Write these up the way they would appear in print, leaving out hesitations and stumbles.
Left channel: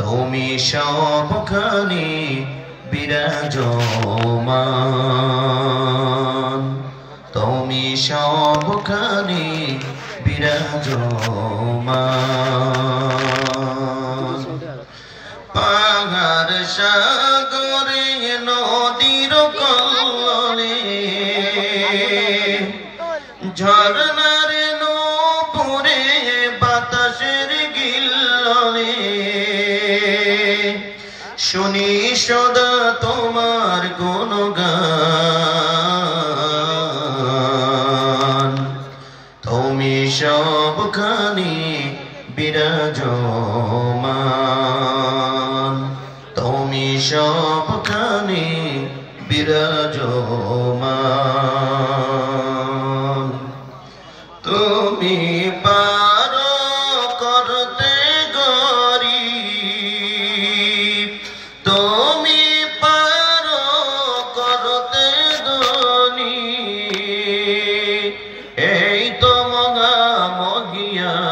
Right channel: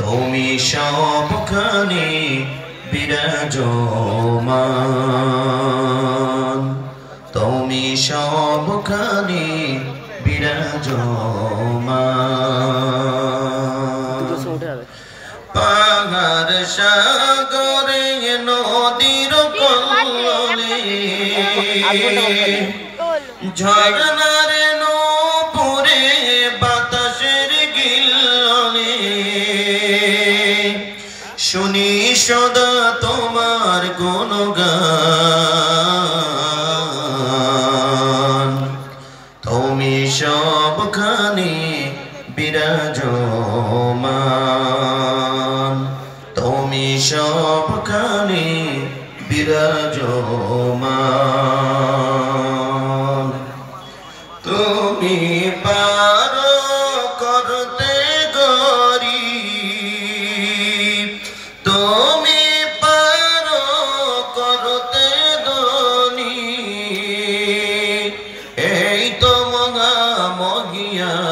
তুমি সবখানে বিরাজমান, তুমি সবখানে বিরাজমান। পাহাড় সাগরে নদীর কলে ঝর্ণার নূপুরে বাতাসের গিল্লে শুনি সদা তোমার গুণগান। তুমি সবখানে বিরাজমান, তুমি সবখানে বিরাজমান। তুমি পারো করতে গরিব, তুমি পারো করতে ধনী, এই তো মহামহিয়ান।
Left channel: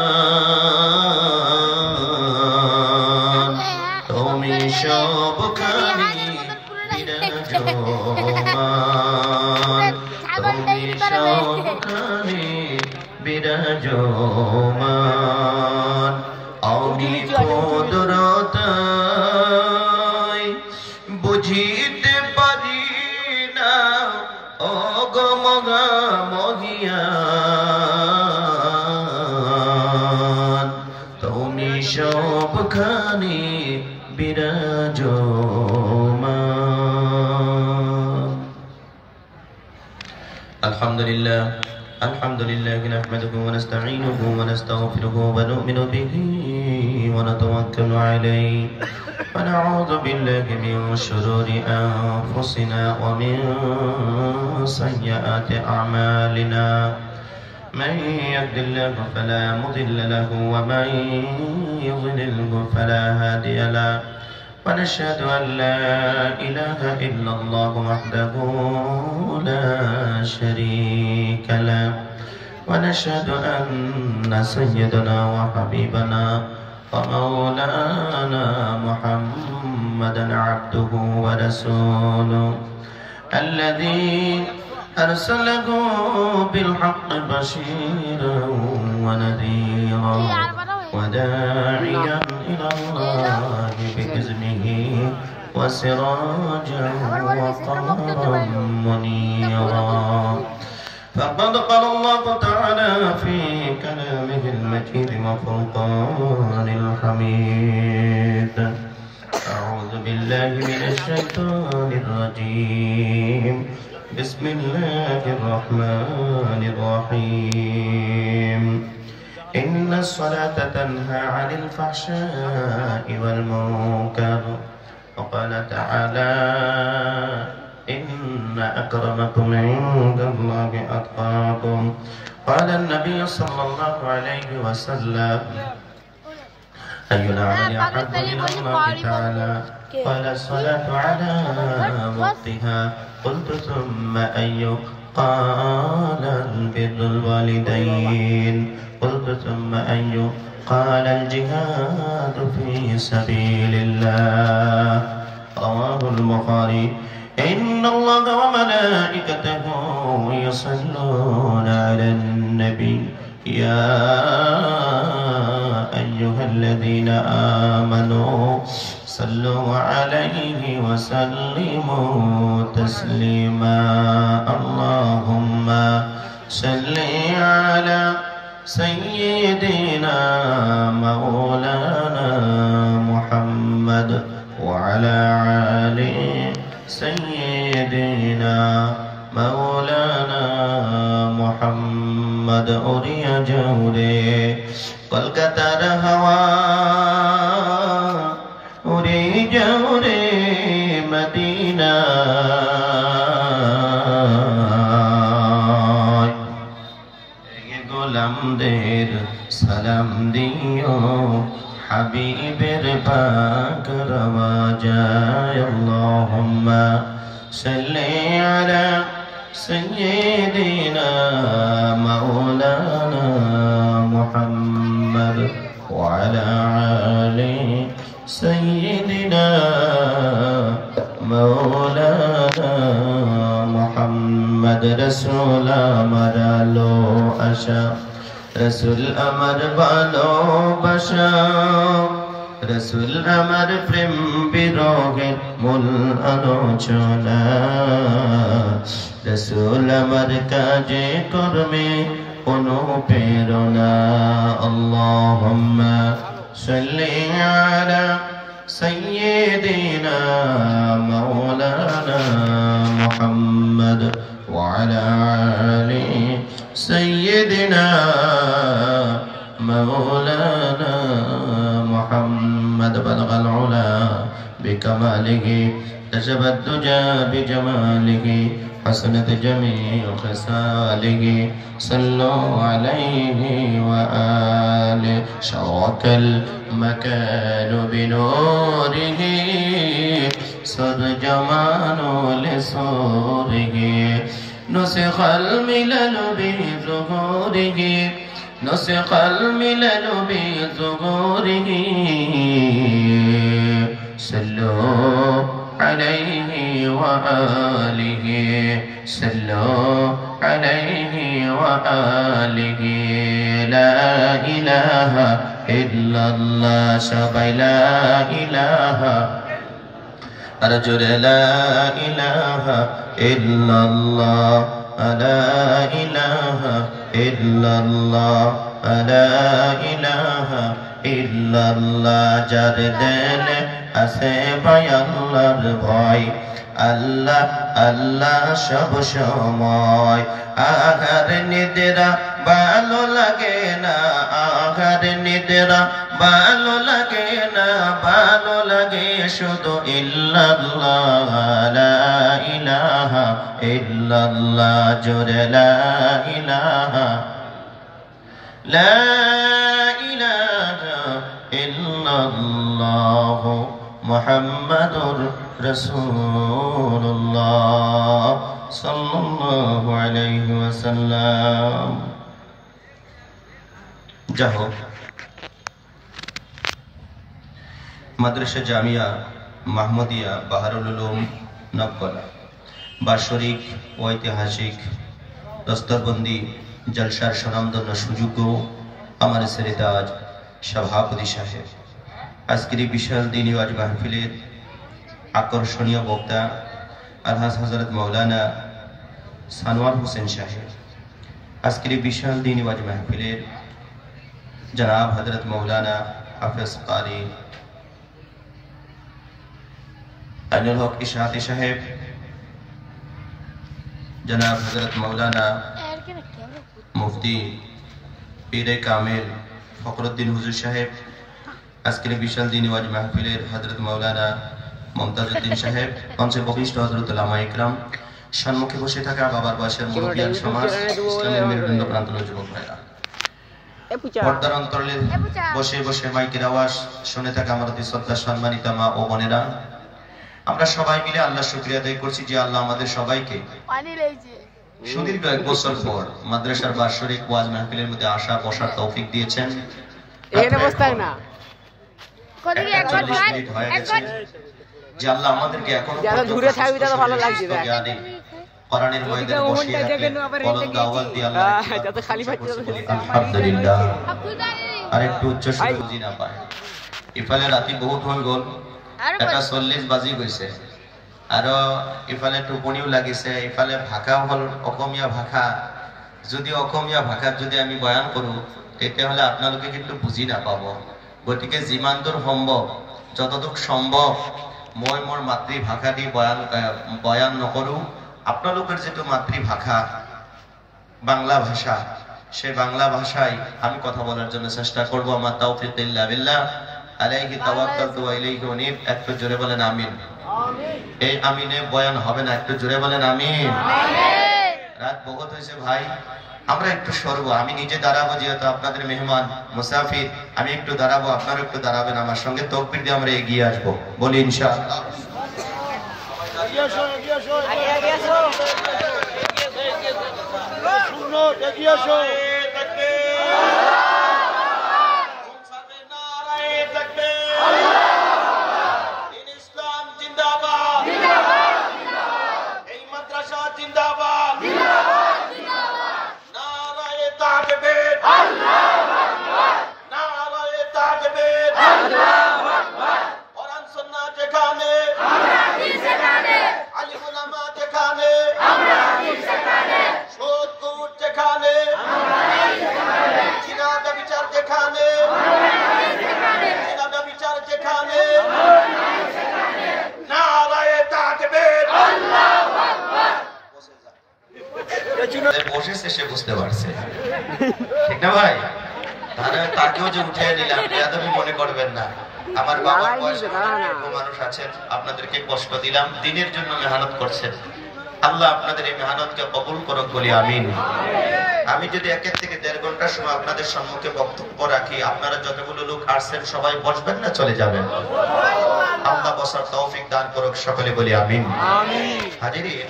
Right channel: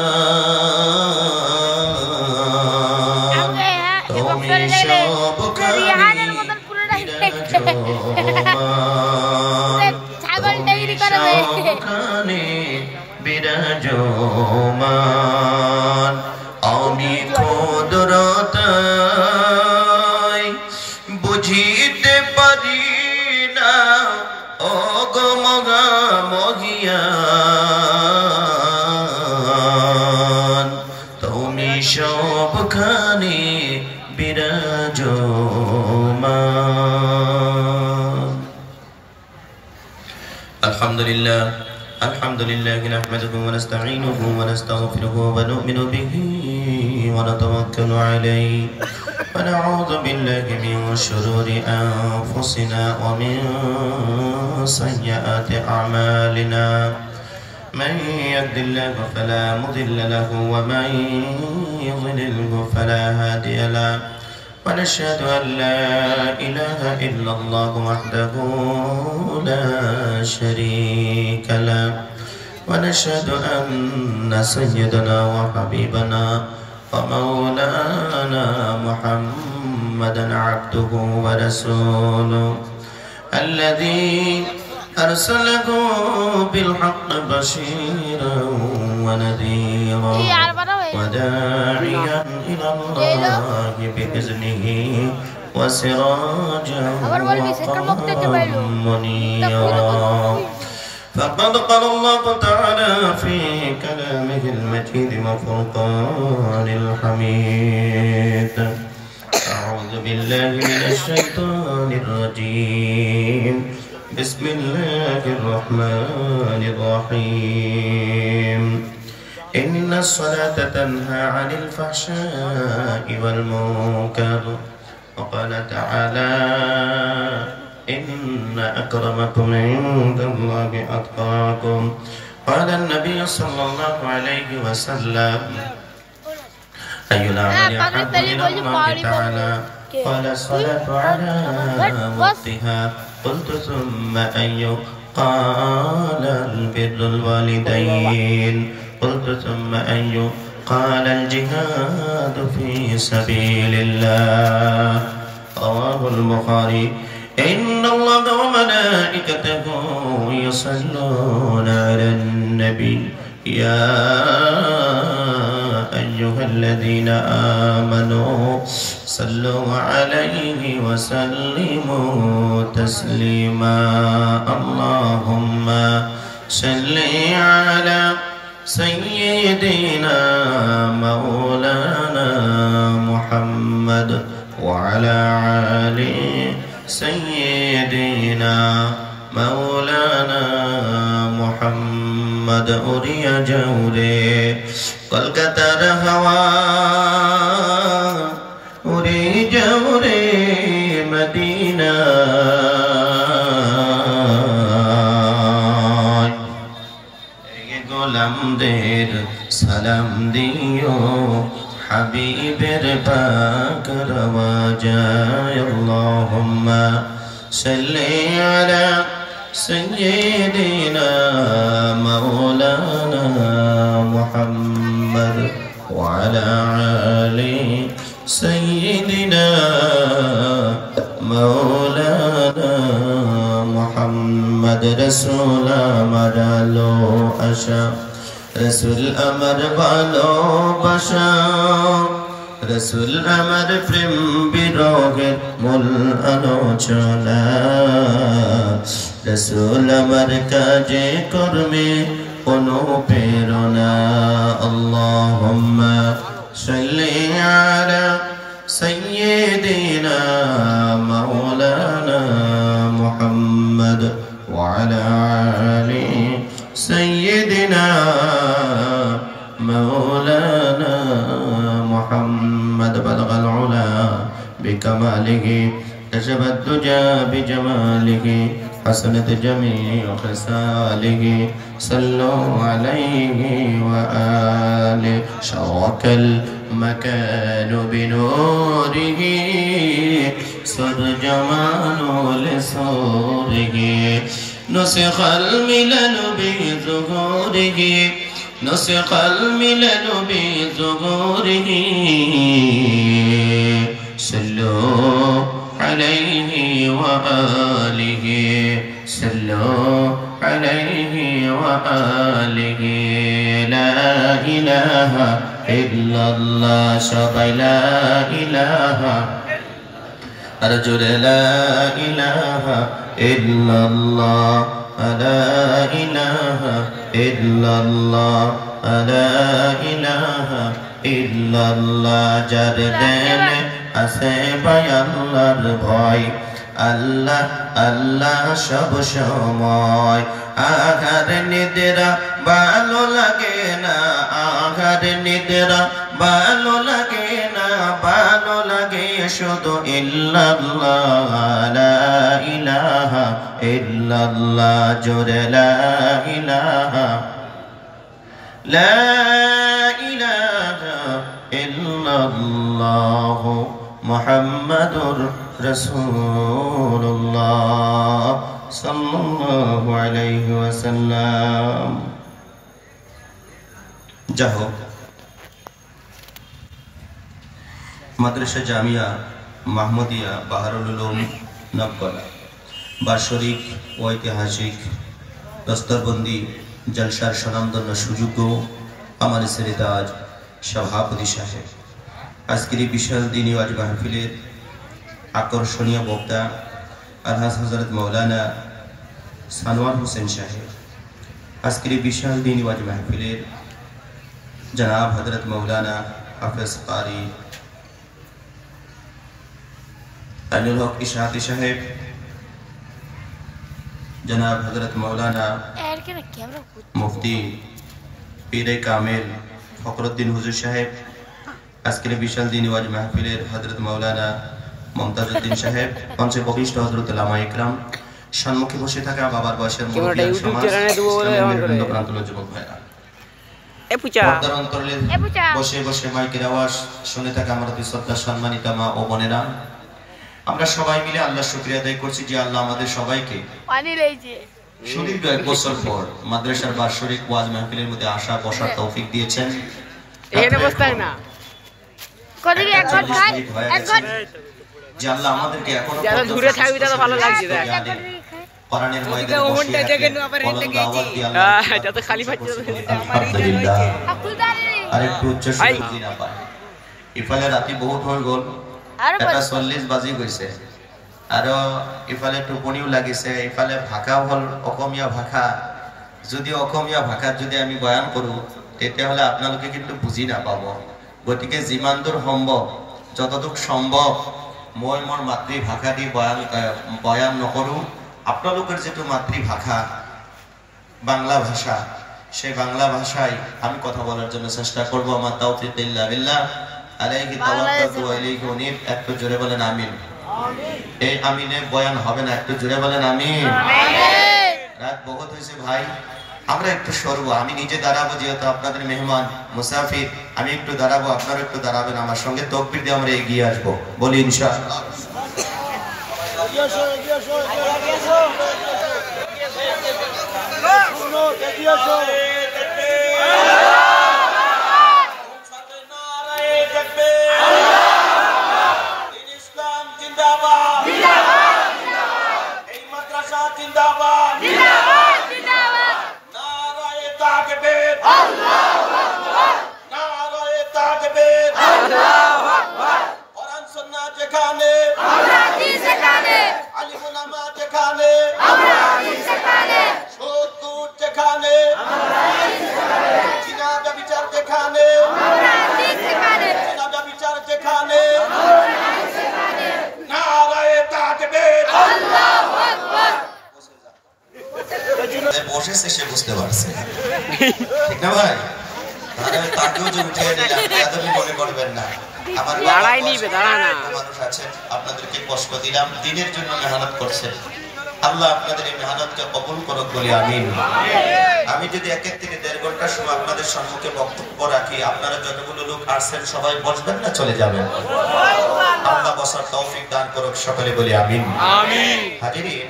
তুমি সবখানে বিরাজমান, সবখানে বিরাজমান। আমি কুদরতায় বুঝিতে পারি না ওগো মহামহিয়ান। তুমি সবখানে বিরাজমান। আলহামদুলিল্লাহ আলহামদুলিল্লাহ নাহমাদুহু ওয়া নাস্তাঈনুহু ওয়া নাস্তাগফিরুহু ওয়া নু'মিনু বিহি ওয়া নাতাওয়াক্কালু আলাইহি ওয়া না'উযু বিল্লাহি মিন শুরুরি আনফুসিনা ওয়া মিন সাইয়্যাতি আ'মালিনা। من يهد الله فلا مضل له ومن يضلله فلا هادي له ونشهد أن لا إله إلا الله وحده لا شريك له ونشهد أن سيدنا وحبيبنا ومولانا محمدا عبده ورسوله الذي أرسله بالحق بشيرا ونذيرا وداعيا إلى الله بإذنه وسراجا وقمرا منيرا. فقد قال الله تعالى في كلامه المجيد وفرقان الحميد: أعوذ بالله من الشيطان الرجيم، بسم الله الرحمن الرحيم. إن الصلاة تنهى عن الفحشاء والمنكر. وقال تعالى: إن أكرمكم عند الله أتقاكم. قال النبي صلى الله عليه وسلم: أي الأعمال أحب إلى الله تعالى؟ قال الصلاة على وقتها. قلت ثم أي؟ قال البر الوالدين. قلت ثم أي؟ قال الجهاد في سبيل الله. رواه البخاري. إن الله وملائكته يصلون على النبي يا أيها الذين آمنوا صلوا عليه وسلموا تسليما. اللهم صل على سيدنا مولانا محمد وعلى آل سيدنا مولانا محمد. أري جوري কলকাতার হাওয়া উড়ে যাও রে মদিনা। গোলামদের সালাম দিও হাবিবের পাক রওজায়। আল্লাহুম্মা সাল্লি আলা সাইয়্যিদিনা মাওলানা মুহাম্মদ وعلى آل سيدنا مولانا محمد رسول أمر लो आशा रसूल अमर बालो बशा रसूल अमर प्रेम बिरोगेर मूल आलोचना रसूल अमर काजे कर्मे अनुप्रेरणा अल्लाहुम्मा सल्लि अला सय्यिदिना मौलाना मुहम्मद व अला आलि सय्यिदिना मौलाना मुहम्मद बलगल उला बिकमालिहि कशफ الدجى بجماله حسنت جميع خصاله صلوا عليه وآله شرق المكان بنوره صد جمال لصوره نسخ الملل بظهوره نسخ الملل بظهوره صلوا عليه وآله صلوا عليه وآله لا إله إلا الله شبه لا إله أرجو لا إله إلا الله لا إله إلا الله لا إله إلا الله جردن আছে ভাই আল্লাহর ভয় আল্লাহ আল্লাহ সব সময় আহার নিদ্রা ভালো লাগে না আহার নিদ্রা ভালো লাগে না ভালো লাগে শুধু ইল্লাল্লাহ লা ইলাহা ইল্লাল্লাহ জোরে লা ইলাহা লা ইলাহা ইল্লাল্লাহ মুহাম্মাদুর রাসূলুল্লাহ সাল্লাল্লাহু আলাইহি ওয়াসাল্লাম। যাও মাদ্রাসা জামিয়া মাহমুদিয়া বাহারুল উলুম নবকলা বার্ষিক ঐতিহাসিক দস্তরবন্দি জলসার স্বনামধন্য সুযোগ্য আমার সেরেতাজ সভাপতি সাহেব, আজকের এই বিশাল দিনী ওয়াজ মাহফিলের আকর্ষণীয় বক্তা আলহাজ হযরত মাওলানা সানোয়ার হোসেন সাহেব, আজকের এই বিশাল দিনী ওয়াজ মাহফিলের জনাব হযরত মাওলানা হাফেজ কারি আইনুল হক ইশাআতি সাহেব, জনাব হযরত মাওলানা মুফতি পীরে কামিল ফখরুদ্দিন হুজুর সাহেব, আজকের বিশাল দিনী ওয়াজ মাহফিলের হযরত মাওলানা মমতাজউদ্দিন সাহেব, মঞ্চে বরিষ্ঠ হযরত উলামা ইকরাম, সম্মুখে বসে থাকা বাবার বয়সের মুরব্বিয়ান সমাজ, ইসলামের বৃন্দ প্রান্তর যুবক ভাইরা, পর্দার অন্তরালে বসে বসে মাইকের আওয়াজ শুনে থাকা আমার অতি শ্রদ্ধা সম্মানিত মা ও বোনেরা, আমরা সবাই মিলে আল্লাহর শুকরিয়া আদায় করছি যে আল্লাহ আমাদের সবাইকে সুদীর্ঘ 1 বছর পর মাদ্রাসার বার্ষিক ওয়াজ মাহফিলের মধ্যে আসা বসার তৌফিক দিয়েছেন। এখানে বসতাই না যে আল্লাহ আমাদেরকে এখনো দূরে থাকবি তো ভালো লাগছে দেখ কোরআনের ময়দানে বসে বলন্দ আওয়াজ দিয়ে আল্লাহ এটা তো খালি পাচ্ছি আলহামদুলিল্লাহ। আর একটু উচ্চ সুর বুঝি না পায় ইফালে রাতি বহুত হয়ে গেল, এটা 40 বাজি গৈছে, আর ইফালে টোপনিও লাগিছে, ইফালে ভাষা হল অসমীয়া ভাষা। যদি অসমীয়া ভাষাত যদি আমি বয়ান কৰো তেতিয়াহ'লে আপোনালোকে কিন্তু বুজি নাপাব। গতিকে যিমান দূৰ সম্ভৱ যতদূৰ সম্ভৱ মই মোৰ মাতৃভাষা দি বয়ান নকৰো। আপোনালোকৰ যেটো মাতৃভাষা বাংলা ভাষা, সেই বাংলা ভাষায় আমি কথা বলার জন্য চেষ্টা করব। আমার তাওফিক ইল্লা বিল্লাহ আলাইহি তাওয়াক্কালতু ওয়া ইলাইহি উনীব। একটু জোরে বলেন আমিন। এই আমিনে বয়ান হবে না, একটু জোরে বলেন আমিন। রাত বহুত হয়েছে ভাই, আমরা একটু সরব। আমি নিজে দাঁড়াবো, যেহেতু আপনাদের মেহমান মুসাফির, আমি একটু দাঁড়াবো, আপনারা একটু দাঁড়াবেন আমার সঙ্গে। তাকবীর দিয়ে আমরা এগিয়ে আসবো, বলি ইনশাআল্লাহ। যেখানে, বিচার যেখানে, নারায়ে তাকবীর, আল্লাহু আকবার। বসেছে সে বুঝতে পারছে, ঠিক না ভাই? তাকেও যে উঠে দিলাম এতটুকু মনে করবেন না। আমার মানুষ আছেন, আপনাদেরকে কষ্ট দিলাম, দিনের জন্য মেহনত করছেন। আল্লাহ আপনাদের এই মেহনতকে কবুল করুক বলি আমিন। আমি যদি 1 থেকে 1.5 ঘন্টার সময় আপনাদের সম্মুখে বক্তব্য রাখি, আপনারা যতগুলো লোক আসছেন সবাই বসবেন না চলে যাবেন? আল্লাহ বসার তৌফিক দান করুক, সকলে বলি আমিন। হাজিরিন,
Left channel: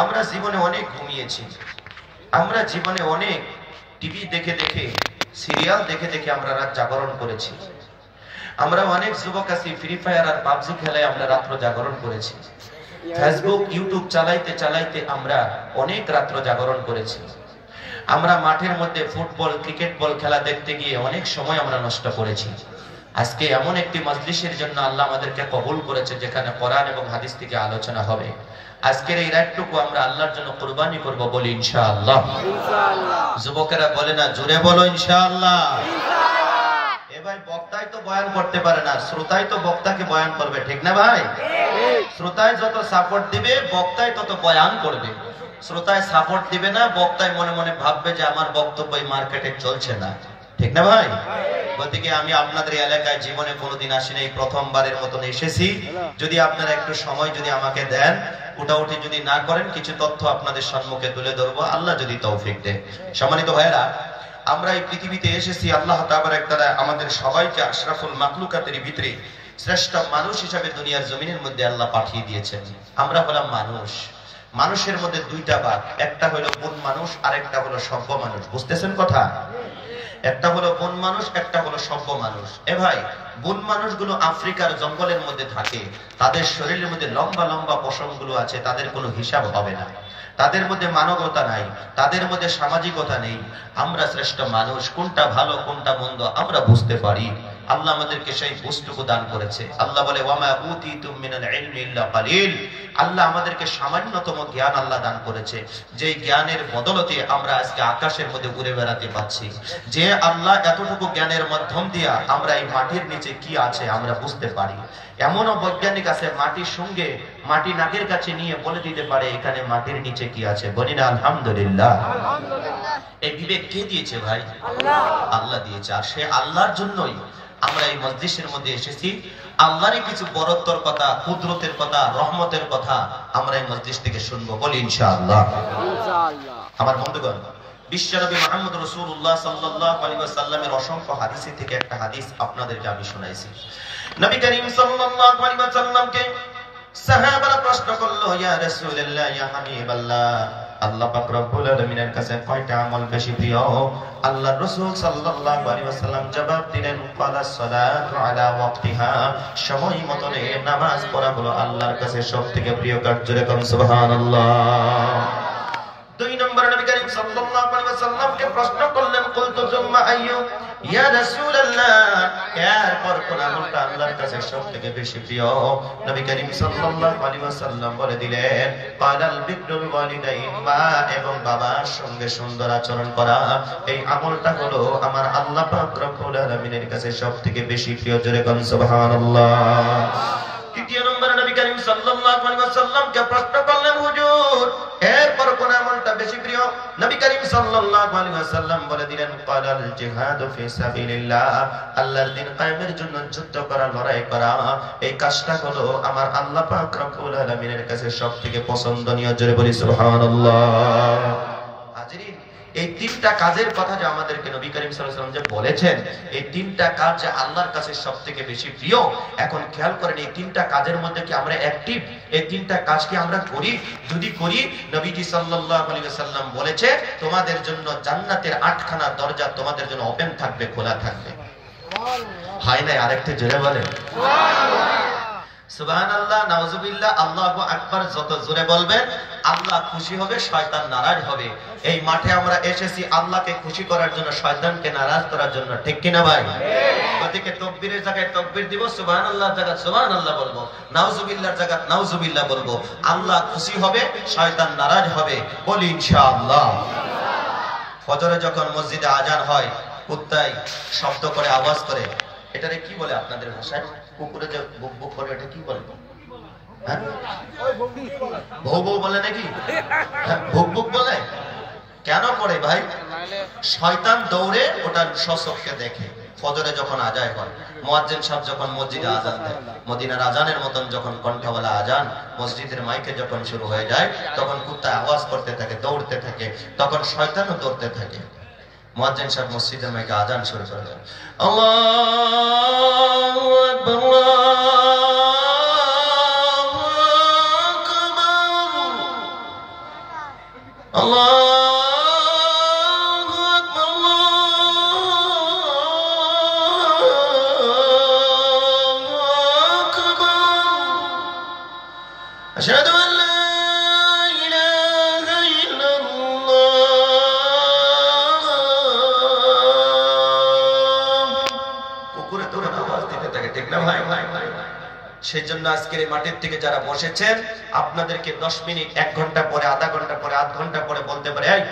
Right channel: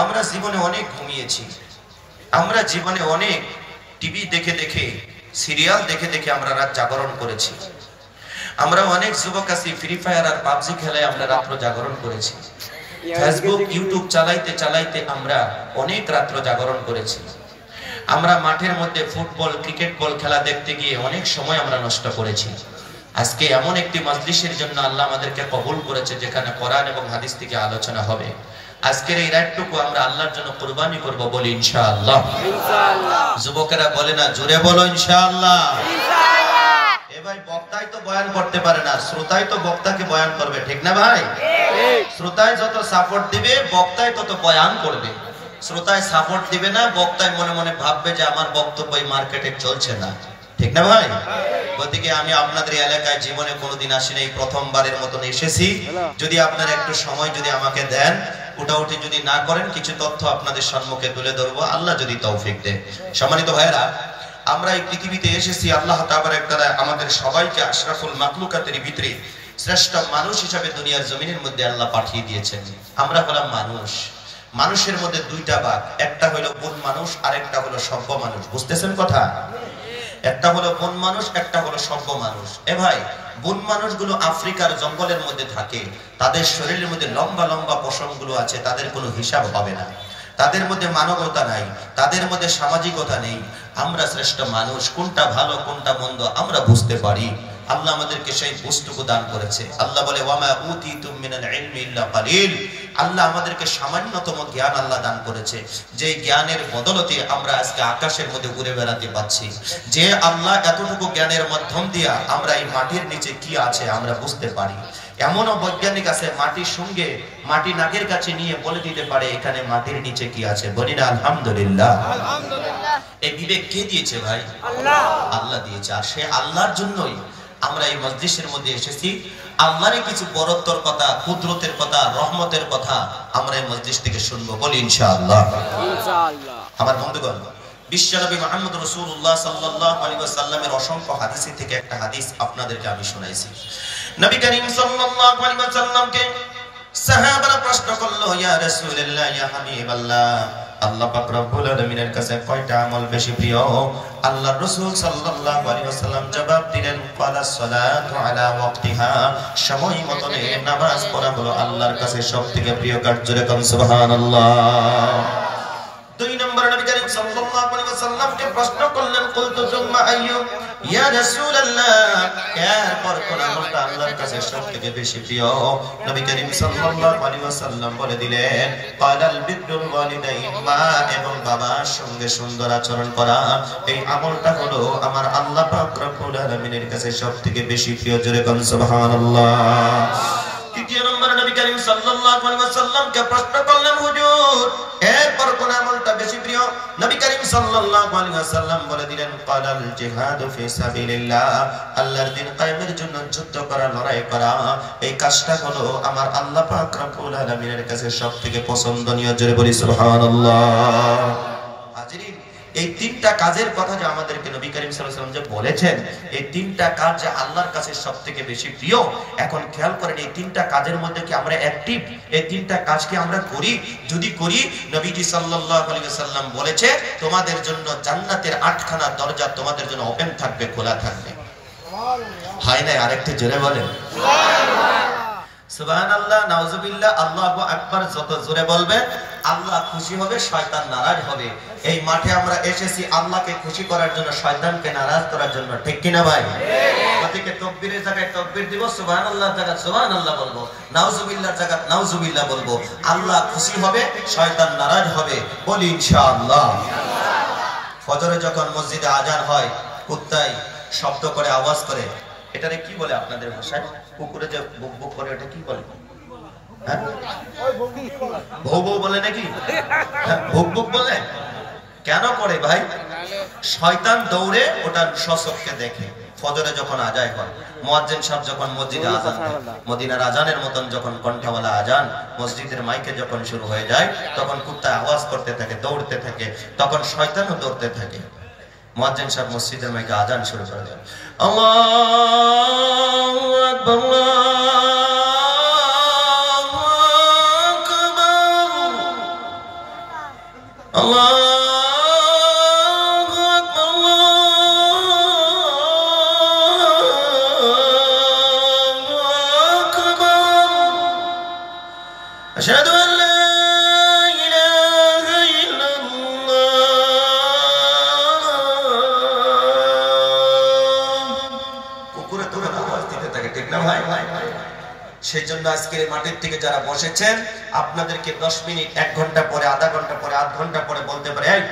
আমরা জীবনে অনেক ঘুমিয়েছি, আমরা জীবনে অনেক টিভি দেখে দেখে, সিরিয়াল দেখে দেখে আমরা রাত জাগরণ করেছি। আমরা অনেক যুবক আছি ফ্রি ফায়ার আর পাবজি খেলায় আমরা রাত্র জাগরণ করেছি। ফেসবুক ইউটিউব চালাইতে চালাইতে আমরা অনেক রাত্র জাগরণ করেছি। আমরা মাঠের মধ্যে ফুটবল ক্রিকেট বল খেলা দেখতে গিয়ে অনেক সময় আমরা নষ্ট করেছি। আজকে এমন একটি মজলিসের জন্য আল্লাহ আমাদেরকে কবুল করেছে যেখানে কোরআন এবং হাদিস থেকে আলোচনা হবে। আজকের এই রাতটুকু আমরা আল্লাহর জন্য কুরবানি করব, বলি ইনশাআল্লাহ। ইনশাআল্লাহ। যুবকেরা বলে না, জোরে বলো ইনশাআল্লাহ। ইনশাআল্লাহ। ভাই বক্তাই তো বয়ান করতে পারে না, শ্রোতাই তো বক্তাকে বয়ান করবে, ঠিক না ভাই? ঠিক। শ্রোতাই যত সাপোর্ট দিবে বক্তাই তত বয়ান করবে। শ্রোতায় সাপোর্ট দিবে না, বক্তায় মনে মনে ভাববে যে আমার বক্তব্য মার্কেটে চলছে না, ঠিক না ভাই? গতিকে আমি আপনাদের এলাকায় জীবনে কোনোদিন আসি নাই, প্রথমবারের মতন এসেছি। যদি আপনারা একটু সময় যদি আমাকে দেন, উঠাউঠি যদি না করেন, কিছু তথ্য আপনাদের সম্মুখে তুলে ধরবো, আল্লাহ যদি তৌফিক দেয়। সম্মানিত ভাইরা, আমরা এই পৃথিবীতে এসেছি, আল্লাহ তাবারক তাআলা আমাদের সবাইকে আশরাফুল মাখলুকাতের ভিতরে শ্রেষ্ঠ মানুষ হিসাবে দুনিয়ার জমিনের মধ্যে আল্লাহ পাঠিয়ে দিয়েছেন। আমরা হলাম মানুষ। মানুষের মধ্যে 2টা ভাগ, একটা হলো বন মানুষ আর একটা হলো সভ্য মানুষ। বুঝতেছেন কথা? একটা হলো বন মানুষ, একটা হলো সভ্য মানুষ। এ ভাই, বন মানুষগুলো আফ্রিকার জঙ্গলের মধ্যে থাকে, তাদের শরীরের মধ্যে লম্বা লম্বা পশমগুলো আছে, তাদের কোনো হিসাব হবে না, তাদের মধ্যে মানবতা নাই, তাদের মধ্যে সামাজিকতা নেই। আমরা শ্রেষ্ঠ মানুষ, কোনটা ভালো কোনটা মন্দ আমরা বুঝতে পারি। আল্লাহ আমাদেরকে সেই বুঝটুকু দান করেছে। আল্লাহ বলে ওয়ামা উতিতুম মিনাল ইলমি ইল্লা কালিল। আল্লাহ আমাদেরকে সামান্যতম জ্ঞান আল্লাহ দান করেছে, যেই জ্ঞানের বদলতে আমরা আজকে আকাশের মধ্যে ঘুরে বেড়াতে পাচ্ছি। যে আল্লাহ এতটুকু জ্ঞানের মাধ্যম দিয়া আমরা এই মাটির নিচে কি আছে আমরা বুঝতে পারি। এমনও বৈজ্ঞানিক আছে মাটির সঙ্গে মাটি নাকের কাছে নিয়ে বলে দিতে পারে এখানে মাটির নিচে কি আছে। বলি না আলহামদুলিল্লাহ। এই বিবেক কে দিয়েছে ভাই? আল্লাহ। আল্লাহ দিয়েছে। আর সে আল্লাহর জন্যই আমরা এই মজলিসের মধ্যে এসেছি। আল্লাহরই কিছু বরত্বর কথা, কুদরতের কথা, রহমতের কথা আমরা এই মজলিস থেকে শুনবো, বলি ইনশাআল্লাহ। ইনশাআল্লাহ। আমার বন্ধুগণ, বিশ্বনবী মুহাম্মদ রাসূলুল্লাহ সাল্লাল্লাহু আলাইহি ওয়াসাল্লামের অসংখ্য হাদিস থেকে একটা হাদিস আপনাদেরকে আমি শোনাইছি। নবী করিম সাল্লাল্লাহু আলাইহি ওয়াসাল্লামকে সাহাবারা প্রশ্ন করলো, ইয়া রাসূলুল্লাহ, ইয়া হাবিবাল্লাহ, আল্লাহ পাক রব্বুল আলামিনের কাছে কয়টা আমল বেশি প্রিয়? আল্লাহর রাসূল সাল্লাল্লাহু আলাইহি ওয়াসাল্লাম জবাব দিলেন, ফালাস সালাতু আলা ওয়াক্তিহা, সময় মতো নামাজ পড়া হলো আল্লাহর কাছে সবথেকে প্রিয় কাজ। জোরে কোন সুবহানাল্লাহ। 2 নম্বরে নবী করিম সাল্লাল্লাহু আলাইহি ওয়াসাল্লামকে প্রশ্ন করলেন, কুলতু সুম্মা আইয়ু ইয়া রাসূলুল্লাহ, এরপর কোন আমলটা আল্লাহর কাছে সবথেকে বেশি প্রিয়? নবী করিম সাল্লাল্লাহু আলাইহি ওয়াসাল্লাম বলে দিলেন, ক্বালাল বিররুল ওয়ালিদাইন, মা এবং বাবার সঙ্গে সুন্দর আচরণ করা। এই আমলটা হলো আমার আল্লাহ পাক রব্বুল আলামিনের কাছে সবথেকে বেশি প্রিয়। জোরে কোন সুবহানাল্লাহ। 3 নম্বরে নবী করিম সাল্লাল্লাহু আলাইহি ওয়াসাল্লামকে প্রশ্ন করলেন, হুজুর এরপর কোন আমলটা বেশি প্রিয়? নবী করিম সাল্লাল্লাহু আলাইহি ওয়াসাল্লাম বলে দিলেন, ক্বালাল জিহাদু ফি সাবিলিল্লাহ, আল্লাহর দ্বীন কায়েমের জন্য যুদ্ধ করা, লড়াই করা। এই কাজটা হলো আমার আল্লাহ পাক রব্বুল আলামিনের কাছে সবথেকে পছন্দনীয়। জোরে বলি সুবহানাল্লাহ। হাজিরিন, এই 3টা কাজের কথা যে আমাদেরকে নবী করিম সাল্লাল্লাহু আলাইহি ওয়াসাল্লাম যে বলেছেন, এই 3টা কাজ যে আল্লাহর কাছে সবথেকে বেশি প্রিয়। এখন খেয়াল করেন, এই 3টা কাজের মধ্যে কি আমরা অ্যাক্টিভ? এই 3টা কাজ কি আমরা করি? যদি করি, নবীজি সাল্লাল্লাহু আলাইহি ওয়াসাল্লাম বলেছে, তোমাদের জন্য জান্নাতের 8খানা দরজা তোমাদের জন্য ওপেন থাকবে, খোলা থাকবে। সুবহানাল্লাহ। হয় না? আরেকটু জোরে বলেন সুবহানাল্লাহ। সুবহানাল্লাহ, নাউজুবিল্লাহ, আল্লাহু আকবার। যত জোরে বলবেন আল্লাহ খুশি হবে, শয়তান নারাজ হবে। এই মাঠে আমরা এসেছি আল্লাহকে খুশি করার জন্য, শয়তানকে নারাজ করার জন্য, ঠিক কি না ভাই? গতিকে তাকবীরের জায়গায় তাকবীর দিব, সুবহানাল্লাহর জায়গায় সুবহানাল্লাহ বলবো, নাউজুবিল্লাহর জায়গায় নাউজুবিল্লাহ বলবো। আল্লাহ খুশি হবে, শয়তান নারাজ হবে, বলি ইনশাআল্লাহ। ফজরে যখন মসজিদে আজান হয়, কুত্তায় শব্দ করে আওয়াজ করে, এটারে কি বলে আপনাদের ভাষায়? কুকুরে যে বুক বুক করে এটা কি বলে? হ্যাঁ ভৌ ভৌ বলে নাকি? ভুক ভুক বলে। কেন করে ভাই? শয়তান দৌড়ে ওটা সচক্ষে দেখে। ফজরে যখন আজান হয়, মুয়াজ্জিন সাহেব যখন মসজিদে আজান দেয়, মদিনার আজানের মতন যখন কণ্ঠওয়ালা আজান মসজিদের মাইকে যখন শুরু হয়ে যায়, তখন কুত্তা আওয়াজ করতে থাকে, দৌড়তে থাকে, তখন শয়তানও দৌড়তে থাকে। মুয়াজ্জিন সাহেব মসজিদের মাইকে আজান শুরু করে দেন, আল্লাহু আকবার আল্লাহু আকবার আশহাদু আন লা ইলাহা ইল্লাল্লাহ। কুকুরে তোরা আওয়াজ দিতে থাকে, ঠিক না ভাই? সেজন্য আজকের এই মাঠের থেকে যারা বসেছেন, আপনাদেরকে 10 মিনিট, 1 ঘন্টা পরে, আধা ঘন্টা পরে, আধ ঘন্টা পরে বলতে পারে, এই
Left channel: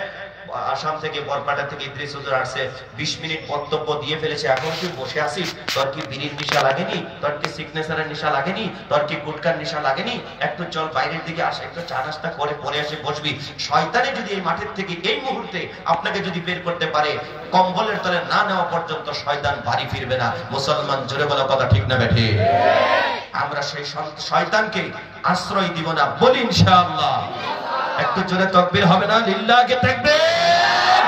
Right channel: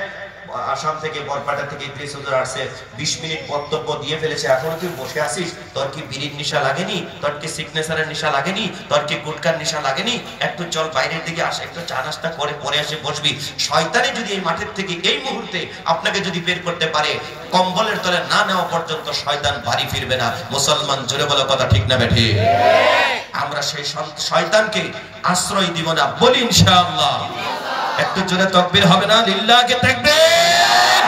আসাম থেকে বরপাটা থেকে ইদ্রিস হুজুর আসছে, 20 মিনিট বক্তব্য দিয়ে ফেলেছে, এখন তুই বসে আসিস, তোর কি বিড়ির নেশা লাগেনি? তোর কি সিগনেচারের নেশা লাগেনি? তোর কি গুটকার নেশা লাগেনি? একটু চল বাইরের দিকে আসে, একটু চা নাস্তা করে পরে আসে বসবি। শয়তানে যদি এই মাঠের থেকে এই মুহূর্তে আপনাকে যদি বের করতে পারে, কম্বলের তলে না নেওয়া পর্যন্ত শয়তান বাড়ি ফিরবে না। মুসলমান জোরে বলা কথা ঠিক না বেঠি? আমরা সেই শয়তানকে আশ্রয় দিব না, বলি ইনশাআল্লাহ। একটু জোরে তাকবীর হবে না? লিল্লাহি তাকবীর।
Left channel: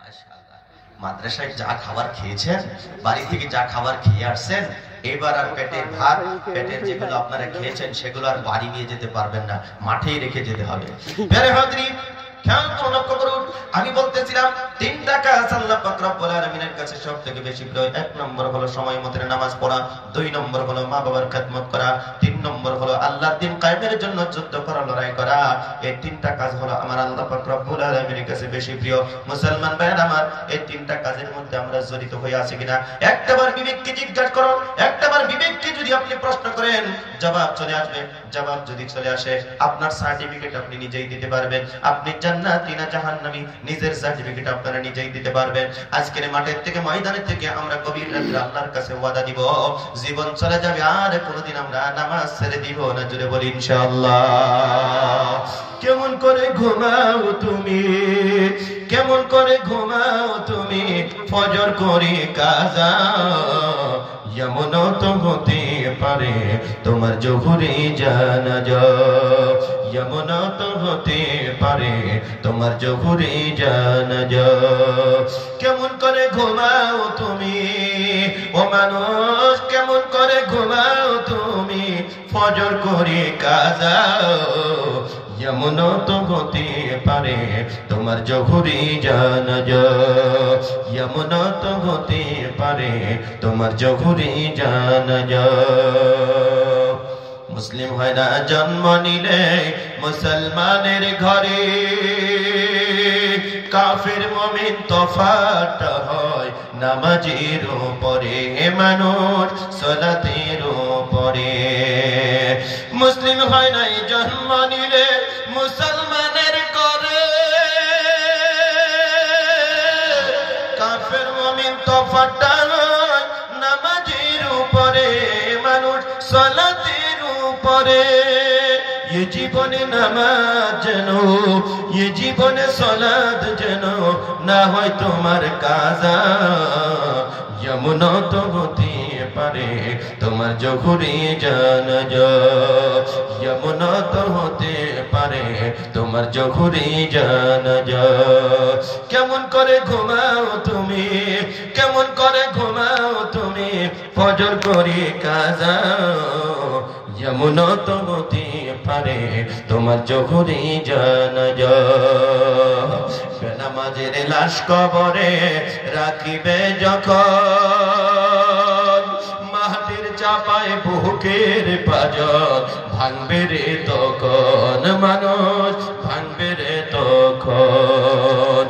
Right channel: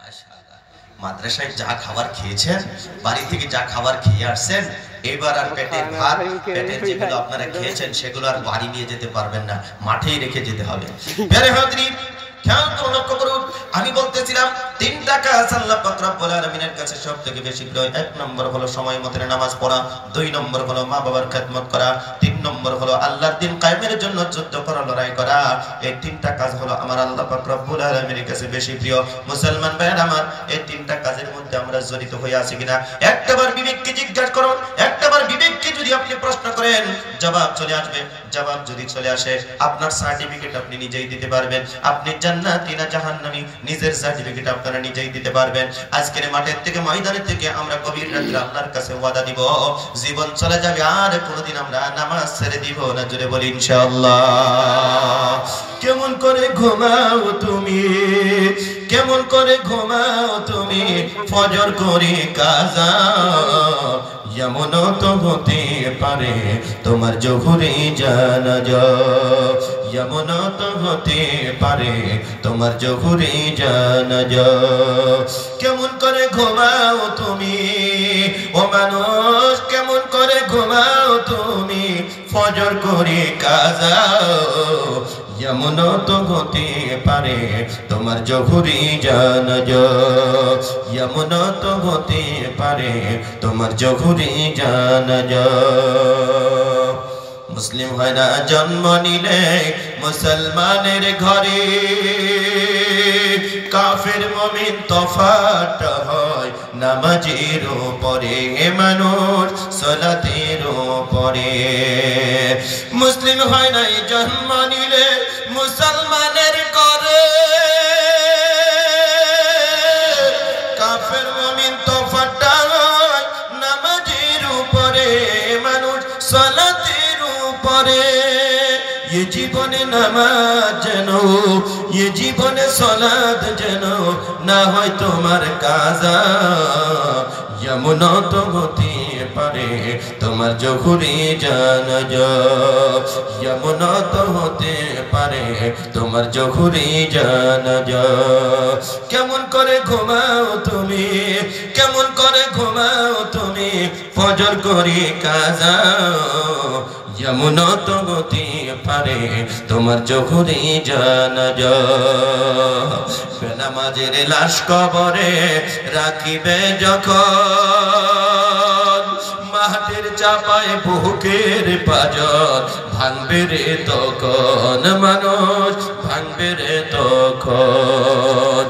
মাশাআল্লাহ। মাদ্রাসায় যা খাবার খেয়েছেন, বাড়ি থেকে যা খাবার খেয়ে আসছেন, এবার আর পেটের ভাত, পেটের যেগুলো আপনারা খেয়েছেন সেগুলো আর বাড়ি নিয়ে যেতে পারবেন না, মাঠেই রেখে যেতে হবে। প্রিয় হাজরিন, খেয়াল করে লক্ষ্য করুন, আমি বলতেছিলাম 3টা কাজ আল্লাহ পাক রব্বুল আলামিনের কাছে সবথেকে বেশি প্রিয়। 1 নম্বর হলো সময় মতো নামাজ পড়া, 2 নম্বর হলো মা বাবার খেদমত করা, 3 নম্বর হলো আল্লাহর দ্বীন কায়েমের জন্য যুদ্ধ করা, লড়াই করা। এই 3টা কাজ হলো আমার আল্লাহ পাক রব্বুল আলামিনের কাছে বেশি প্রিয়। মুসলমান ভাইরা আমার, এই 3টা কাজের মধ্যে আমরা জড়িত হয়ে আছি কিনা একটাবার বিবেককে জিজ্ঞাসা করুন। একটাবার বিবেককে যদি আপনি প্রশ্ন করেন, জবাব চলে আসবে। জবাব যদি চলে আসে, আপনার সার্টিফিকেট আপনি নিজেই দিতে পারবেন। আপনি জান্নাতি না জাহান্নামী, নিজের সার্টিফিকেট আপনারা নিজেই দিতে পারবেন। আজকের মাঠের থেকে, ময়দানের থেকে আমরা গভীর রাতে আল্লাহর কাছে ওয়াদা দিব, জীবন চলে যাবে আর কোনোদিন আমরা নামাজ ছেড়ে দিব না। জোরে বলি ইনশাআল্লাহ। কেমন করে ঘুমাও তুমি, কেমন করে ঘুমাও তুমি, ফজর করে কাজা, যেমন তো হতে পারে তোমার জোহরে জানাজা, যেমন তো হতে পারে তোমার জোহরে জানাজা। কেমন করে ঘুমাও তুমি ও মানুষ, কেমন করে ঘুমাও তুমি, ফজর করে কাজা, যেমন তো হতে পারে তোমার জোহরে জানাজা, যেমন তো হতে পারে তোমার জোহরে জানাজা। মুসলিম হয় না জন্ম নিলে মুসলমানের ঘরে, কাফের মুমিন তফাৎ হয় নামাজের উপরে, মানুষ সালাতের উপরে। মুসলিম হয় না জন্ম নিলে মুসলমানের ঘরে, কাফের মুমিন তফাৎ হয় নামাজের উপরে, মানুষ সালাতের উপরে। ये জীবনে নামাজ যেন, ये জীবনে সালাত যেন না হয় তোমার কাজা, যেমন তো হতে পারে তোমার জোহরে জানাজা, যেমন তো হতে পারে তোমার জোহরে জানাজা। কেমন করে ঘুমাও তুমি, কেমন করে ঘুমাও তুমি, ফজর করে কাজা, যেমন তো হতে পারে তোমার জোহরে জানাজা। বেনামাজের লাশ কবরে রাখিবে যখন, মাটির চাপায় বুকের পাজর ভাঙবে রে তখন, মানুষ ভাঙবে রে তখন।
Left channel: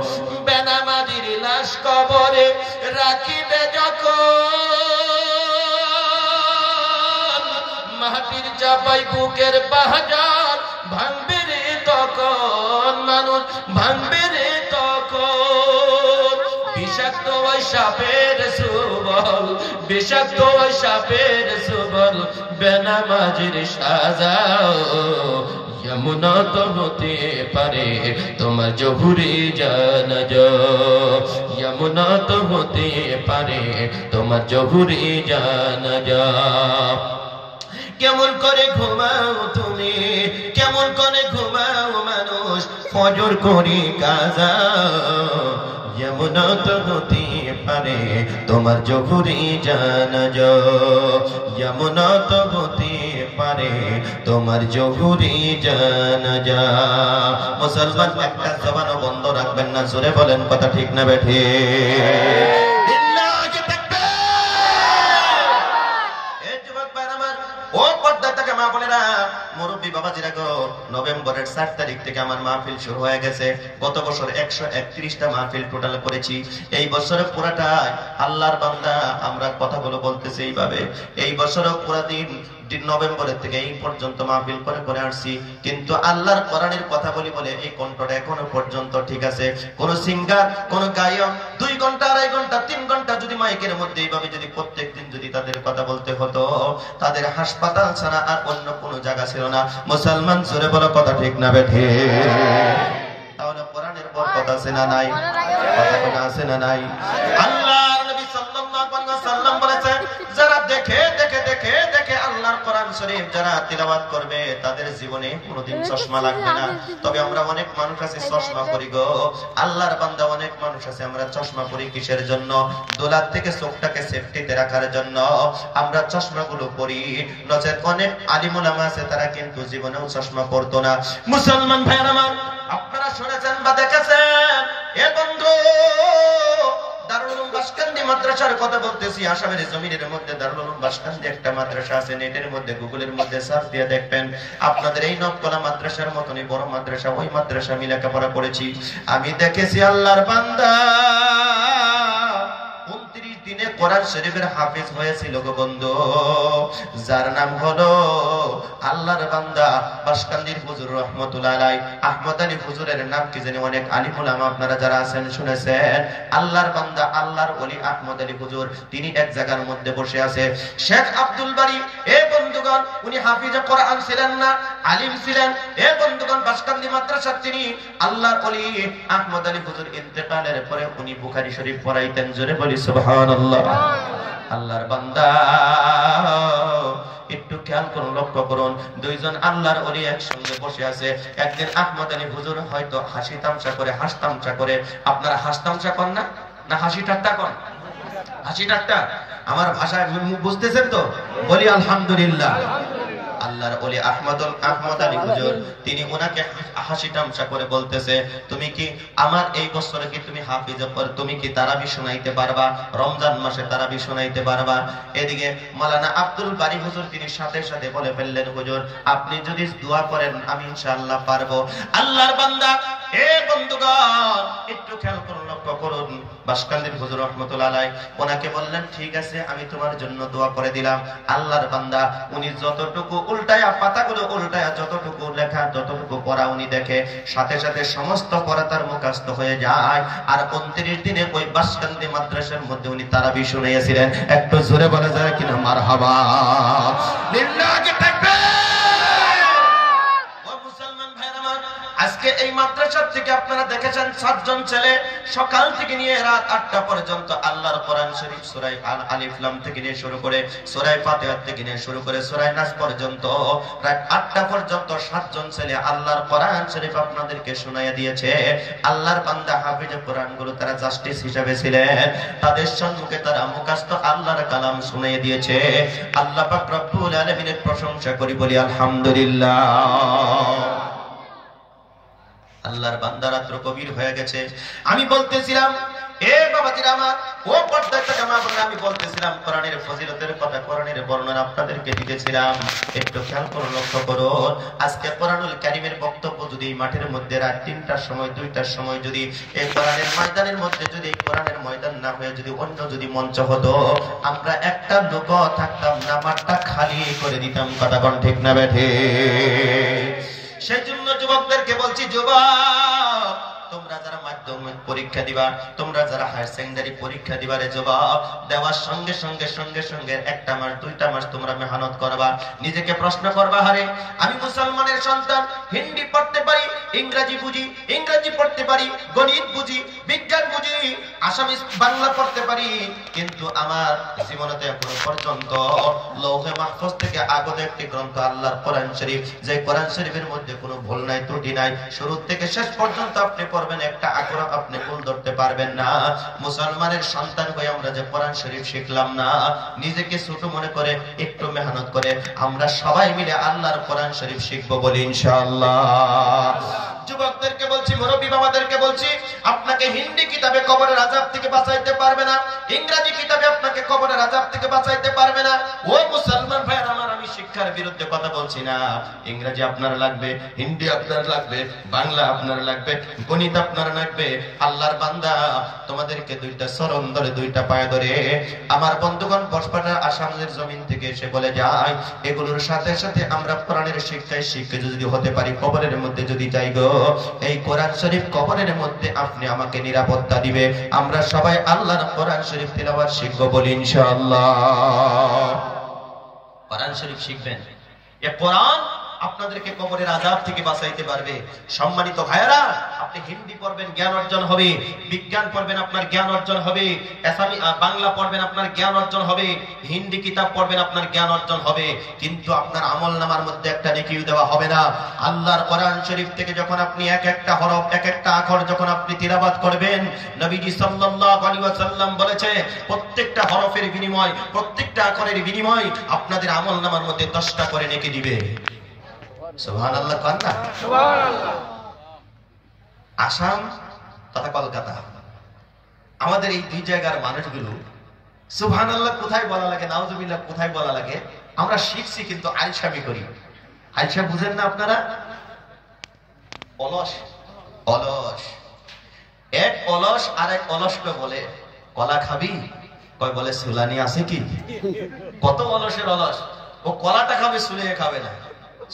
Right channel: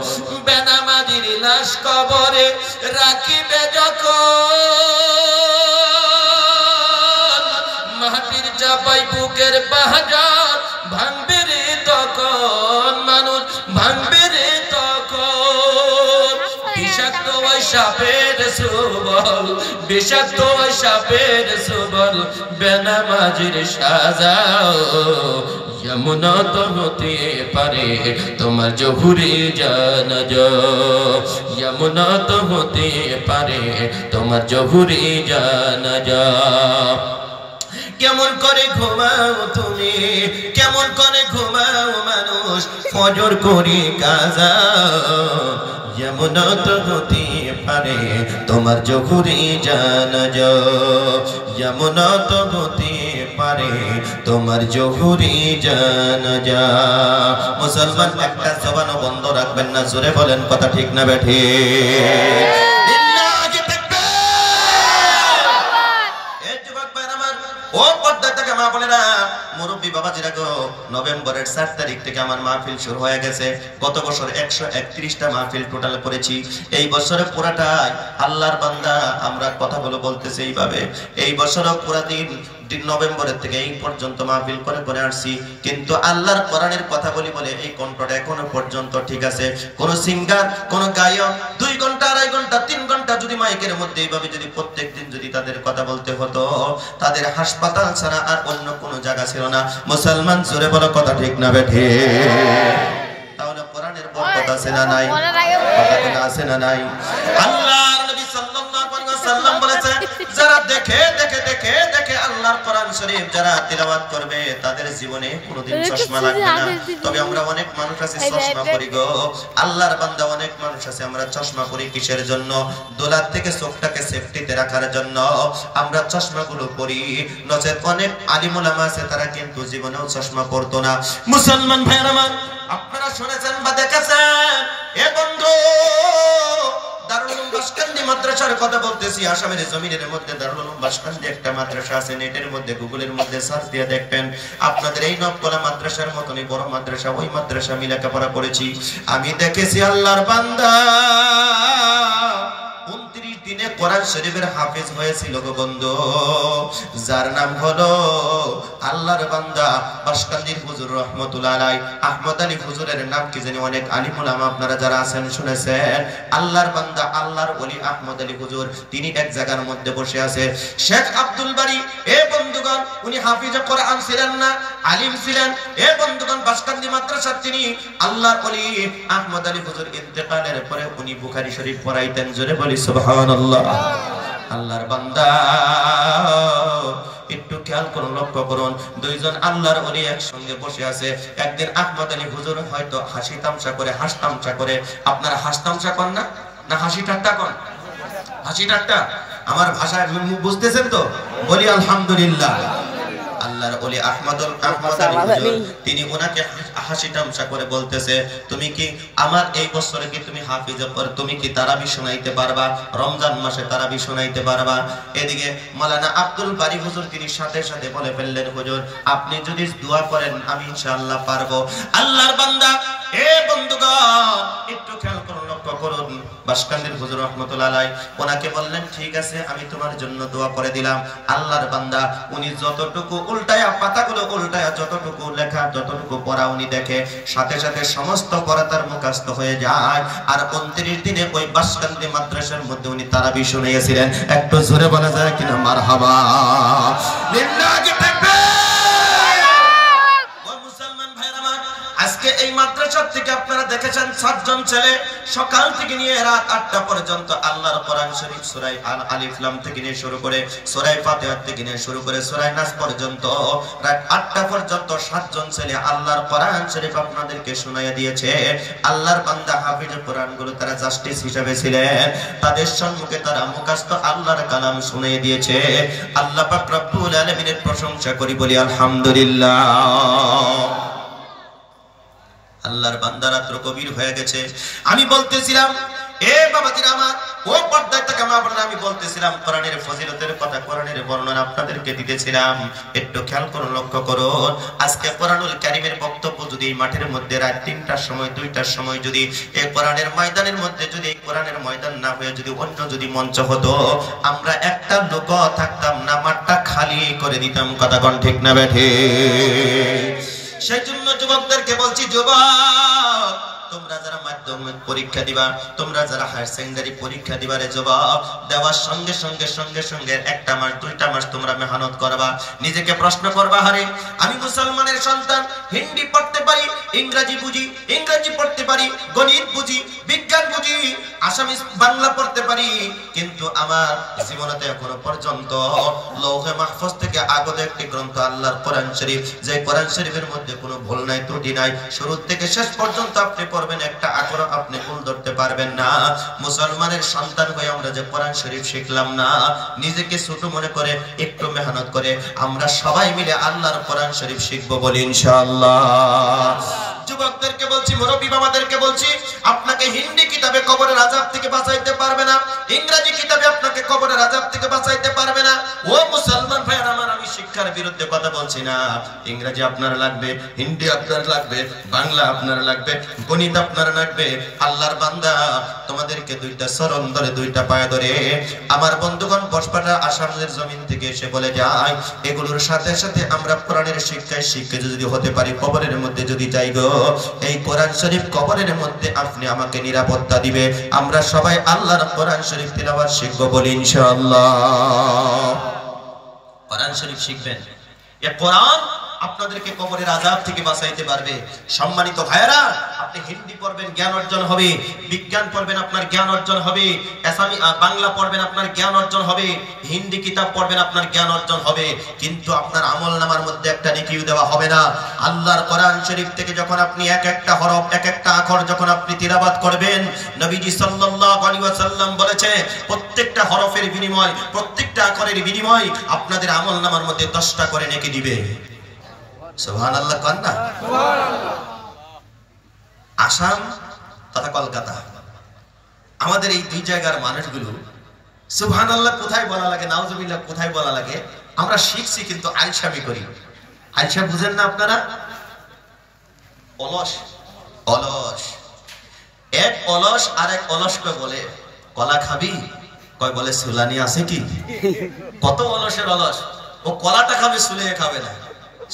বেনামাজের লাশ কবরে রাখিবে যখন, মাটির চাপায় বুকের পাজর ভাঙবে রে তখন, মানুষ ভাঙবে রে তখন। সাপের সুবল বিষাক্ত সাপের সুবল বেনামাজির সাজাও যমুনা তো হতে পারে তোমার জহুরি জানাজা যমুনা তো হতে পারে তোমার জহুরি জানাজা কেমন করে ঘুমাও তুমি কেমন করে ঘুমাও মানুষ ফজর করে কাজা যমুনা তো হতে পারে তোমার জহুরি জানাজা যমুনা তো হতে পারে তোমার জহুরি জানাজা মুসলমান একটা জবান বন্ধ রাখবেন না জোরে বলেন কথা ঠিক না বেঠে ও পর্দা থেকে মা বলে না মুরব্বী বাবাজিরা গো নভেম্বরের 7 তারিখ থেকে আমার মাহফিল শুরু হয়ে গেছে গত বছর 131টা মাহফিল টোটাল করেছি এই বছরে পুরাটাই আল্লাহর বান্দা আমরা কথাগুলো বলতেছি এইভাবে এই বছরও পুরা দিন নভেম্বরের থেকে এই পর্যন্ত মাহফিল করে করে আসছি কিন্তু আল্লাহর কোরআনের কথা বলি বলে এই কণ্ঠটা এখনো পর্যন্ত ঠিক আছে কোন সিঙ্গার কোন গায়ক 2 ঘন্টা 2.5 ঘন্টা 3 ঘন্টা যদি মাইকের মধ্যে এইভাবে যদি প্রত্যেকদিন যদি তাদের কথা বলতে হতো তাদের হাসপাতাল ছাড়া আর অন্য কোনো জায়গা ছিল না মুসলমান জোরে বলো কথা ঠিক না বেঠে তাহলে কোরআনের বরকত আছে না নাই কথা আছে না নাই আল্লাহর নবী সাল্লাল্লাহু আলাইহি ওয়াসাল্লাম বলেছেন যারা দেখে দেখে দেখে দেখে আল্লাহর কোরআন শরীফ যারা তিলাওয়াত করবে তাদের জীবনে কোনোদিন চশমা লাগবে না তবে আমরা অনেক মানুষ আছে চশমা পরি গো আল্লাহর বান্দা অনেক মানুষ আছে আমরা চশমা পরি কিসের জন্য দোলার থেকে চোখটাকে সেফটিতে রাখার জন্য আমরা চশমাগুলো পরি নচেত অনেক আলিম উলামা আছে তারা কিন্তু জীবনেও চশমা পরতো না মুসলমান ভাইরা আমার আপনারা শুনেছেন বা দেখেছেন এ বন্ধু দারুল উলুম বাসকান্দি মাদ্রাসার কথা বলতেছি আসামের জমিনের মধ্যে দারুল উলুম বাসকান্দি একটা মাদ্রাসা আছে নেটের মধ্যে গুগলের মধ্যে সার্চ দিয়ে দেখবেন আপনাদের এই নবকলা মাদ্রাসার মতনই বড় মাদ্রাসা ওই মাদ্রাসা আমি লেখাপড়া করেছি আমি দেখেছি আল্লাহর বান্দা 29 দিনে কোরআন শরীফের হাফেজ হয়েছিল গো বন্ধু যার নাম হলো আল্লাহর বান্দা বাসকান্দির হুজুর রহমাতুল্লাহ আলাইহি আহমদ আলী হুজুরের নাম কি জানি অনেক আলিম উলামা আপনারা যারা আছেন শুনেছেন আল্লাহর বান্দা আল্লাহর ওলি আহমদ আলী হুজুর তিনি এক জায়গার মধ্যে বসে আছে শেখ আব্দুল বারী এ বন্ধুগণ উনি হাফিজে কোরআন ছিলেন না আলিম ছিলেন এ বন্ধুগণ বাসকান্দি মাদ্রাসার তিনি আল্লাহর ওলি আহমদ আলী হুজুর ইন্তেকালের পরে উনি বুখারী শরীফ পড়াইতেন জোরে বলি সুবহানাল্লাহ আল্লাহর বান্দা একটু খেয়াল করুন লক্ষ্য করুন দুইজন আল্লাহর ওলি একসঙ্গে বসে আছে একদিন আহমদ আলী হুজুর হয়তো হাসি তামসা করে হাসতামসা করে আপনারা হাসতামসা করেন না না হাসি ঠাট্টা করেন হাসি ঠাট্টা আমার ভাষায় বুঝতেছেন তো বলি আলহামদুলিল্লাহ আল্লাহর ওলি আহমদ আলী হুজুর তিনি ওনাকে হাসি তামসা করে বলতেছে তুমি কি আমার এই বছরে কি তুমি হাফিজে তুমি কি তারাবি শোনাইতে পারবা রমজান মাসে তারাবি শোনাইতে পারবা এদিকে মাওলানা আব্দুল বারী হুজুর তিনি সাথে সাথে বলে ফেললেন হুজুর আপনি যদি দোয়া করেন আমি ইনশাআল্লাহ পারবো আল্লাহর বান্দা এ বন্ধুগণ একটু খেয়াল করুন লক্ষ্য করুন বাসকান্দির হুজুর রহমাতুল্লাহ আলাইহি ওনাকে বললেন ঠিক আছে আমি তোমার জন্য দোয়া করে দিলাম আল্লাহর বান্দা উনি যতটুকু উল্টায়া পাতাগুলো উল্টায়া যতটুকু লেখা যতটুকু পড়া উনি দেখে সাথে সাথে সমস্ত পড়া তার মুখস্থ হয়ে যায় আর 29 দিনে ওই বাসকান্দি মাদ্রাসার মধ্যে উনি তারাবি শুনিয়েছিলেন একটু জোরে বলা যায় কিনা মারহাবা লিল্লাহি তাকবীর আজকে এই মাদ্রাসা থেকে আপনারা দেখেছেন 7 জন ছেলে সকাল থেকে নিয়ে রাত 8টা পর্যন্ত আল্লাহর কোরআন শরীফ সূরা আলিফ লাম থেকে নিয়ে শুরু করে সূরা ফাতিহা থেকে নিয়ে শুরু করে সূরা নাস পর্যন্ত রাত 8টা পর্যন্ত 7 জন ছেলে আল্লাহর কোরআন শরীফ আপনাদেরকে শোনায়া দিয়েছে আল্লাহর বান্দা হাফেজে কোরআনগুলো তারা জাস্টিস হিসেবে ছিলেন তাদের সম্মুখে তারা মুখস্থ আল্লাহর কালাম শুনিয়ে দিয়েছে আল্লাহ পাক রব্বুল আলামিনের প্রশংসা করি বলি আলহামদুলিল্লাহ আল্লাহর বান্দা রাত্র গভীর হয়ে গেছে আমি বলতেছিলাম এ বাবাজিরা আমার ও পর্দা থেকে মা বোনেরা আমি বলতেছিলাম কোরআনের ফজিলতের কথা কোরআনের বর্ণনা আপনাদেরকে দিতেছিলাম একটু খেয়াল করুন লক্ষ্য করুন আজকে কোরআনুল কারীমের বক্তব্য যদি মাঠের মধ্যে রাত 3টার সময় 2টার সময় যদি এই কোরআনের ময়দানের মধ্যে যদি এই কোরআনের ময়দান না হয়ে যদি অন্য যদি মঞ্চ হতো আমরা একটা লোক থাকতাম না মাঠটা খালি করে দিতাম কথা কোন ঠিক না বেঠে সেজন্য যুবকদেরকে বলছি যুবক তোমরা তোমরা যারা মাধ্যমিক পরীক্ষা দিবা, তোমরা যারা হায়ার সেকেন্ডারি পরীক্ষা দিবারে জবাব দেওয়ার সঙ্গে সঙ্গে সঙ্গে সঙ্গে একটা মাস দুইটা মাস তোমরা মেহনত করবা, নিজেকে প্রশ্ন করবা, আরে আমি মুসলমানের সন্তান, হিন্দি পড়তে পারি, ইংরেজি বুঝি, ইংরেজি পড়তে পারি, গণিত বুঝি, বিজ্ঞান বুঝি, আসামি বাংলা পড়তে পারি, কিন্তু আমার জীবনেতে এখনো পর্যন্ত লৌহে মাহফুজ থেকে আগত একটি গ্রন্থ আল্লাহর কোরআন শরীফ, যে কোরআন শরীফের মধ্যে কোনো ভুল নাই, ত্রুটি নাই, শুরু থেকে শেষ পর্যন্ত আপনি পড়বেন, একটা আখর আপনি ভুল ধরতে পারবেন না। মুসলমানের সন্তান হয়ে আমরা যে কোরআন শরীফ শিখলাম না, নিজেকে ছোট মনে করে একটু মেহনত করে আমরা সবাই মিলে আল্লাহর কোরআন শরীফ শিখবো বলি ইনশাআল্লাহ। যুবকদেরকে বলছি, মুরব্বী বাবাদেরকে বলছি, আপনাকে হিন্দি কিতাবে কবরের আযাব থেকে বাঁচাইতে পারবে না, ইংরেজি কিতাবে আপনাকে কবরের আযাব থেকে বাঁচাইতে পারবে না। ও মুসলমান ভাইরা আমার, আমি শিক্ষার বিরুদ্ধে কথা বলছি না। ইংরেজি আপনার লাগবে, হিন্দি আপনার লাগবে, বাংলা আপনার লাগবে, গণিত আপনার লাগবে। আল্লাহর বান্দা, তোমাদেরকে দুইটা চরণ ধরে, দুইটা পায়ে ধরে আমার বন্ধুগণ বসপাড়া আসামের জমিন থেকে এসে বলে যায়, এগুলোর সাথে সাথে আমরা কোরআনের শিক্ষায় শিক্ষিত যদি হতে পারি, কবরের মধ্যে যদি যাই গো, এই কোরআন শরীফ কবরের মধ্যে আপনি আমাকে নিরাপত্তা দিবে। আমরা সবাই আল্লাহর কোরআন শরীফ তিলাওয়াত শিখব বলি ইনশাআল্লাহ। কোরআন শরীফ শিখবেন, এই কোরআন আপনাদেরকে কবরের আযাব থেকে বাঁচাইতে পারবে। সম্মানিত ভাইরা, আপনি হিন্দি পড়বেন, জ্ঞান অর্জন হবে, বিজ্ঞান পড়বেন, আপনার জ্ঞান অর্জন হবে, আসামি বাংলা পড়বেন, আপনার জ্ঞান অর্জন হবে, হিন্দি কিতাব পড়বেন, আপনার জ্ঞান অর্জন হবে, কিন্তু আপনার আমলনামার মধ্যে একটা নেকিও দেওয়া হবে না। আল্লাহর কোরআন শরীফ থেকে যখন আপনি এক একটা হরফ, এক একটা আখর যখন আপনি তিলাওয়াত করবেন, নবীজি সাল্লাল্লাহু আলাইহি ওয়াসাল্লাম বলেছে, প্রত্যেকটা হরফের বিনিময়, প্রত্যেকটা আখরের বিনিময় আপনাদের আমলনামার মধ্যে 10টা করে নেকি দিবে। সুবহানাল্লাহ। কান্না আসাম তথা কলকাতা, আমাদের এই দুই জায়গার মানুষগুলো সুবহানাল্লাহ কোথায় বলা লাগে, নাউজুবিল্লাহ কোথায় বলা লাগে, আমরা শিখছি কিন্তু আলসামি করি। আলসা বুঝেন না আপনারা? অলস, অলস। এক অলস আর এক অলসকে বলে, কলা খাবি? কয় বলে সুলানি আছে কি? কত অলসের অলস, ও কলাটা খাবে, সুলিয়ে খাবে না।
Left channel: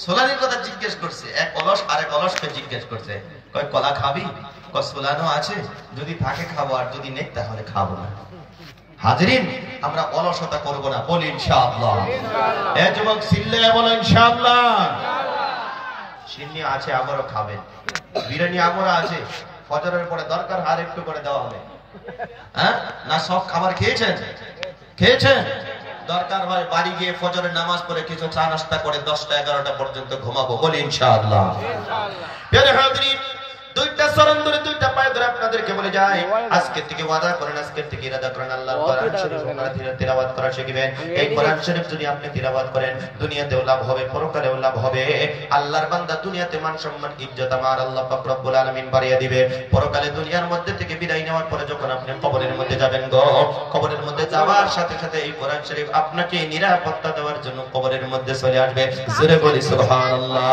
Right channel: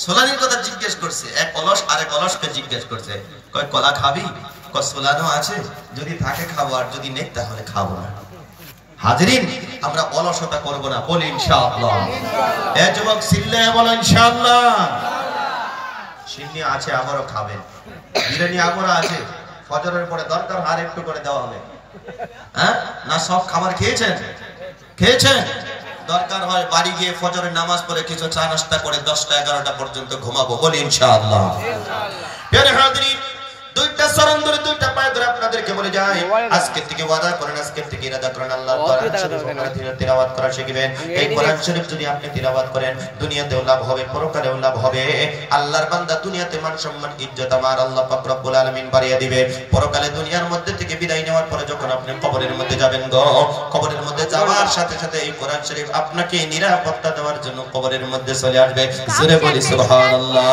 সোলানির কথা জিজ্ঞেস করছে, এক অলস আরেক অলসকে জিজ্ঞেস করছে, কয় কলা খাবি? কয় সোলানো আছে, যদি থাকে খাবো, আর যদি নেই তাহলে খাবো না। হাজিরিন, আমরা অলসতা করব না, বলি ইনশাআল্লাহ। এ যুবক সিল্লে বলো ইনশাআল্লাহ। সিন্নি আছে, আবারও খাবেন, বিরিয়ানি আবারও আছে, ফজরের পরে দরকার আর একটু করে দেওয়া হবে। হ্যাঁ না, সব খাবার খেয়েছেন? খেয়েছেন? দরকার হয় বাড়ি গিয়ে ফজরের নামাজ পড়ে কিছু চা নাস্তা করে 10টা 11টা পর্যন্ত ঘুমাবো, বলি ইনশাআল্লাহ। প্রিয় হাজিরিন, দুইটা চরণ ধরে, দুইটা পায়ে ধরে আপনাদেরকে বলে যাই, আজকে থেকে ওয়াদা করেন, আজকে থেকে ইরাদা করেন, আল্লাহর কোরআন শরীফ তিলাওয়াত করা শিখবেন। এই কোরআন শরীফ যদি আপনি তিলাওয়াত করেন, দুনিয়াতেও লাভ হবে, পরকালেও লাভ হবে। আল্লাহর বান্দা, দুনিয়াতে মান সম্মান ইজ্জত আমার আল্লাহ পাক রব্বুল আলামিন বাড়িয়ে দিবে। পরকালে দুনিয়ার মধ্যে থেকে বিদায় নেওয়ার পরে যখন আপনি কবরের মধ্যে যাবেন গো, কবরের মধ্যে যাওয়ার সাথে সাথে এই কোরআন শরীফ আপনাকে নিরাপত্তা দেওয়ার জন্য কবরের মধ্যে চলে আসবে। জোরে বলি সুবহানাল্লাহ।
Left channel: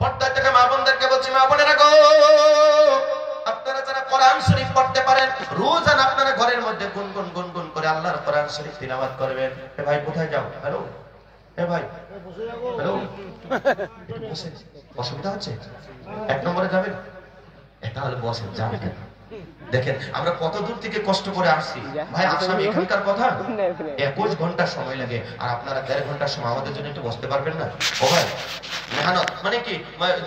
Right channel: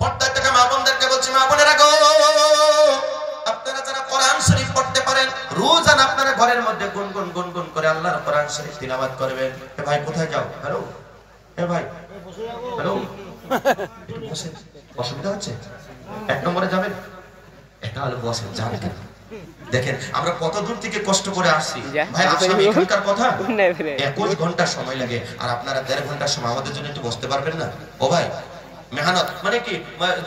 পর্দাটাকে মা বোনদেরকে বলছি, মা বোনেরা গো, আপনারা যারা কোরআন শরীফ পড়তে পারেন, রোজান আপনারা ঘরের মধ্যে গুনগুন গুনগুন করে আল্লাহর কোরআন শরীফ তিলাওয়াত করবেন। এ ভাই কোথায় যাও? হ্যালো, এ ভাই হ্যালো, অসুবিধা হচ্ছে? 1 নম্বরে যাবেন? এটা হলো বসে, যান কেন? দেখেন আমরা কত দূর থেকে কষ্ট করে আসছি ভাই। আসামি এখানকার কথা 21 ঘন্টা সময় লাগে, আর আপনারা 1.5 ঘন্টার সময় আমাদের জন্য একটু বসতে পারবেন না? ও ভাই, মেহনত মানে কি,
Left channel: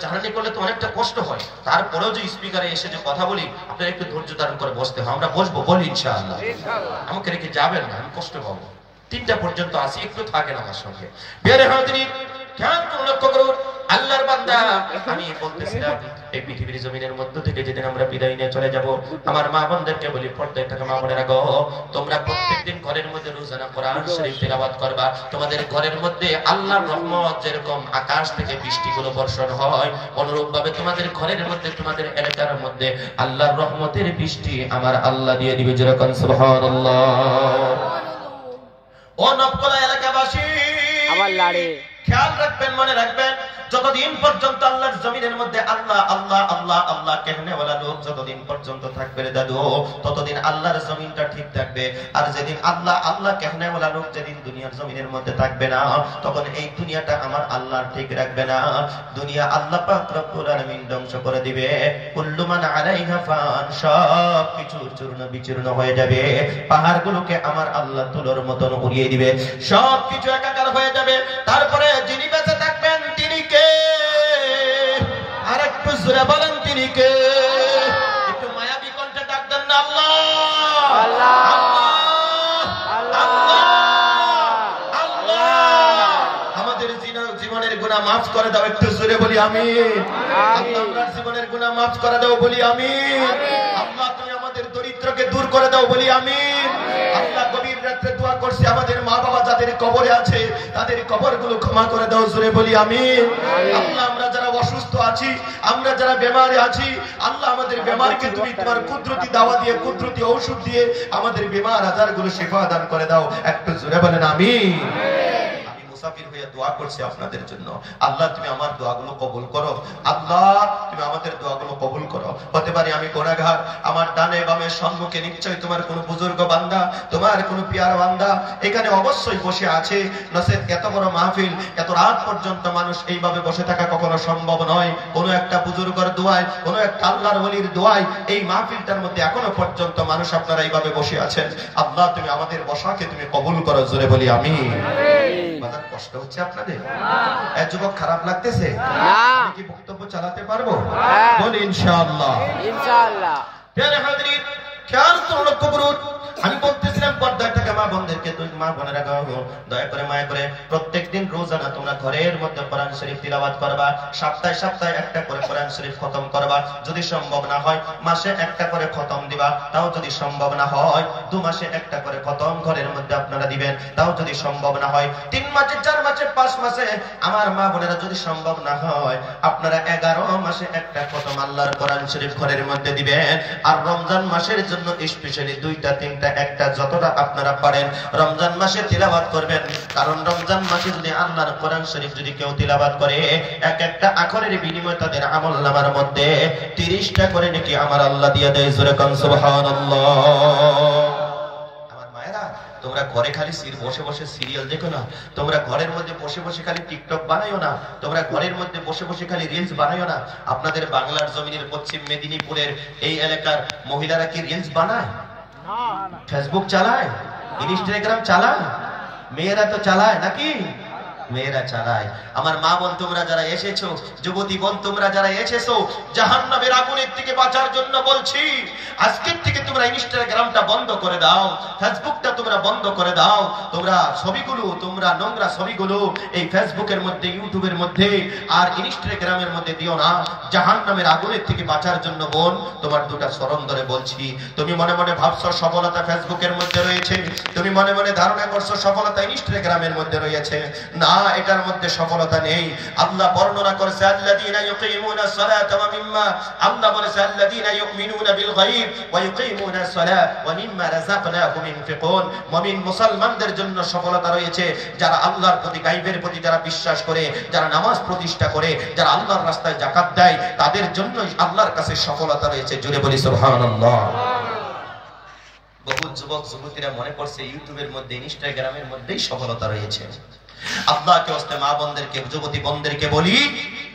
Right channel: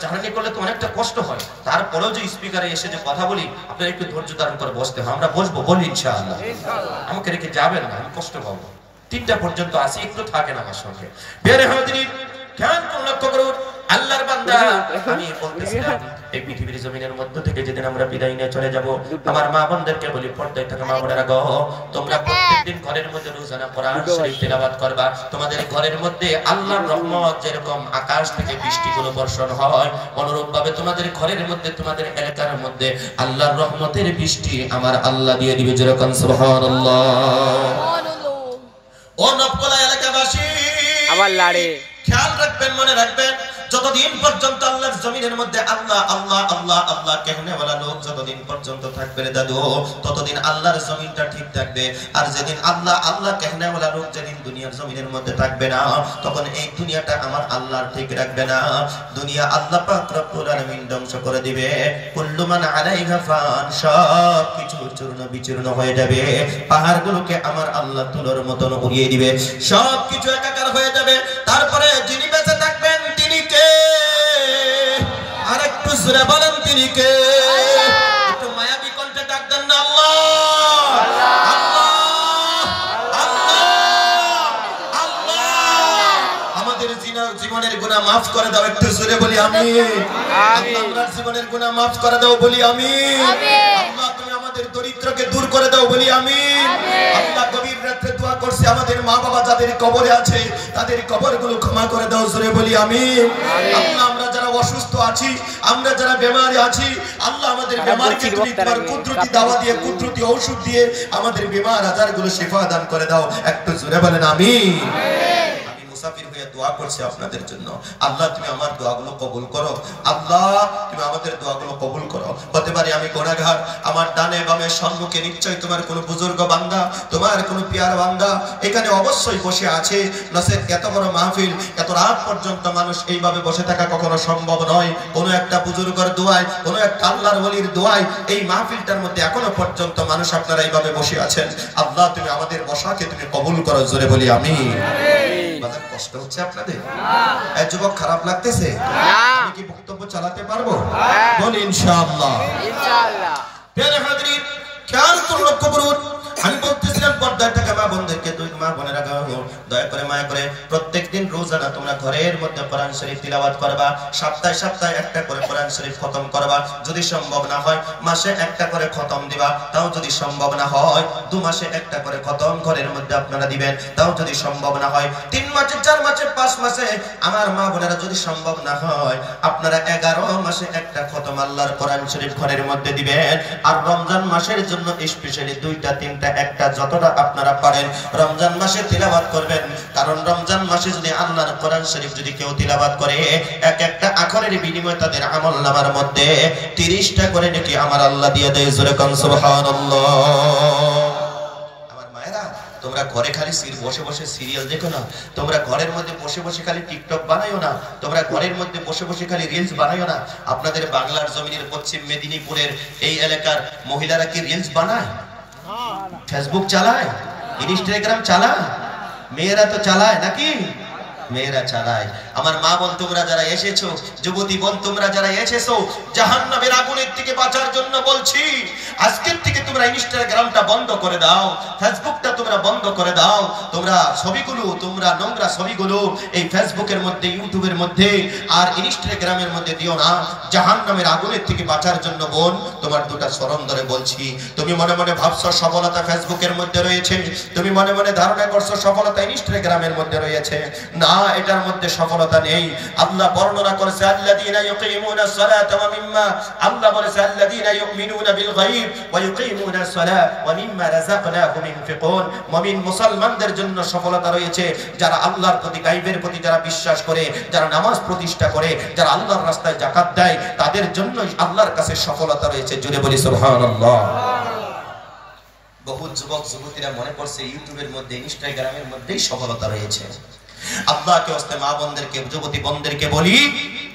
জার্নি করলে তো অনেকটা কষ্ট হয়, তারপরেও যে স্পিকারে এসে যে কথা বলি, আপনারা একটু ধৈর্য ধারণ করে বসতে হয়। আমরা বসবো, বলি ইনশাআল্লাহ। আমাকে রেখে যাবেন না, আমি কষ্ট পাবো। 3টা পর্যন্ত আসি, একটু থাকেন আমার সঙ্গে। বেরে হাজিরিন, খেয়াল করে লক্ষ্য করুন, আল্লাহর বান্দা, আমি বলতেছিলাম এই পৃথিবীর জমিনের মধ্য থেকে যেদিন আমরা বিদায় নিয়ে চলে যাব, আমার মা বোনদেরকে বলি, পর্দায় থাকা মা বোনেরা গো, তোমরা প্রত্যেকদিন ঘরের মধ্যে রোজানা কোরআন শরীফ তিলাওয়াত করবা। তোমাদের ঘরের মধ্যে আল্লাহর রহমত যেরকম আকাশ থেকে বৃষ্টিগুলো বর্ষণ হয়, অনুরূপ ভাবে তোমাদের ঘরের মধ্যে, তোমাদের এলাকার মধ্যে আল্লাহর রহমতের বৃষ্টি আমার আল্লাহ দিয়ে দিবে। যেরকম সুবহানাল্লাহ। ও নবকলা এলাকাবাসী, আমার লাড়ে খেয়াল রাখবেন, মনে রাখবেন, যতদিন পর্যন্ত আল্লাহর জমিনের মধ্যে আল্লাহ আল্লাহ আল্লাহ আল্লাহ कहनेওয়ালা লোক যতদিন পর্যন্ত থাকবে রে দাদু, ততদিন আল্লাহর জমিনটা ঠিক থাকবে। আর যেদিন আল্লাহ আল্লাহ कहनेওয়ালা লোক যেদিন দুনিয়ার জমিনের মধ্যে থাকবে না, তখন এই দুনিয়াটা আমার আল্লাহর ঠিক রাখবে না। দুনিয়া আল্লাহ পাক রব্বুল আলামিন ধ্বংস করে দিবে। কুল্লু মান আলাইহা ফান, সব কিছু চূর্ণ বিচূর্ণ হয়ে যাবে। পাহাড়গুলোকে আমার আল্লাহ তুলোর মতন উড়িয়ে দিবে, সব কিছু একাকার হয়ে যাবে। তারপরে যিনি বেঁচে থাকবেন তিনি কে? আরেকটু জোরে বলেন তিনি কে? একটু মায়াবী কণ্ঠে ডাক দেন না, আল্লাহ আল্লাহ আল্লাহ আল্লাহ। আমাদের জীবনের গুনাহ মাফ করে দাও, একটু জোরে বলি আমিন। আল্লাহ জীবনের গুনাহ মাফ করে দাও, বলি আমিন। আল্লাহ তুমি আমাদের দরিদ্রকে দূর করে দাও, বলি আমিন। আল্লাহ গভীর রাতে দোয়া করছি, আমাদের মা বাবা যাদের কবরে আছে তাদের কবরগুলো ক্ষমা করে দাও, জোরে বলি আমিন। আল্লাহ আমরা যারা অসুস্থ আছি, আমরা যারা বেমারে আছি, আল্লাহ আমাদের বেমারকে তুমি তোমার কুদরতি দাওয়া দিয়ে, কুদরতি ঔষধ দিয়ে আমাদের বেমার আজারগুলো শিফা দান করে দাও, একটু জোরে বলেন আমিন। মুসাফির হয়ে দোয়া করছি আপনাদের জন্য, আল্লাহ তুমি আমার দোয়াগুলো কবুল করো, আল্লাহ তুমি আমাদের দোয়াগুলো কবুল করো। হতে পারে আমি গুনাহগার, আমার ডানে বামে সম্মুখে নিশ্চয়ই তোমার কোনো বুজুর্গ বান্দা, তোমার কোনো পিয়ার বান্দা এখানে অবশ্যই বসে আছে। নসেদ এত বড় মাহফিল, এত রাত পর্যন্ত মানুষ এইভাবে বসে থাকা কখনো সম্ভব নয়। কোনো একটা বুজুর্গের দোয়ায়, কোনো একটা আল্লাহর ওলির দোয়ায় এই মাহফিলটার মধ্যে এখনো পর্যন্ত মানুষ আপনারা এইভাবে বসে আছেন। আল্লাহ তুমি আমাদের বসাকে তুমি কবুল করো, জোরে বলি আমিন। কষ্ট হচ্ছে আপনাদের? যুবক খারাপ লাগতেছে? আমি কি বক্তব্য চালাতে পারবো? বলি ইনশাআল্লাহ। ইনশাআল্লাহ। প্রিয় হাজিরিন, খেয়াল করুন, লক্ষ্য করুন, আমি বলতেছিলাম পর্দায় থাকা মা বোনদেরকে, দুই মা বোনেরা দয়া করে মায়া করে প্রত্যেকদিন রোজানা তোমরা ঘরের মধ্যে কোরআন শরীফ তিলাওয়াত করবা। সপ্তাহে সপ্তাহে একটা করে কোরআন শরীফ খতম করবা। যদি সম্ভব না হয় মাসে একটা করে খতম দিবা, তাও যদি সম্ভব না হয় 2 মাসে একটা করে খতম ঘরের মধ্যে আপনারা দিবেন, তাও যদি সম্ভব না হয় 3 মাসে, 4 মাসে, 5 মাসে, আমার মা বোনেরা যদি সম্ভব না হয় আপনারা 11 মাসে একটা খতম আল্লাহর কোরআন শরীফ ঘরের মধ্যে দিবেন। আর রমজান মাসের জন্য স্পেশালি 2টা 3টা একটা যতটা আপনারা পারেন রমজান মাসে তিলাওয়াত করবেন। কারণ রমজান মাসে যদি আল্লাহর কোরআন শরীফ যদি কেউ তিলাওয়াত করে, এক একটা আখরের বিনিময়ে তাদের আমলনামার মধ্যে 30টা করে নাকি আমার আল্লাহ দিয়ে দেয়, জোরে কোন সুবহানাল্লাহ। আমার মায়েরা, তোমরা ঘরে খালি বসে বসে সিরিয়াল দেখো না, তোমরা ঘরের মধ্যে বসে বসে খালি টিকটক বানাইও না, তোমরা ঘরের মধ্যে বসে বসে খালি রিলস বানাইও না। আপনাদের বাংলার জমিনের পশ্চিম মেদিনীপুরের এই এলাকার মহিলারা কি রিলস বানায়? ফেসবুক চালায়, ইনস্টাগ্রাম চালায়? মেয়েরা তো চালায় নাকি? মেয়েরা চালায়। আমার মা বোন তোমরা যারা এসেছো, যুবতী বোন তোমরা যারা এসেছো, জাহান্নামের আগুনের থেকে বাঁচার জন্য বলছি, আজকের থেকে তোমরা ইনস্টাগ্রামটা বন্ধ করে দাও, ফেসবুকটা তোমরা বন্ধ করে দাও। তোমরা ছবিগুলো, তোমরা নোংরা ছবিগুলো এই ফেসবুকের মধ্যে, ইউটিউবের মধ্যে আর ইনস্টাগ্রামের মধ্যে দিও না। জাহান্নামের আগুনের থেকে বাঁচার জন্য বোন তোমার দুটা চরণ ধরে বলছি, তুমি মনে মনে ভাবছো সফলতা ফেসবুকের মধ্যে রয়েছে, তুমি মনে মনে ধারণা করছো সফলতা ইনস্টাগ্রামের মধ্যে রয়েছে, না, এটার মধ্যে সফলতা নেই। আল্লাহ বর্ণনা করেছে আল্লাযীনা ইউকিমুনাস সালাতা ওয়া মিম্মা, আল্লাহ বলেছে আল্লাযীনা ইউমিনুনা বিল গায়ব ওয়া ইউকিমুনাস সালাতা ওয়া মিম্মা রাযাকনাহুম ইনফিকুন। মুমিন মুসলমানদের জন্য সফলতা রয়েছে যারা আল্লাহর প্রতি, গায়বের প্রতি যারা বিশ্বাস করে, যারা নামাজ প্রতিষ্ঠা করে, যারা আল্লাহর রাস্তায় যাকাত দেয়, তাদের জন্যই আল্লাহর কাছে সফলতা রয়েছে, জোরে বলি সুবহানাল্লাহ। বহু যুবক যুবতীরা মনে করছে ইউটিউবের মধ্যে, ইনস্টাগ্রামের মধ্যেই সফলতা রয়েছে। আল্লাহকে ওয়াস্তে মা বোনদেরকে, যুবতী বোনদেরকে বলি,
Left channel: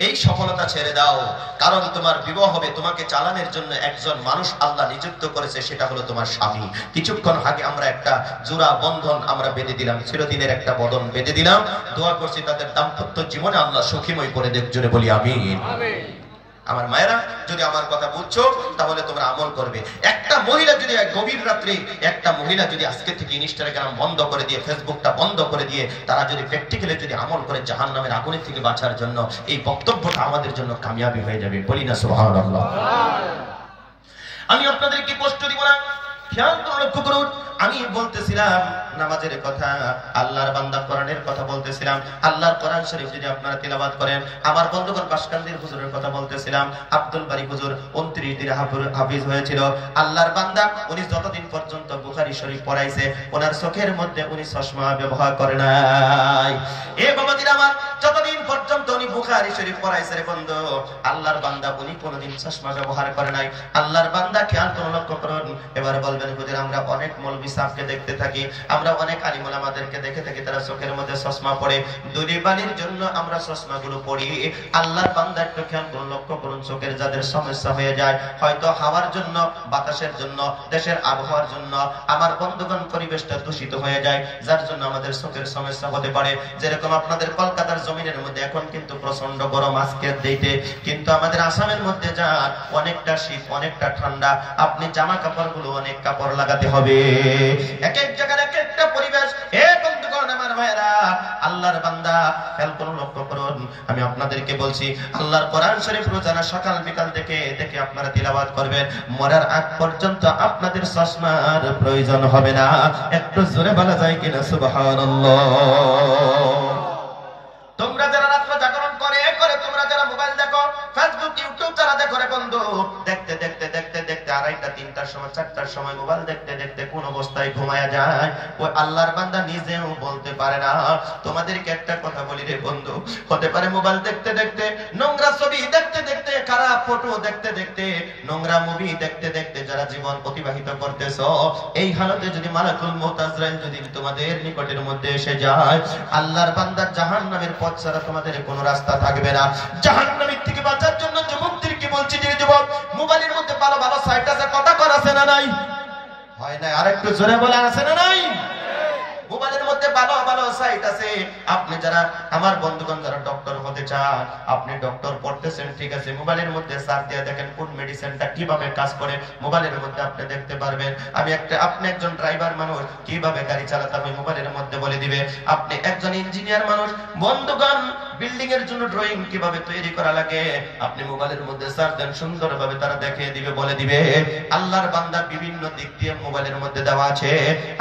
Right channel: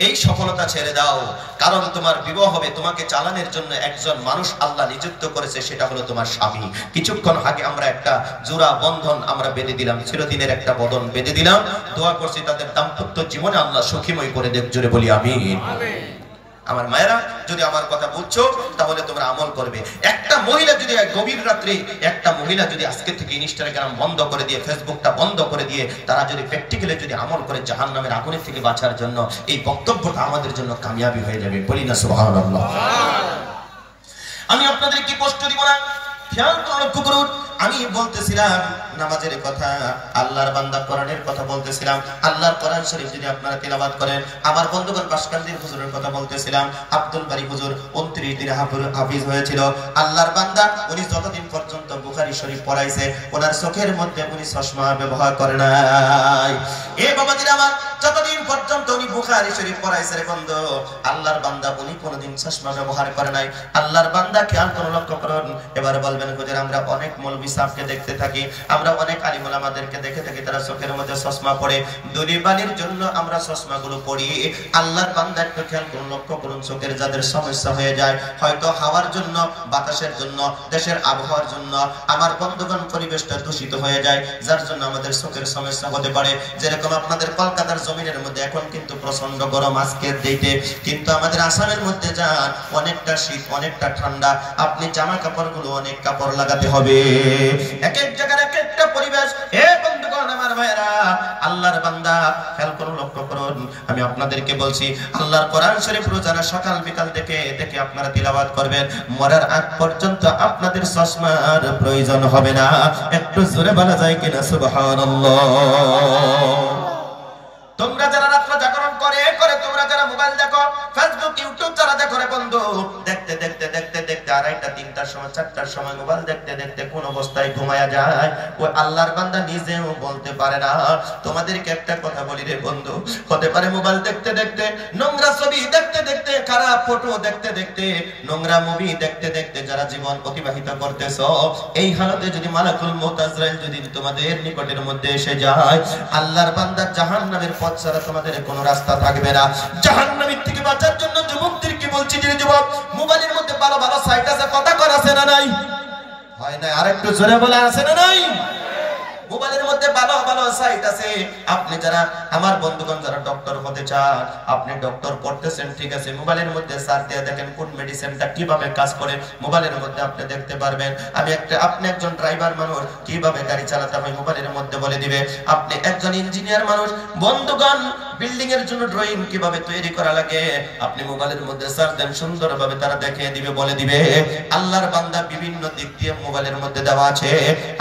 এই সফলতা ছেড়ে দাও। কারণ তোমার বিবাহ হবে, তোমাকে চালানোর জন্য একজন মানুষ আল্লাহ নিযুক্ত করেছে, সেটা হলো তোমার স্বামী। কিছুক্ষণ আগে আমরা একটা জোড়া বন্ধন আমরা বেঁধে দিলাম, চিরদিনের একটা বন্ধন বেঁধে দিলাম। দোয়া করছি তাদের দাম্পত্য জীবনে আল্লাহ সুখীময় করে দেখ, জোরে বলি আমিন। আমার মায়েরা, যদি আমার কথা বুঝছো তাহলে তোমরা আমল করবে। একটা মহিলা যদি গভীর রাত্রে, একটা মহিলা যদি আজকে থেকে ইনস্টাগ্রাম বন্ধ করে দিয়ে, ফেসবুকটা বন্ধ করে দিয়ে, তারা যদি প্র্যাকটিক্যালি যদি আমল করে জাহান্নামের আগুনের থেকে বাঁচার জন্য, এই বক্তব্যটা আমাদের জন্য কামিয়াবি হয়ে যাবে, বলি না সুবহানাল্লাহ। আমি আপনাদের কি কষ্ট দিব না, খেয়াল করে লক্ষ্য করুন। আমি বলতেছিলাম নামাজের কথা, আল্লাহর বান্দা কোরআনের কথা বলতেছিলাম। আল্লাহর কোরআন শরীফ যদি আপনারা তেলাওয়াত করেন, আমার বন্ধুগণ বাসকান্দির হুজুরের কথা বলতেছিলাম। আব্দুল বারী হুজুর 29 দিনে হাফিজ হয়েছিল। আল্লাহর বান্দা, উনি যতদিন পর্যন্ত বুখারী শরীফ পড়াইছে, ওনার চোখের মধ্যে উনি চশমা ব্যবহার করে নাই। এ বাবাজিরা আমার, যতদিন পর্যন্ত উনি বুখারী শরীফ পড়াইছে রে বন্ধু। আল্লাহর বান্দা উনি কোনোদিন চশমা ব্যবহার করে নাই। আল্লাহর বান্দা খেয়াল করে লক্ষ্য করুন। এবারে বলবেন হুজুর আমরা অনেক মৌলভী সাহেবকে দেখতে থাকি, আমরা অনেক আলিম ওলামাদেরকে দেখে থাকি তারা চোখের মধ্যে চশমা পড়ে, দুলি বালির জন্য আমরা চশমাগুলো পড়ি। আল্লাহর বান্দা একটু খেয়াল করে লক্ষ্য করুন, চোখের যাদের সমস্যা হয়ে যায়, হয়তো হাওয়ার জন্য, বাতাসের জন্য, দেশের আবহাওয়ার জন্য, আমার বন্ধুগণ পরিবেশটা দূষিত হয়ে যায়, যার জন্য আমাদের চোখের সমস্যা হতে পারে। যেরকম আপনাদের কলকাতার জমিনের মধ্যে এখন কিন্তু প্রচন্ড গরম আজকের দিতে, কিন্তু আমাদের আসামের মধ্যে যান অনেকটা শীত, অনেকটা ঠান্ডা, আপনি জামা কাপড়গুলো অনেক কাপড় লাগাতে হবে। এক এক জায়গার এক একটা পরিবেশ। হে বন্ধুগণ আমার ভাইরা, আল্লাহর বান্দা খেয়াল করুন লক্ষ্য করুন, আমি আপনাদেরকে বলছি আল্লাহর কোরআন শরীফ রোজানা সকাল বিকাল দেখে দেখে আপনারা তিলাওয়াত করবেন, মরার আগ পর্যন্ত আপনাদের চশমার প্রয়োজন হবে না। একটু জোরে বলা যায় কিনা সুবহানাল্লাহ। তোমরা যারা রাত্র জাগরণ করে করে তোমরা যারা মোবাইল দেখো, ফেসবুক ইউটিউব যারা দেখো রে বন্ধু, দেখতে দেখতে দেখতে দেখতে 2:30 3টার সময় 4টার সময় মোবাইল দেখতে দেখতে কোন অবস্থায় ঘুমায়া যায় ওই আল্লাহর বান্দা নিজেও বলতে পারে না। তোমাদেরকে একটা কথা বলি রে বন্ধু, হতে পারে মোবাইল দেখতে দেখতে, নোংরা ছবি দেখতে দেখতে, খারাপ ফটো দেখতে দেখতে, নোংরা মুভি দেখতে দেখতে যারা জীবন অতিবাহিত করতেছো, এই হালতে যদি মালাকুল মউত আজরাইল যদি তোমাদের নিকটের মধ্যে এসে যায়, আল্লাহর বান্দা জাহান্নামের পথ ছাড়া তোমাদের কোনো রাস্তা থাকবে না। জাহান্নামের থেকে বাঁচার জন্য যুবকদেরকে বলছি, যে যুবক মোবাইলের মধ্যে ভালো ভালো সাইট আছে, কথা কর আছে না নাই? হয় না, আরেকটু জোরে বলে আছে না নাই? মোবাইলের মধ্যে ভালো ভালো সাইট আছে। আপনি যারা আমার বন্ধুগণ যারা ডক্টর হতে চান, আপনি ডক্টর পড়তেছেন, ঠিক আছে, মোবাইলের মধ্যে সার্চ দিয়ে দেখেন কোন মেডিসিনটা কিভাবে কাজ করে, মোবাইলের মধ্যে আপনি দেখতে পারবেন। আপনি একজন ড্রাইভার মানুষ, কিভাবে গাড়ি চালাতে হবে মোবাইলের মধ্যে বলে দিবে। আপনি একজন ইঞ্জিনিয়ার মানুষ, বন্ধুগণ বিল্ডিং এর জন্য ড্রয়িং কিভাবে তৈরি করা লাগে, আপনি মোবাইলের মধ্যে সার্চ দেন, সুন্দরভাবে তারা দেখিয়ে দিবে, বলে দিবে। আল্লাহর বান্দা বিভিন্ন দিক দিয়ে মোবাইলের মধ্যে দেওয়া আছে।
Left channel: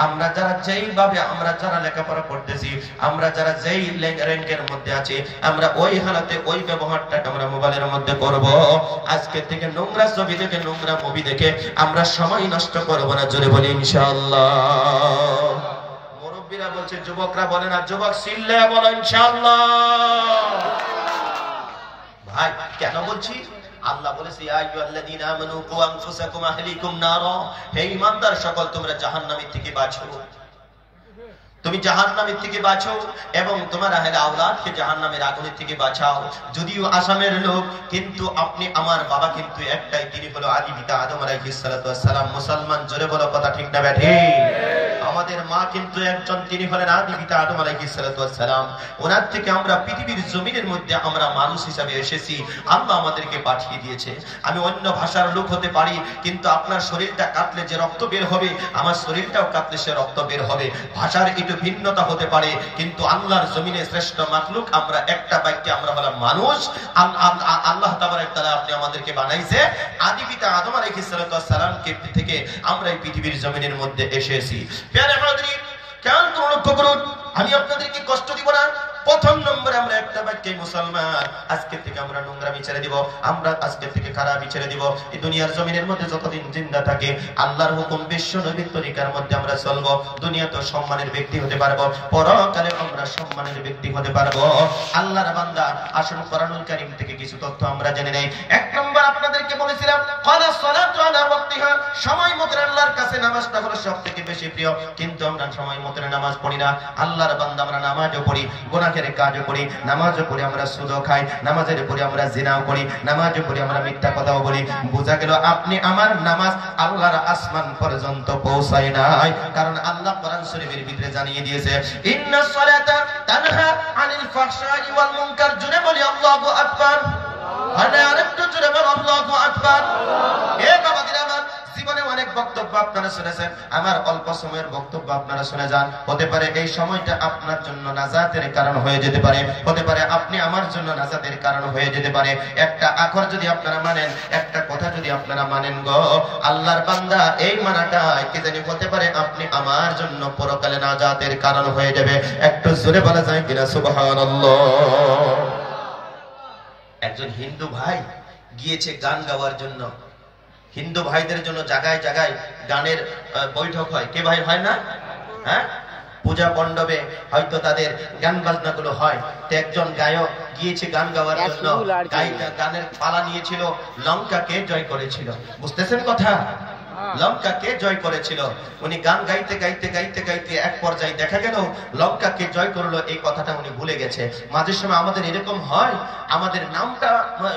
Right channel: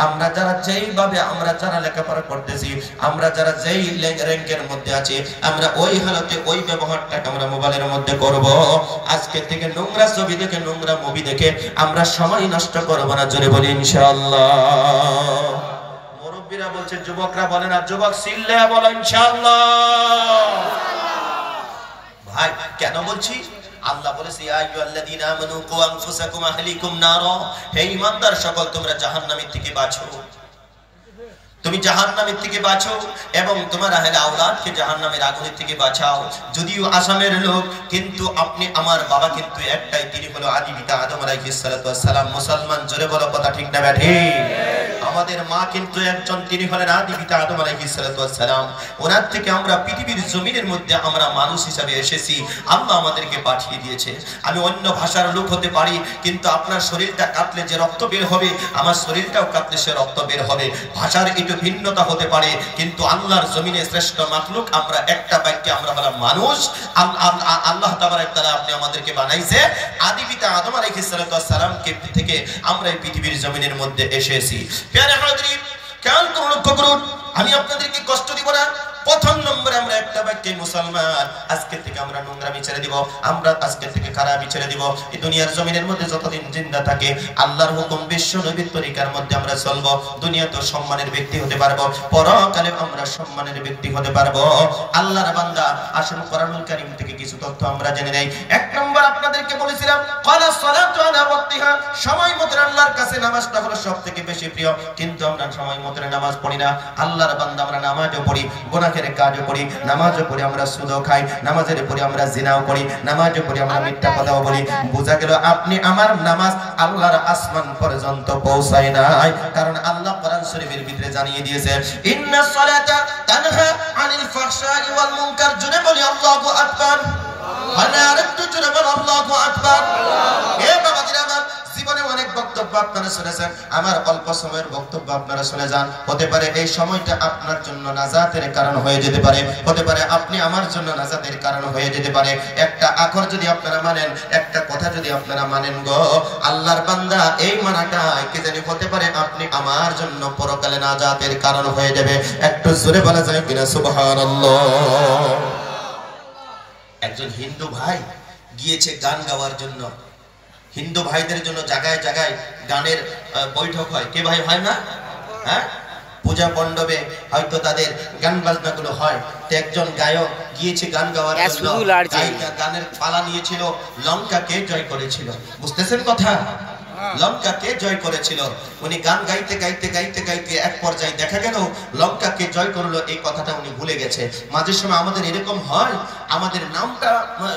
আমরা যারা যেইভাবে আমরা যারা লেখাপড়া করতেছি, আমরা যারা যেই র্যাঙ্কের মধ্যে আছি, আমরা ওই হালতে ওই ব্যবহারটাকে আমরা মোবাইলের মধ্যে করব। আজকে থেকে নোংরা ছবি দেখে, নোংরা মুভি দেখে আমরা সময় নষ্ট করব না। জোরে বলি ইনশাআল্লাহ। মুরব্বিরা বলছে, যুবকরা বলে না, যুবক সিল্লে বলো ইনশাআল্লাহ। ভাই কেন বলছি? আল্লাহ বলেছে, ইয়া আইয়ুহাল্লাযীনা আমানু কু আনফুসাকুম আহলিকুম নারা, হে ঈমানদার সকল তোমরা জাহান্নামের থেকে বাঁচো, তুমি জাহান্নামের থেকে বাঁচো এবং তোমার আহলে আওলাদকে জাহান্নামের আগুনের থেকে বাঁচাও। যদিও আসামের লোক, কিন্তু আপনি আমার বাবা কিন্তু একটাই, তিনি হলো আদি পিতা আদম আলাইহিস সালাতু ওয়াস সালাম। মুসলমান, জোরে বলো কথা ঠিক না ব্যাঠিক? আমাদের মা কিন্তু একজন, তিনি হলেন আদি পিতা আদম আলাইহিস সালাতু ওয়াস সালাম। ওনার থেকে আমরা পৃথিবীর জমিনের মধ্যে আমরা মানুষ হিসাবে এসেছি, আল্লাহ আমাদেরকে পাঠিয়ে দিয়েছে। আমি অন্য ভাষার লোক হতে পারি, কিন্তু আপনার শরীরটা কাটলে যে রক্ত বের হবে, আমার শরীরটাও কাটলে সে রক্ত বের হবে। ভাষার একটু ভিন্নতা হতে পারে, কিন্তু আল্লাহর জমিনে শ্রেষ্ঠ মাখলুক আমরা, একটা বাক্যে আমরা হলাম মানুষ। আল্লাহ তাবারক তাআলা আপনি আমাদেরকে বানাইছে, আদি পিতা আদম আলাইহিস সালাতু ওয়াস সালামকে থেকে আমরা এই পৃথিবীর জমিনের মধ্যে এসেছি। প্রিয় হাজরিন, কেন কোন লক্ষ্য করুন, আমি আপনাদেরকে কষ্ট দিব না। প্রথম নম্বরে আমরা একটা বাক্যে মুসলমান, আজকে থেকে আমরা নোংরামি ছেড়ে দিব, আমরা আজকে থেকে খারাপি ছেড়ে দিব। এই দুনিয়ার জমিনের মধ্যে যতদিন জিন্দা থাকে আল্লাহর হুকুম, বিশ্ব নবীর তরিকার মধ্যে আমরা চলবো। দুনিয়াতে সম্মানের ব্যক্তি হতে পারবো, পরকালে আমরা সম্মানের ব্যক্তি হতে পারবো। আল্লাহর বান্দা, আসুন কোরআনুল কারীম থেকে কিছু তথ্য আমরা জেনে নেই। এক নম্বর আপনাদেরকে বলেছিলাম, ক্বালা সালাতু আলা ওয়াক্তিহা, সময় মতো আল্লাহর কাছে নামাজটা হলো সবথেকে বেশি প্রিয়, কিন্তু আমরা সময় মতো নামাজ পড়ি না। আল্লাহর বান্দা, আমরা নামাজও পড়ি, গুনাহের কাজও করি, নামাজও পড়ি, আমরা সুদও খাই, নামাজের পরে আমরা জিনাও করি, নামাজও পড়ি, আমরা মিথ্যা কথাও বলি। বোঝা গেল আপনি আমার নামাজ আল্লাহর আসমান পর্যন্ত পৌঁছায় নাই, কারণ আল্লাহ কোরআন শরীফের ভিতরে জানিয়ে দিয়েছে, ইন্নাস সালাতা তানহা আনিল ফাহশাই ওয়াল মুনকার। জুড়ে বলি আল্লাহু আকবার। আর একটু জোরে বল আল্লাহু আকবার। এ বাবাজিরা আমার, জীবনে অনেক বক্তব্য আপনারা শুনেছেন, আমার অল্প সময়ের বক্তব্য আপনারা শুনে যান। হতে পারে এই সময়টা আপনার জন্য নাজাতের কারণ হয়ে যেতে পারে, হতে পারে আপনি আমার জন্য নাজাতের কারণ হয়ে যেতে পারে। একটা আকর যদি আপনারা মানেন, একটা কথা যদি আপনারা মানেন গো আল্লাহর বান্দা, এই মানাটা কি জানি হতে পারে আপনি আমার জন্য পরকালে নাজাতের কারণ হয়ে যাবে। একটু জোরে বলা যায় কিনা সুবহানাল্লাহ। একজন হিন্দু ভাই গিয়েছে গান গাওয়ার জন্য। হিন্দু ভাইদের জন্য জায়গায় জায়গায় গানের বৈঠক হয়, কে ভাই হয় না? হ্যাঁ, পূজা মণ্ডপে হয়তো তাদের গান বাজনাগুলো হয়, তো একজন গায়ক গিয়েছে গান গাওয়ার জন্য, গানের পালা নিয়েছিল, লঙ্কাকে জয় করেছিল। বুঝতেছেন কথা? লঙ্কাকে জয় করেছিল। উনি গান গাইতে গাইতে গাইতে গাইতে এক পর্যায়ে দেখা গেল লঙ্কাকে জয় করলো, এই কথাটা উনি ভুলে গেছে। মাঝে সময় আমাদের এরকম হয়, আমাদের নামটা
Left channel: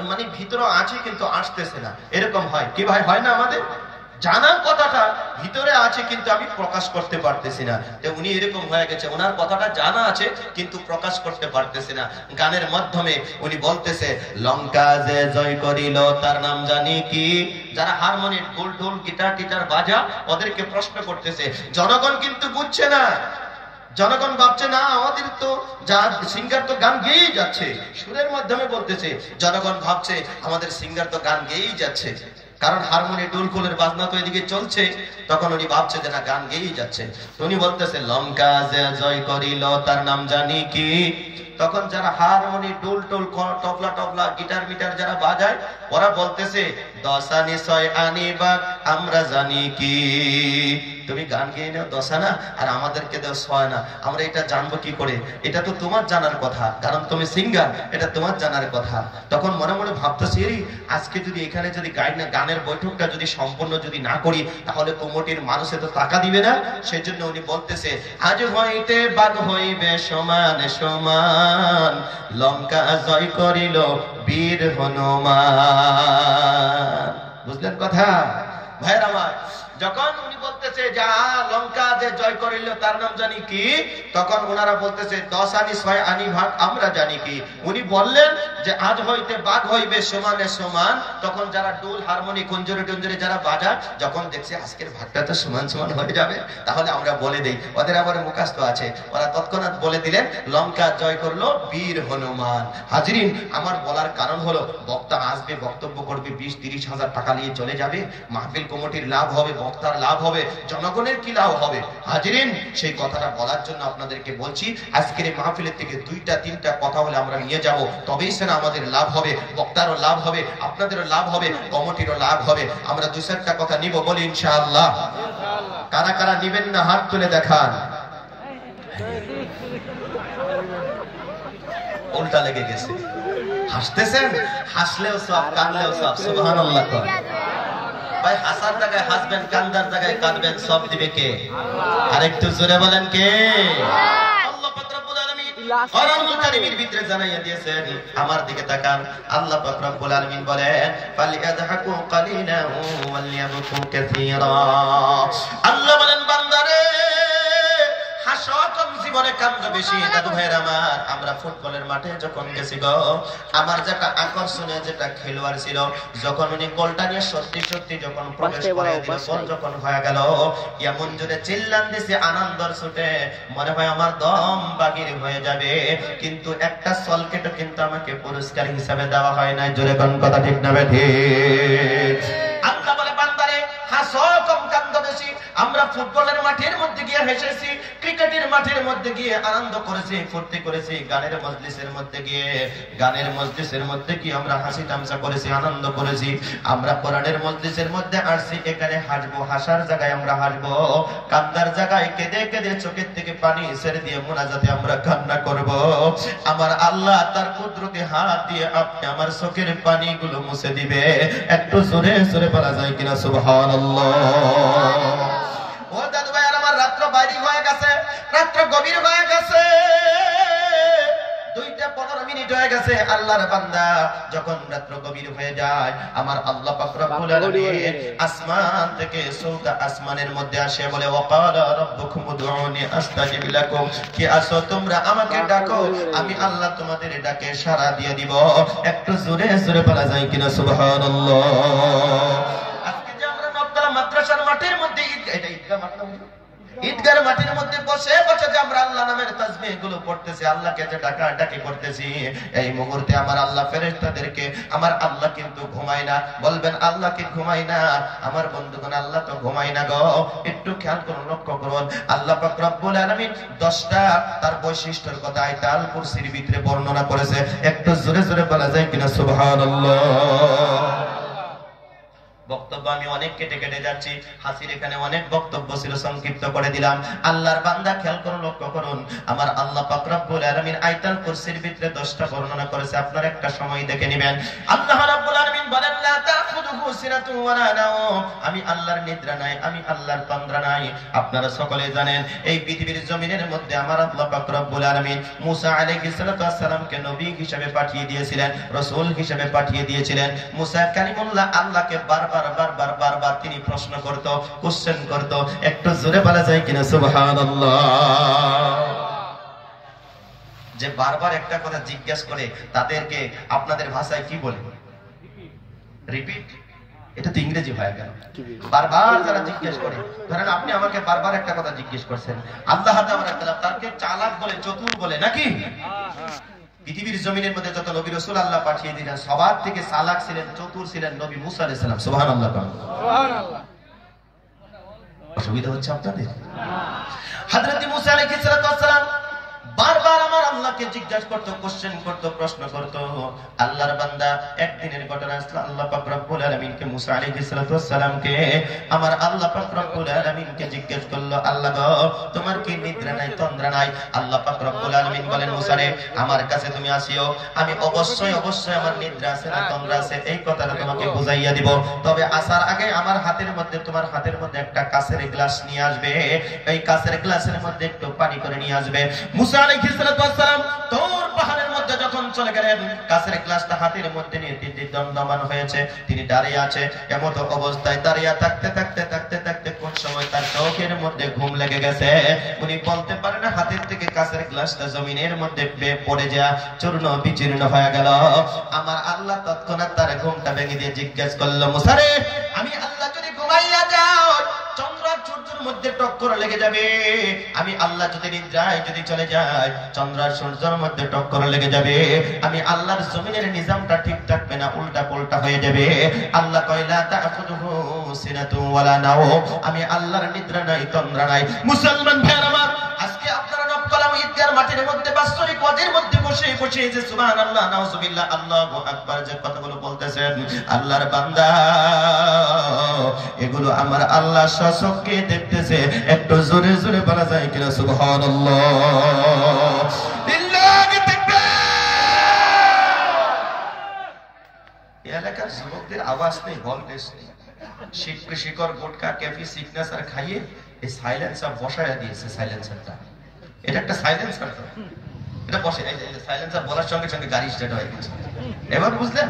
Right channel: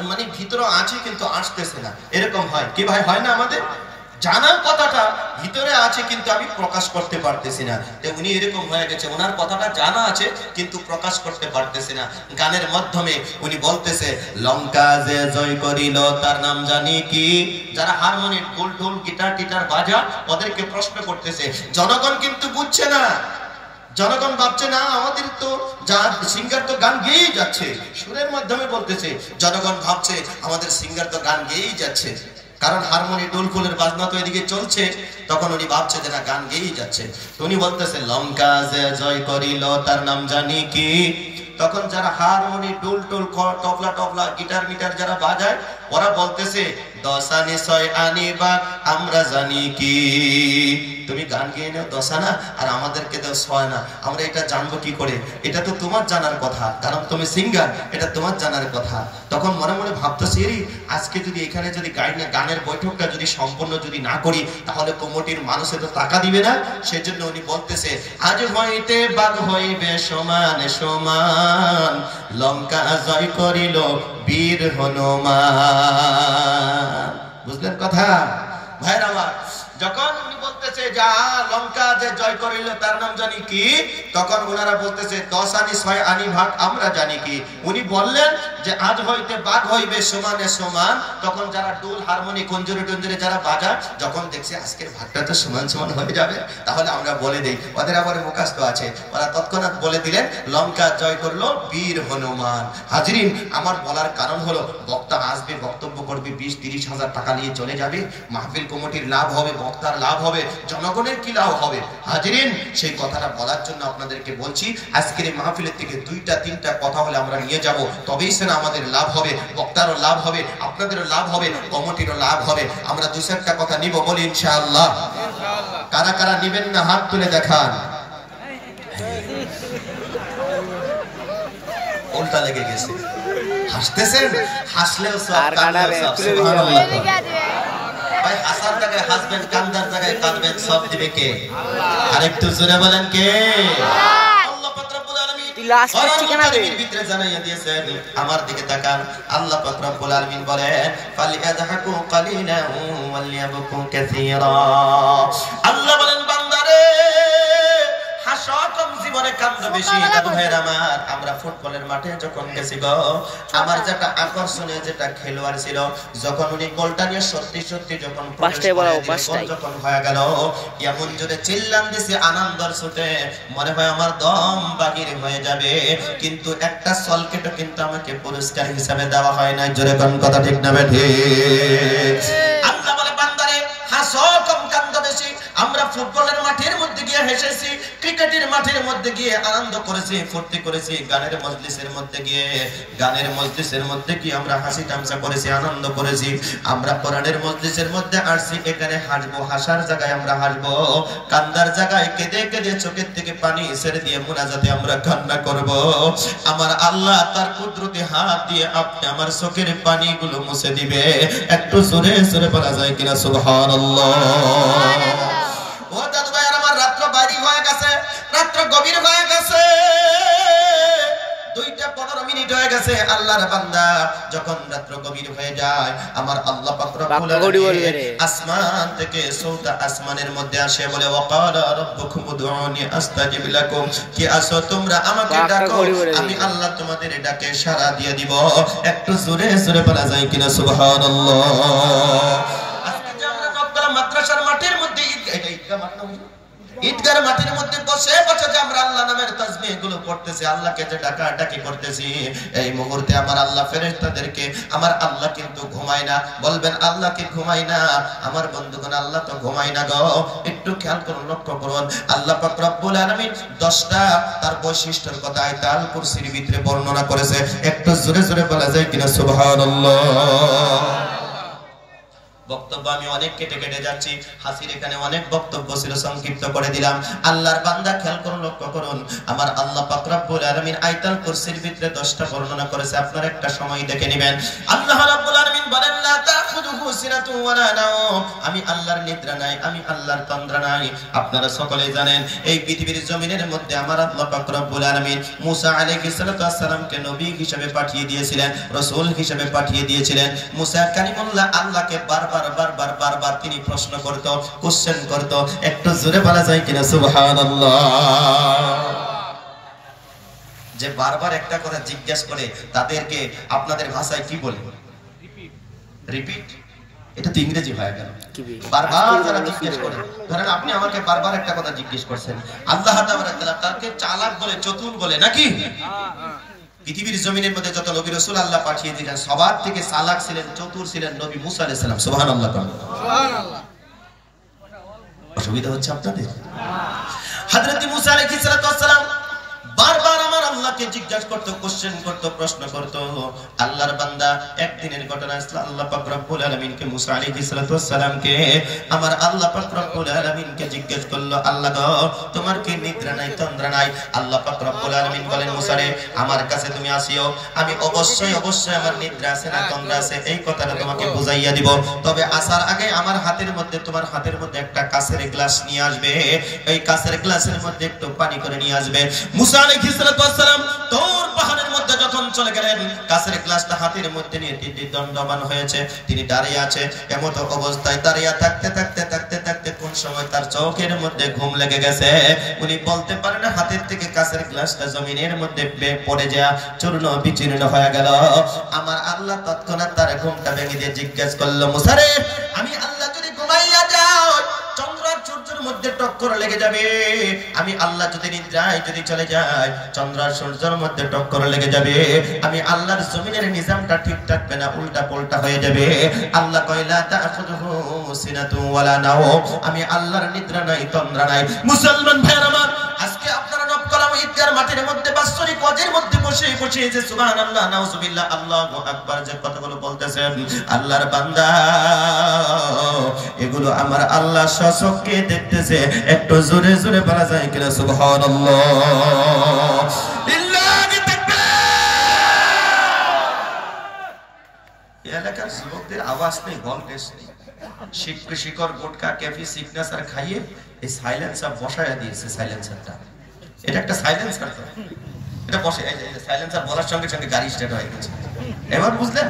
মানে ভিতরে আছে কিন্তু আসতেছে না, এরকম হয় কি ভাই? হয় না? আমাদের জানার কথাটা ভিতরে আছে কিন্তু আমি প্রকাশ করতে পারতেছি না। উনি এরকম হয়ে গেছে, ওনার কথাটা জানা আছে কিন্তু প্রকাশ করতে পারতেছে না। গানের মাধ্যমে উনি বলতেছে, লঙ্কা যে জয় করিল তার নাম জানি কি। যারা হারমোনিয়াম, ঢোল ঢোল গিটার টিটার বাজা, ওদেরকে প্রশ্ন করতেছে। জনগণ কিন্তু বুঝছে না, জনগণ ভাবছে না আমাদের তো সিঙ্গার তো গান গেয়েই যাচ্ছে, সুরের মাধ্যমে বলতেছে। জনগণ ভাবছে আমাদের সিঙ্গার তো গান গেয়েই যাচ্ছে, কারণ হারমোনিয়াম ঢোল ফুলের বাজনা তো এদিকে চলছে। তখন উনি ভাবছে যে না, গান গেয়েই যাচ্ছে। উনি বলতেছে, লঙ্কা যে জয় করিল তার নাম জানি কি। তখন যারা হারমোনিয়াম ঢোল টোল তবলা টবলা গিটার মিটার যারা বাজায়, ওরা বলতেছে, দশানি ছয় আনি বাঘ আমরা জানি কি। তুমি গান গেয়ে নাও দশানা, আর আমাদেরকে দেও ছয় না, আমরা এটা জানবো কি করে? এটা তো তোমার জানার কথা, কারণ তুমি সিঙ্গার, এটা তোমার জানার কথা। তখন মনে মনে ভাবতেছি, আজকে যদি এখানে যদি গানের বৈঠকটা যদি সম্পূর্ণ যদি না করি, তাহলে কমিটির মানুষে তো টাকা দিবে না। সেজন্য উনি বলতেছে, আজ হইতে বাঘ হইবে সমান সমান, লঙ্কা জয় করিল বীর হনুমান। বুঝলেন কথা ভাইরা আমার? যখন উনি বলতেছে যা লঙ্কা যে জয় করিল তার নাম জানি কি, তখন ওনারা বলতেছে 10 আনি 6 আনি ভাগ আমরা জানি কি। উনি বললেন যে আজ হইতে বাঘ হইবে সমানে সমান। তখন যারা ডোল হারমোনি কঞ্জরে টঞ্জরে যারা বাজা, যখন দেখছে আজকের ভাগটা তো সমান সমান হয়ে যাবে, তাহলে আমরা বলে দেই। ওদের আবার মুখস্থ আছে, ওরা তৎক্ষণাৎ বলে দিলেন লঙ্কা জয় করলো বীর হনুমান। হাজরিন, আমার বলার কারণ হলো, বক্তা আসবে, বক্তব্য করবে, 20-30 হাজার টাকা নিয়ে চলে যাবে, মাহফিল কমিটির লাভ হবে, বক্তার লাভ হবে, জনগণের কি লাভ হবে? হাজরিন, সেই কথাটা বলার জন্য আপনাদেরকে বলছি, আজকের এই মাহফিলের থেকে 2-3টা কথা বলে আমরা নিয়ে যাব, তবেই সেটা আমাদের লাভ হবে, বক্তারও লাভ হবে, আপনাদেরও লাভ হবে, কমিটিরও লাভ হবে। আমরা 2-4টা কথা নিব, বলি ইনশাআল্লাহ। কারা কারা নিবেন না হাত তুলে দেখান। উল্টা লেগে গেছে, হাসতেছেন, হাসলেও সব, কান্নাও সব। সুবহানাল্লাহ। ভাই হাসার জায়গায় হাসবেন, কান্দার জায়গায় কাঁদবেন, সব দিবে কে? আরেকটু জোরে বলেন কে? আল্লাহ পাক রব্বুল আলামিন কোরআনের ভিতরে জানাইয়া দিয়েছেন, আমার দিকে তাকান। আল্লাহ পাক রব্বুল আলামিন বলেন, ফালিয়াযহাকু কালিলান ওয়ালিয়াবকু কাসীরা। আল্লাহ বলেন, বান্দারে হাসো কম, জীবনে কান্দো বেশি। দাদু ভাইয়ের আমার, আমরা ফুটবলের মাঠে যখন গেছি গো, আমার যেটা আকর্ষণীয় যেটা খেলোয়াড় ছিল, যখন উনি গোলটা নিয়ে সত্যি সত্যি যখন যখন হয়ে গেল, এমন জোরে চিল্লান দিছে আনন্দের ছুটে, মনে হয় আমার দম বাগির হয়ে যাবে। কিন্তু একটা সলকেটও কিন্তু আমাকে পুরস্কার হিসাবে দেওয়া হয় না। জোরে কোন কথা ঠিক না ঠিক? আল্লাহ বলে, বান্দারে হাসো কম, কান্দো বেশি। আমরা ফুটবলের মাঠের মধ্যে গিয়ে হেসেছি, ক্রিকেটের মাঠের মধ্যে গিয়ে আনন্দ করেছি, ফুর্তি করেছি, গানের মজলিসের মধ্যে গিয়ে আমরা হাসি তামসা করেছি, আনন্দ করেছি। আমরা কোরআনের মজলিসের মধ্যে আসছি, এখানে হাসবো, হাসার জায়গায় আমরা হাসবো, কান্দার জায়গায় কেঁদে কেঁদে চোখের থেকে পানি ছেড়ে দিয়ে মুনাজাতে আমরা কান্না করব। আমার আল্লাহ তার কুদরতি হাত দিয়ে আপনি আমার চোখের পানিগুলো মুছে দিবে। একটু জোরে জোরে বলা যায় কিনা সুবহানাল্লাহ। ও দাদু ভাই, আমার রাত্র বাড়ি হয়ে গেছে, রাত্র গভীর হয়ে গেছে, 2টা 15 মিনিট হয়ে গেছে। আল্লাহর বান্দা, যখন রাত্র গভীর হয়ে যায়, আমার আল্লাহ পাক রব্বুল আলামিন আসমান থেকে 14টা আসমানের মধ্যে আসে, বলে, ওয়াকালা রাব্বুকুম উদউনি আস্তাজিব লাকুম। কি আসো তোমরা, আমাকে ডাকো, আমি আল্লাহ তোমাদের ডাকে সাড়া দিয়ে দিব। একটু জোরে জোরে বলা যায় কিনা সুবহানাল্লাহ। আজকে যে আমরা নবতলা মাদ্রাসার মাঠের মধ্যে ঈদগাহ মাঠ না, ঈদগাহের মাঠের মধ্যে বসে বসে যে আমরা আল্লাহ নামের তাসবিহ গুলো পড়তেছি, আল্লাহকে যে ডাকাডাকি করতেছি, এই মুহূর্তে আমার আল্লাহ ফেরেশতাদেরকে, আমার আল্লাহ কিন্তু ঘুমায় না। বলবেন আল্লাহ কি ঘুমায় না? আমার বন্ধুগণ, আল্লাহ তো ঘুমায় না গো। একটু খেয়াল করুন, লক্ষ্য করুন, আল্লাহ পাক রব্বুল আলামিন 10টা তার বৈশিষ্ট্যের কথা আয়াতুল কুরসির ভিতরে বর্ণনা করেছে। একটু জোরে জোরে বলা যায় কিনা সুবহানাল্লাহ। বক্তব্য আমি অনেক কেটে কেটে যাচ্ছি, হাসির এখানে অনেক বক্তব্য ছিল, সংক্ষিপ্ত করে দিলাম। আল্লাহর বান্দা খেয়াল করুন, লক্ষ্য করুন, আমার আল্লাহ পাক রব্বুল আলামিন আয়াতুল কুরসির ভিতরে 10টা বর্ণনা করেছে, আপনারা একটা সময় দেখে নেবেন। আল্লাহ রাব্বুল আলামিন বলেন লা তাখুযুহু সিনাতু ওয়ালা নাওম, আমি আল্লাহর নিদ্রা নাই, আমি আল্লাহর তন্দ্রা নাই। আপনারা সকলে জানেন এই পৃথিবীর জমিনের মধ্যে আমার আল্লাহ পাক রব্বুল আলামিন মুসা আলাইহিস সালামকে নবী হিসেবে পাঠিয়ে দিয়েছিলেন, রাসূল হিসেবে পাঠিয়ে দিয়েছিলেন। মুসা কালিমুল্লাহ আল্লাহকে বারবার তিনি প্রশ্ন করত, কোশ্চেন করত। একটু জোরে বলা যায় কিনা সুবহানাল্লাহ? যে বারবার একটা কথা জিজ্ঞাসা করে তাদেরকে আপনাদের ভাষায় কি বলে? রিপিট। এটা তো ইংরেজি হয়ে গেল। বারবার যারা জিজ্ঞেস করে, ধরেন আপনি আমাকে বারবার একটা কথা জিজ্ঞেস করছেন, আল্লাহ তাআলা তাকে চালাক বলে, চতুর বলে নাকি? পৃথিবীর জমিনের মধ্যে যত নবী রাসূল আল্লাহ পাঠিয়ে দিলেন, সবার থেকে চালাক ছিলেন, চতুর ছিলেন নবী মুসা আলাইহিস সালাম। সুবহানাল্লাহ। সুবহানাল্লাহ। অসুবিধা হচ্ছে আপনাদের? হযরত মুসা আলাইহিস সালাম বারবার আমার আল্লাহকে জিজ্ঞাসা করতে, কোশ্চেন করত, প্রশ্ন করত। আল্লাহর বান্দা একদিনের ঘটনা, আল্লাহ পাক রব্বুল আলামিনকে মুসা আলাইহিস সালামকে আমার আল্লাহ পাক রব্বুল আলামিনকে জিজ্ঞেস করলো, আল্লাহ গো তোমার কি নিদ্রা নাই, তন্দ্রা নাই? আল্লাহ পাক রব্বুল আলামিন বলেন, মুসা রে আমার কাছে তুমি আসিও, আমি অবশ্যই আমার নিদ্রা আছে না তন্দ্রা আছে এই কথাটা তোমাকে বুঝাইয়া দিব। তবে আসার আগে আমার হাতের মধ্যে, তোমার হাতের মধ্যে একটা কাঁচের গ্লাস নিয়ে আসবে, এই কাঁচের গ্লাসের মধ্যে একটু পানি করে নিয়ে আসবে। মুসা আলাইহিস সালাম তোর পাহাড়ের মধ্যে যখন চলে গেলেন, কাঁচের গ্লাসটা হাতের মধ্যে নিয়ে তিনি দণ্ডমান হয়েছে, তিনি দাঁড়িয়ে আছে। এমন অবস্থায় দাঁড়িয়ে থাকতে কোন সময় তার চোখের মধ্যে ঘুম লেগে গেছে। উনি বলতে পারেন না, হাতের থেকে কাঁচের গ্লাসটা জমিনের মধ্যে পড়ে যা চূর্ণ বিচূর্ণ হয়ে গেল। আমার আল্লাহ তৎক্ষণাৎ তার ঘুমটা ভেঙে দিয়ে জিজ্ঞেস করলো, মুসা রে আমি আল্লাহ যদি ঘুমাইয়া যাও, চন্দ্র সূর্যের মধ্যে টক্কর লেগে যাবে। আমি আল্লাহ যদি নিদ্রায় যদি চলে যায়, চন্দ্র সূর্যের মধ্যে টক্কর লেগে যাবে। আমি আল্লাহর জমিনের নিজামটা ঠিক থাকবে না, উল্টা পাল্টা হয়ে যাবে। আল্লাহ কয়লা তাখুযুহু সিনাতু ওয়ালা নাওম, আমি আল্লাহর নিদ্রা নাই, তন্দ্রা নাই। মুসলমান ভাইরা আমার, আজকে আপনারা নবকলাম ঈদগার মাঠের মধ্যে বাৎসরিক ওয়াজের মধ্যে বসে যে সুবহানাল্লাহ, নাউজুবিল্লাহ, আল্লাহু আকবার যে কথাগুলো বলতেছেন, আল্লাহর বান্দা এগুলো আমার আল্লাহ সচক্ষে দেখতেছে। একটু জোরে জোরে বলা যায় কিনা সুবহানাল্লাহ? লিল্লাহি তাকবীর। এলাকার যুবকদের আওয়াজ নেই, গলগেশ নেই, শিকড় গুটকা ক্যাফি সিগনেচার খাইয়ে এই সাইলেন্সার বসায়া দিয়েছে। সাইলেন্সারটা এটা একটা সাইলেন্সার, এটা বসে সাইলেন্সার বলার সঙ্গে সঙ্গে গাড়ি স্টার্ট হয়ে গেছে। এবার বুঝলেন,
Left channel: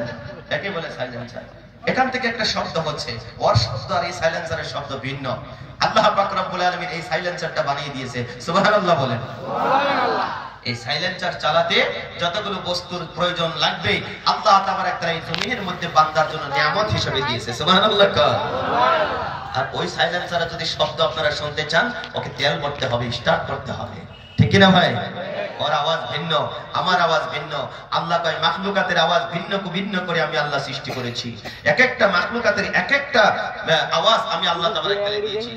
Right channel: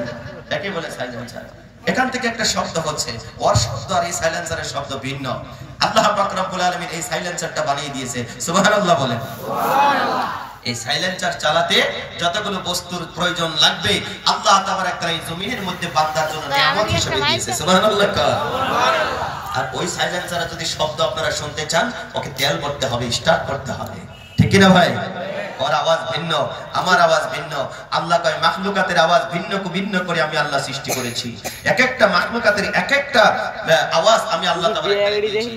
একে বলে সাইলেন্সার। এখান থেকে একটা শব্দ হচ্ছে, ওর শব্দ আর এই সাইলেন্সারের শব্দ ভিন্ন। আল্লাহ পাক রব্বুল আলামিন এই সাইলেন্সারটা বানিয়ে দিয়েছে। সুবহানাল্লাহ বলেন। সুবহানাল্লাহ। এই সাইলেন্সার চালাতে যতগুলো বস্তুর প্রয়োজন লাগবে আল্লাহ তাবারাক তাআলা এই জমিনের মধ্যে বান্দার জন্য নিয়ামত হিসেবে দিয়েছে। সুবহানাল্লাহ। আর ওই সাইলেন্সারে যদি শব্দ আপনারা শুনতে চান, ওকে তেল ভরতে হবে, স্টার্ট করতে হবে, ঠিক কি না ভাই? ওর আওয়াজ ভিন্ন, আমার আওয়াজ ভিন্ন। আল্লাহ কয় মাখলুকাতের আওয়াজ ভিন্ন ভিন্ন করে আমি আল্লাহ সৃষ্টি করেছি। এক একটা মাখলুকাতের এক একটা আওয়াজ আমি আল্লাহ তাবারাক তাআলা দিয়েছি।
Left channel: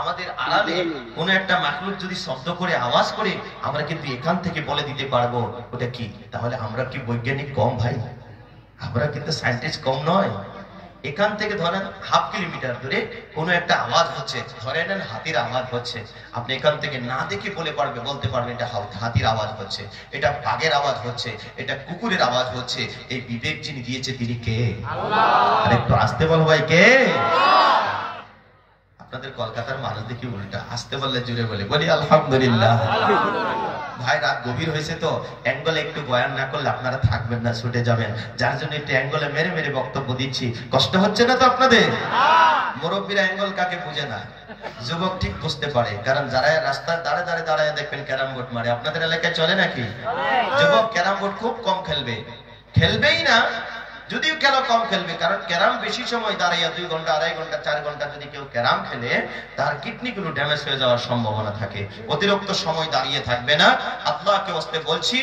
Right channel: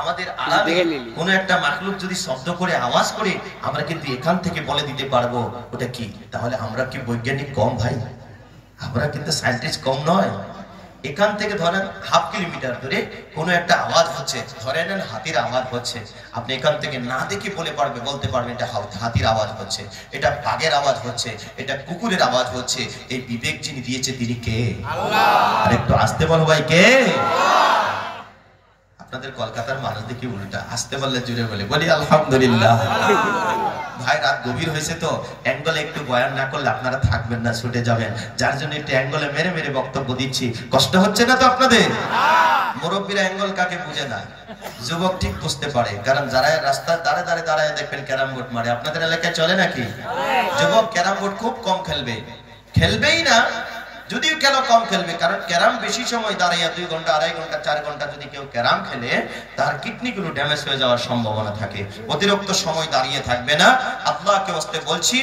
আমাদের আলাদা কোন একটা মাখলুক যদি শব্দ করে আওয়াজ করে, আমরা কিন্তু এখান থেকে বলে দিতে পারবো ওটা কি। তাহলে আমরা কি বৈজ্ঞানিক কম ভাই? আমরা কিন্তু সায়েন্টিস্ট কম নয়। এখান থেকে ধরেন 1/2 কিলোমিটার দূরে কোনো একটা আওয়াজ হচ্ছে, ধরে নেন হাতির আওয়াজ হচ্ছে, আপনি এখান থেকে না দেখে বলতে পারবেন এটা হাতির আওয়াজ হচ্ছে, এটা বাঘের আওয়াজ হচ্ছে, এটা কুকুরের আওয়াজ হচ্ছে। এই বিবেক যিনি দিয়েছে তিনি কে? আল্লাহ। আর একটু আসতে বলো ভাই, কে? আপনাদের কলকাতার মানুষ দেখি উল্টা, আসতে বললে জুড়ে বলি আলহামদুলিল্লাহ। ভাই রাত গভীর হয়েছে তো, অ্যাঙ্গলে একটু বয়ান না করলে আপনারা থাকবেন না, ছুটে যাবেন। যার জন্য একটু অ্যাঙ্গলে মেরে বক্তব্য দিচ্ছি। কষ্ট হচ্ছে না তো আপনাদের? মুরব্বীরা অ্যাঙ্গল কাকে বুঝে না, যুবক ঠিক বুঝতে পারে। কারণ যারা রাস্তার দাঁড়ায় দেখবেন ক্যারাম বোর্ড মারে, আপনাদের এলাকায় চলে নাকি? যুবক ক্যারাম বোর্ড খুব কম খেলবেই না, যদিও খেলা কম খেলবে। কারণ ক্যারাম বেশি সময় দাঁড়াইয়া 2 ঘন্টা 2.5 ঘন্টা 4 ঘন্টা যদি কেউ ক্যারাম খেলে, তার কিডনি গুলো ড্যামেজ হয়ে যাওয়ার সম্ভাবনা থাকে। অতিরিক্ত সময় দাঁড়িয়ে থাকবে না। আল্লাহকে ওয়াস্তে বলছি,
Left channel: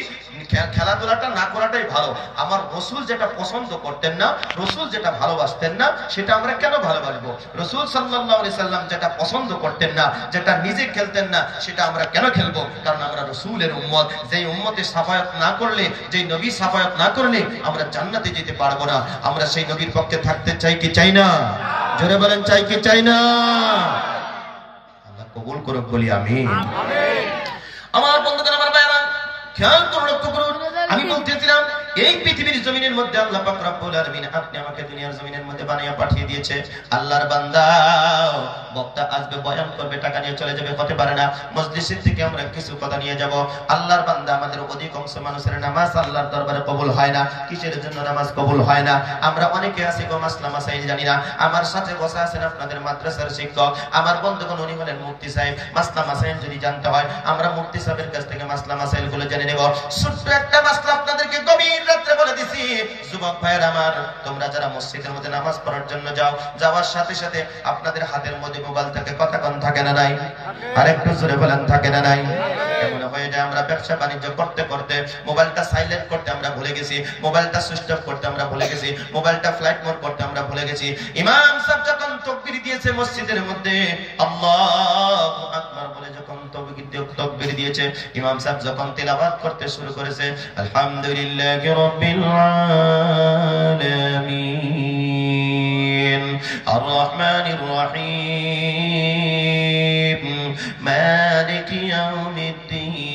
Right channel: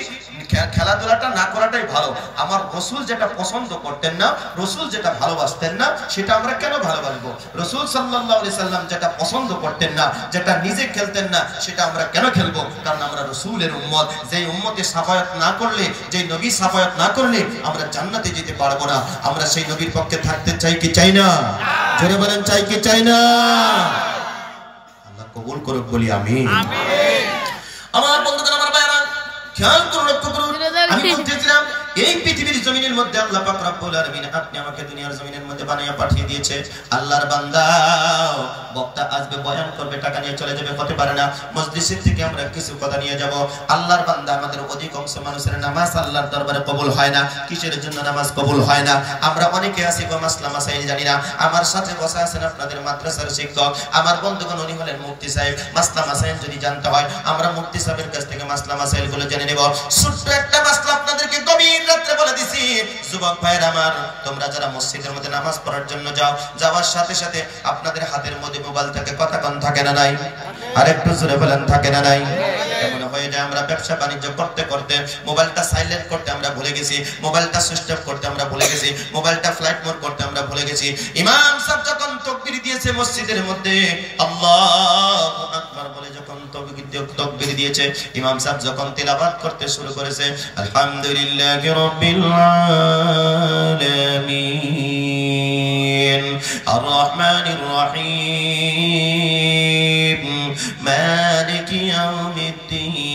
খেলাধুলাটা না করাটাই ভালো। আমার রাসূল যেটা পছন্দ করতেন না, রাসূল যেটা ভালোবাসতেন না, সেটা আমরা কেন ভালোবাসবো? রাসূল সাল্লাল্লাহু আলাইহি সাল্লাম যেটা পছন্দ করতেন না, যেটা নিজে খেলতেন না, সেটা আমরা কেন খেলবো? কারণ আমরা রাসূলের উম্মত। যেই উম্মতের শাফায়াত না করলে, যেই নবী শাফায়াত না করলে আমরা জান্নাতে যেতে পারবো না। আমরা সেই নবীর পক্ষে থাকতে চাই কি চাই না? জোরে বলেন, চাই কি চাই না? আল্লাহ কবুল করুক, বলি আমিন। আমার বন্ধুগণ, আমার ভাইরা, খেয়াল করুন, লক্ষ্য করুন। আমি বলতেছিলাম এই পৃথিবীর জমিনের মধ্যে আল্লাহ পাক রব্বুল আলামিন আপনি আমাকে দুনিয়ার জমিনের মধ্যে বানিয়ে পাঠিয়ে দিয়েছে। আল্লাহর বান্দা, বক্তা আসবে, বয়ান করবে, টাকা নিয়ে চলে যাবে, হতে পারে না। মজলিসের থেকে আমরা কিছু কথা নিয়ে যাব। আল্লাহর বান্দা, আমাদের অধিকাংশ মানুষের নামাজ আল্লাহর দরবারে কবুল হয় না। কিসের জন্য নামাজ কবুল হয় না? আমরা অনেকে আছি গো মাসলা মাসাইল জানি না। আমার সাথে বসে আছেন আপনাদের মাদ্রাসার শিক্ষক, আমার বন্ধুগণ, উনি হলেন মুফতি সাহেব। মাসলা মাসাইল যদি জানতে হয়, আমরা মুফতি সাহেবের কাছ থেকে মাসলা মাসাইল গুলো জেনে নেব। ছোট্ট একটা মাসলা আপনাদেরকে গভীর রাত্রে বলে দিছি। যুবক ভাইয়ের আমার, তোমরা যারা মসজিদের মধ্যে নামাজ পড়ার জন্য যাও, যাওয়ার সাথে সাথে আপনাদের হাতের মধ্যে মোবাইল থাকে, কতক্ষণ থাকে না নাই? আর একটু জোরে বলেন, থাকে না নাই? এমন হয়ে যায় আমরা ব্যবসা বাণিজ্য করতে করতে মোবাইলটা সাইলেন্ট করতে আমরা ভুলে গেছি, মোবাইলটা সুইচ অফ করতে আমরা ভুলে গেছি, মোবাইলটা ফ্লাইট মোড করতে আমরা ভুলে গেছি। ইমাম সাহেব যখন তাকবীর দিয়েছে মসজিদের মধ্যে, আল্লাহু আকবার বলে যখন তাকবীর দিয়েছে, ইমাম সাহেব যখন তেলাওয়াত করতে শুরু করেছে, আলহামদুলিল্লাহি রাব্বিল আলামিন আর রহমানির রহিম মালিকি ইয়াউমিদ্দিন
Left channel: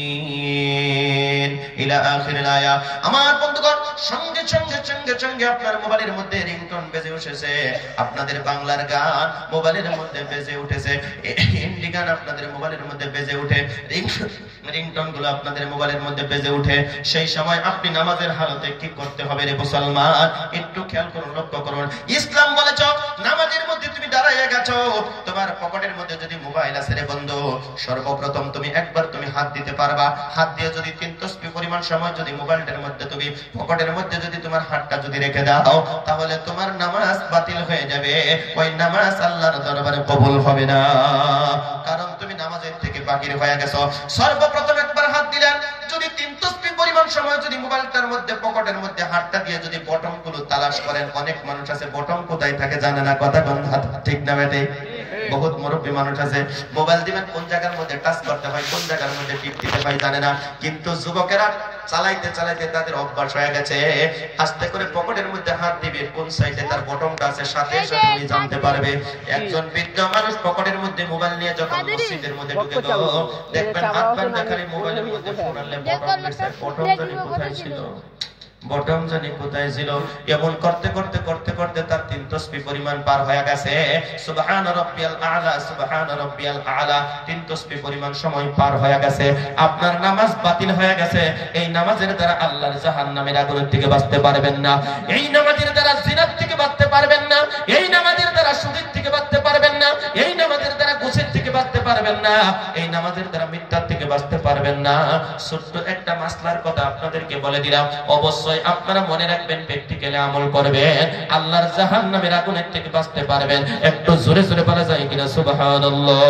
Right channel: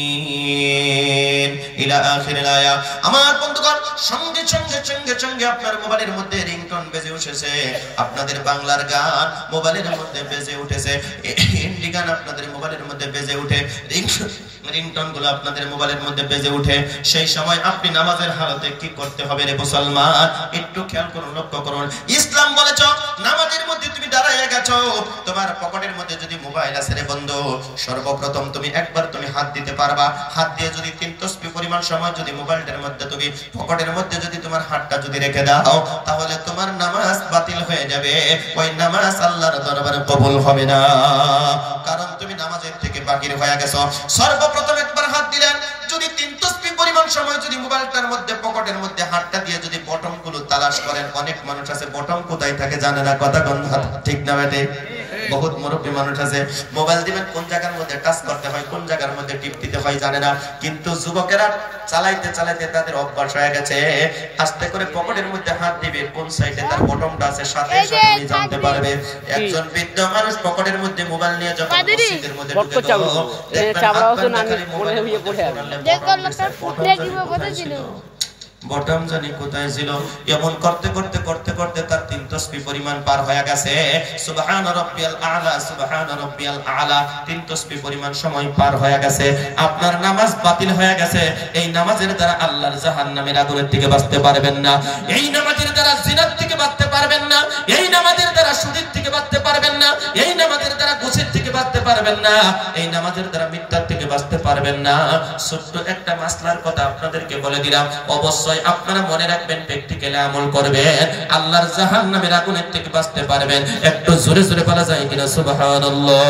ইলা আখিরিল আয়াত। আমার বন্ধুগণ, সঙ্গে সঙ্গে সঙ্গে সঙ্গে আপনার মোবাইলের মধ্যে রিংটোন বেজে উঠেছে। আপনাদের বাংলার গান মোবাইলের মধ্যে বেজে উঠেছে, হিন্দি গান আপনাদের মোবাইলের মধ্যে বেজে উঠে, রিংটোন গুলো আপনাদের মোবাইলের মধ্যে বেজে উঠে। সেই সময় আপনি নামাজের হালতে কি করতে হবে রে মুসলমান? একটু খেয়াল করুন, লক্ষ্য করুন। ইসলাম বলেছ নামাজের মধ্যে তুমি দাঁড়াইয়া গেছো, তোমার পকেটের মধ্যে যদি মোবাইল আছে রে বন্ধু, সর্বপ্রথম তুমি একবার তুমি হাত দিতে পারবা। হাত দিয়ে যদি 3 তসবিহ পরিমাণ সময় যদি মোবাইলটার মধ্যে তুমি পকেটের মধ্যে যদি তোমার হাতটা যদি রেখে দাও, তাহলে তোমার নামাজ বাতিল হয়ে যাবে। ওই নামাজ আল্লাহর দরবারে কবুল হবে না, কারণ তুমি নামাজের থেকে বাহির হয়ে গেছো। সর্বপ্রথম একবার হাত দিলেন, যদি 3 তসবিহ পরিমাণ সময় যদি মোবাইলটার মধ্যে পকেটের মধ্যে হাতটা দিয়ে যদি বটম গুলো তালাশ করেন, অনেক মানুষ আছে বটম কোথায় থাকে জানে না, কথা কোন ঠিক না বেটে? বহুত মুরব্বী মানুষ আছে, মোবাইল দিবেন কোন জায়গার মধ্যে টাচ করতে হয়, কোন জায়গার মধ্যে টিপ দিতে হয় জানে না। কিন্তু যুবকেরা চালাইতে চালাইতে তাদের অভ্যাস হয়ে গেছে, আস্তে করে পকেটের মধ্যে হাত দিবে, কোন সাইডে তার বটমটা আছে সাথে সাথে উনি জানতে পারবে। একজন বৃদ্ধ মানুষ পকেটের মধ্যে মোবাইল নিয়ে যখন মসজিদের মধ্যে ঢুকে গেল, দেখবেন হাত বাঁধা মোবাইলের মধ্যে বটম জানি কোথায় ছিল। এমন করতে করতে করতে করতে তার 3 তসবিহ পরিমাণ পার হয়ে গেছে। সুবহান রাব্বিয়াল আলা, সুবহান রাব্বিয়াল আলা, 3 তসবিহ পরিমাণ সময় পার হয়ে গেছে। আপনার নামাজ বাতিল হয়ে গেছে। এই নামাজের দ্বারা আল্লাহর জাহান্নামের আগুনের থেকে বাঁচতে পারবেন না। এই নামাজের দ্বারা জিনাত থেকে বাঁচতে পারবেন না। এই নামাজের দ্বারা সুদের থেকে বাঁচতে পারবেন না। এই নামাজের দ্বারা ঘুষের থেকে বাঁচতে পারবেন না। এই নামাজের দ্বারা মিথ্যার থেকে বাঁচতে পারবেন না। ছোট্ট একটা মাসলার কথা আপনাদেরকে বলে দিলাম, অবশ্যই আপনারা মনে রাখবেন, প্র্যাকটিক্যালি আমল করবেন, আল্লাহর জাহান্নামের আগুনের থেকে বাঁচতে পারবেন। একটু জোরে জোরে বলা যায় কিনা সুবহানাল্লাহ।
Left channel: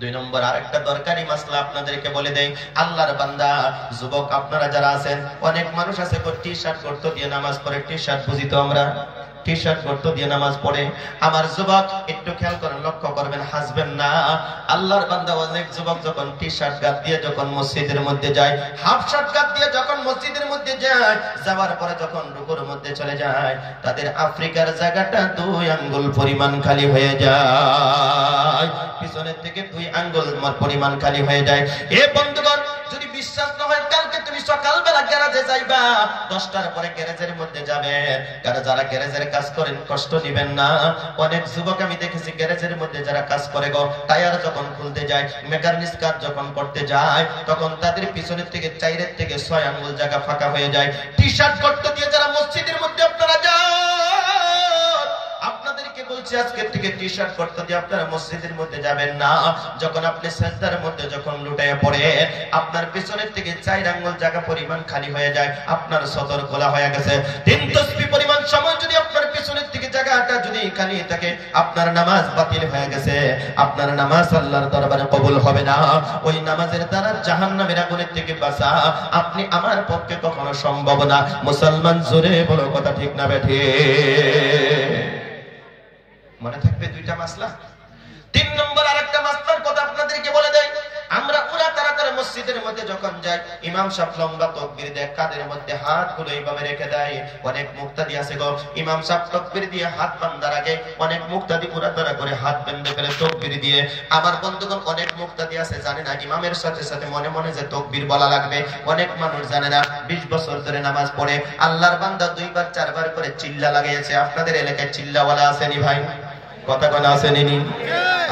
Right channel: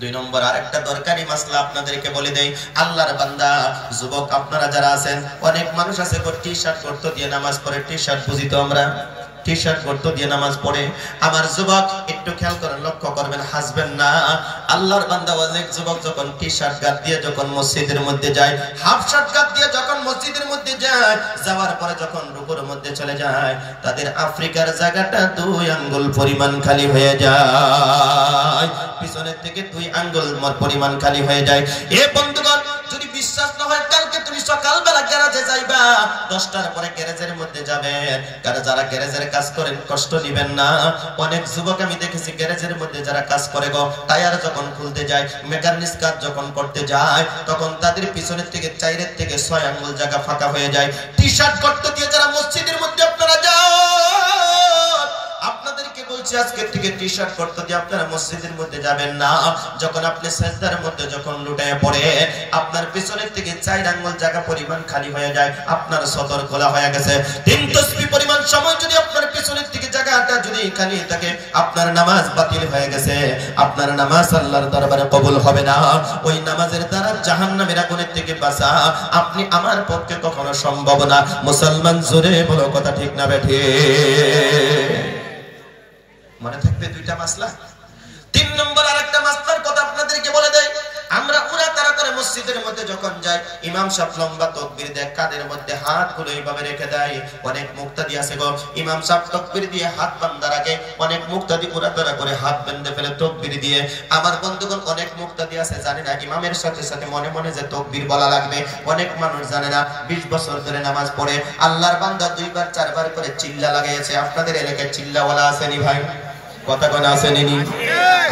2 নম্বর আরেকটা দরকারি মাসলা আপনাদেরকে বলে দেই। আল্লাহর বান্দা যুবক আপনারা যারা আছেন, অনেক মানুষ আছে টি-শার্ট গর্ত দিয়ে নামাজ পড়ে। টি-শার্ট বুঝি তো আমরা, টি-শার্ট গর্ত দিয়ে নামাজ পড়ে। আমার যুবক একটু খেয়াল করেন, লক্ষ্য করবেন, হাসবেন না। আল্লাহর বান্দা অনেক যুবক যখন টি-শার্ট গাদ দিয়ে যখন মসজিদের মধ্যে যায়, হাফ শার্ট গাদ দিয়ে যখন মসজিদের মধ্যে যায়, যাওয়ার পরে যখন রুকুর মধ্যে চলে যায়, তাদের আফ্রিকার জায়গাটা 2 আঙ্গুল পরিমাণ খালি হয়ে যায়, পিছনের থেকে 2 আঙ্গুল পরিমাণ খালি হয়ে যায়। এ বন্ধুগণ, যদি বিশ্বাস না হয়, কালকে তুমি সকালবেলা গ্যারেজে যাইবা, 10টার পরে গ্যারেজের মধ্যে যাবে। যারা গ্যারেজের কাজ করেন কষ্ট নিবেন না। অনেক যুবক আমি দেখেছি গ্যারেজের মধ্যে যারা কাজ করে গো, টায়ার যখন খুলতে যায়, মেকানিক্স কাজ যখন করতে যায়, তখন তাদের পিছনের থেকে 4 থেকে 6 আঙ্গুল জায়গা ফাঁকা হয়ে যায়। টি-শার্ট করতে দিয়ে যারা মসজিদের মধ্যে আপনারা যান, আপনাদেরকে বলছি আজকে থেকে টি-শার্ট করতে দিয়ে আপনারা মসজিদের মধ্যে যাবেন না। যখন আপনি সাজদার মধ্যে যখন লুটায় পড়ে, আপনার পিছনের থেকে 4 আঙ্গুল জায়গা পরিমাণ খালি হয়ে যায়, আপনার সদর খোলা হয়ে গেছে। 3 তসবিহ পরিমাণ সময় যদি আপনার পিছনের থেকে জায়গা জায়গাটা যদি খালি থাকে আপনার নামাজ বাতিল হয়ে গেছে, আপনার নামাজ আল্লাহর দরবারে কবুল হবে না। ওই নামাজের দ্বারা জাহান্নামের আগুনের থেকে বাঁচা আপনি আমার পক্ষে কখনো সম্ভব না। মুসলমান জোরে বলো কথা ঠিক না বেঠে? মনে থাকবে দুইটা মাসলা। 3 নম্বর আরেকটা মাসলার কথা আপনাদেরকে বলে দেই। আমরা পুরা তারা করে মসজিদের মধ্যে যখন যাই, ইমাম সাহেব লম্বা তাকবীর দেয়, কাঁধের মধ্যে হাতগুলো এইভাবে রেখে দেয়। অনেক মুক্তাদি আছে গো, ইমাম সাহেব তাকবীর দিয়ে হাত বাঁধার আগে অনেক মুক্তাদি পুরা তারা করে হাত বেঁধে ফেলে তাকবীর দিয়ে। আমার বন্ধুগণ অনেক মুক্তাদি আছে জানে না ইমামের সাথে সাথে মনে মনে যে তাকবীর বলা লাগবে। অনেক মানুষ জানে না 20 বছর ধরে নামাজ পড়ে আল্লাহর বান্দা 2 বার 4 বার করে চিল্লা লাগাইছে। আপনাদের এলাকায় চিল্লাওয়ালা আসেনি ভাই? কথা কোন আসেনি?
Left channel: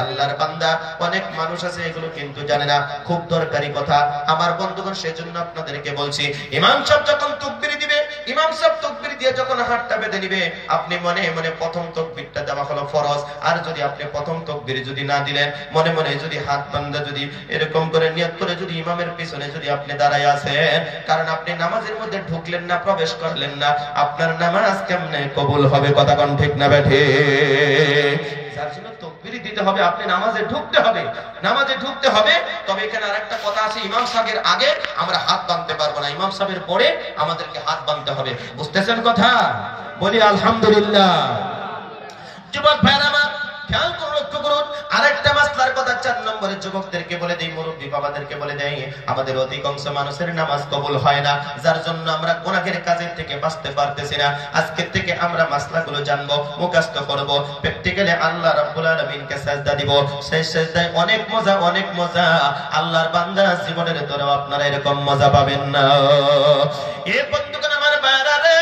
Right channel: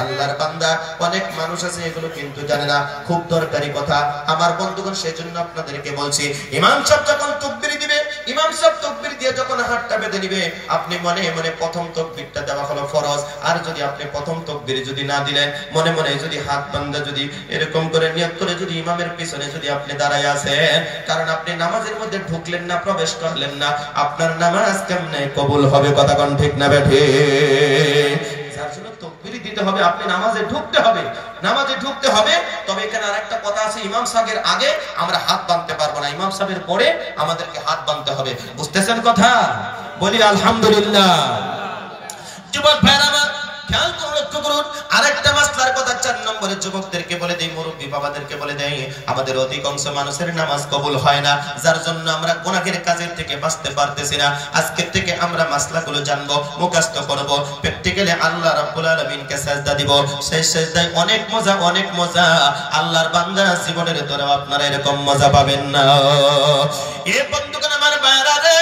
আল্লাহর বান্দা অনেক মানুষ আছে এগুলো কিন্তু জানে না। খুব দরকারি কথা আমার বন্ধুগণ, সেজন্য আপনাদেরকে বলছি, ইমাম সাহেব যখন তাকবীর দিবে, ইমাম সাহেব তাকবীর দিয়ে যখন হাতটা বেঁধে দিবে, আপনি মনে মনে প্রথম তাকবীরটা দেওয়া হলো ফরজ। আর যদি আপনি প্রথম তাকবীর যদি না দিলেন, মনে মনে যদি হাত বান্ধা যদি এরকম করে নিয়ত করে যদি ইমামের পিছনে যদি আপনি দাঁড়ায় আছেন, কারণ আপনি নামাজের মধ্যে ঢুকলেন না, প্রবেশ করলেন না, আপনার নামাজ কেমনে কবুল হবে? কথা কোন ঠিক না বেঠে? যার জন্য তাকবীর দিতে হবে, আপনি নামাজে ঢুকতে হবে, নামাজে ঢুকতে হবে। তবে এখানে আরেকটা কথা আছে, ইমাম সাহেবের আগে আমরা হাত বাঁধতে পারবো না, ইমাম সাহেবের পরে আমাদেরকে হাত বাঁধতে হবে। বুঝতেছেন কথা? বলি আলহামদুলিল্লাহ। যুবক ভাইরা আমার খেয়াল করুন, লক্ষ্য করুন আরেকটা মাসলার কথা 4 নম্বরে যুবকদেরকে বলে দেই, মুরব্বী বাবাদেরকে বলে দেই, আমাদের অধিকাংশ মানুষের নামাজ কবুল হয় না, যার জন্য আমরা গুনাহের কাজের থেকে বাঁচতে পারতেছি না। আজকে থেকে আমরা মাসলাগুলো জানবো, মুখস্থ করব, প্র্যাকটিক্যালি আল্লাহ রাব্বুল আলামিনকে সিজদা দিব। সেই সিজদায় অনেক মজা, অনেক মজা। আল্লাহর বান্দা জীবনের তোরা আপনারা এরকম মজা পাবেন না। এ বন্ধুগণ আমার ভাইরা রে,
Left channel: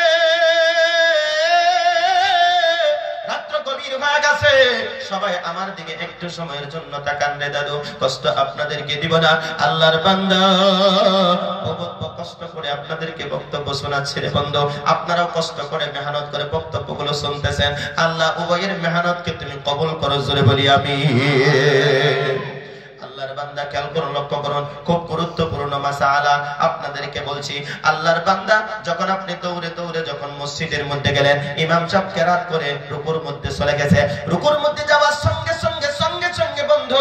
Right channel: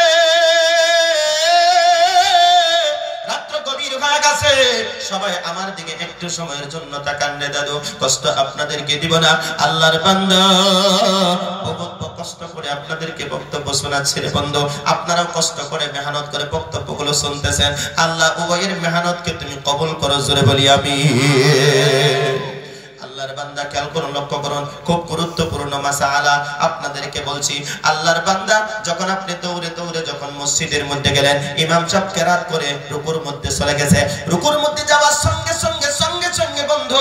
সবাই আমার দিকে একটু সময়ের জন্য তাকান রে দাদু, কষ্ট আপনাদেরকে দিব না। আল্লাহর বান্দা কষ্ট করে আপনাদেরকে বক্তব্য শোনাচ্ছে রে বন্ধু, আপনারাও কষ্ট করে মেহনত করে বক্তব্যগুলো শুনতেছেন। আল্লাহ উভয়ের মেহনতকে তুমি কবুল করো, জোরে বলি আমিন। আল্লাহর বান্দা খেয়াল করুন, লক্ষ্য করুন, খুব গুরুত্বপূর্ণ মাসআলা আপনাদেরকে বলছি। আল্লাহর বান্দা যখন আপনি দৌড়ে দৌড়ে যখন মসজিদের মধ্যে গেলেন, ইমাম সাহেব কেরাত করে রুকুর মধ্যে চলে গেছে, রুকুর মধ্যে যাওয়ার সঙ্গে সঙ্গে বন্ধু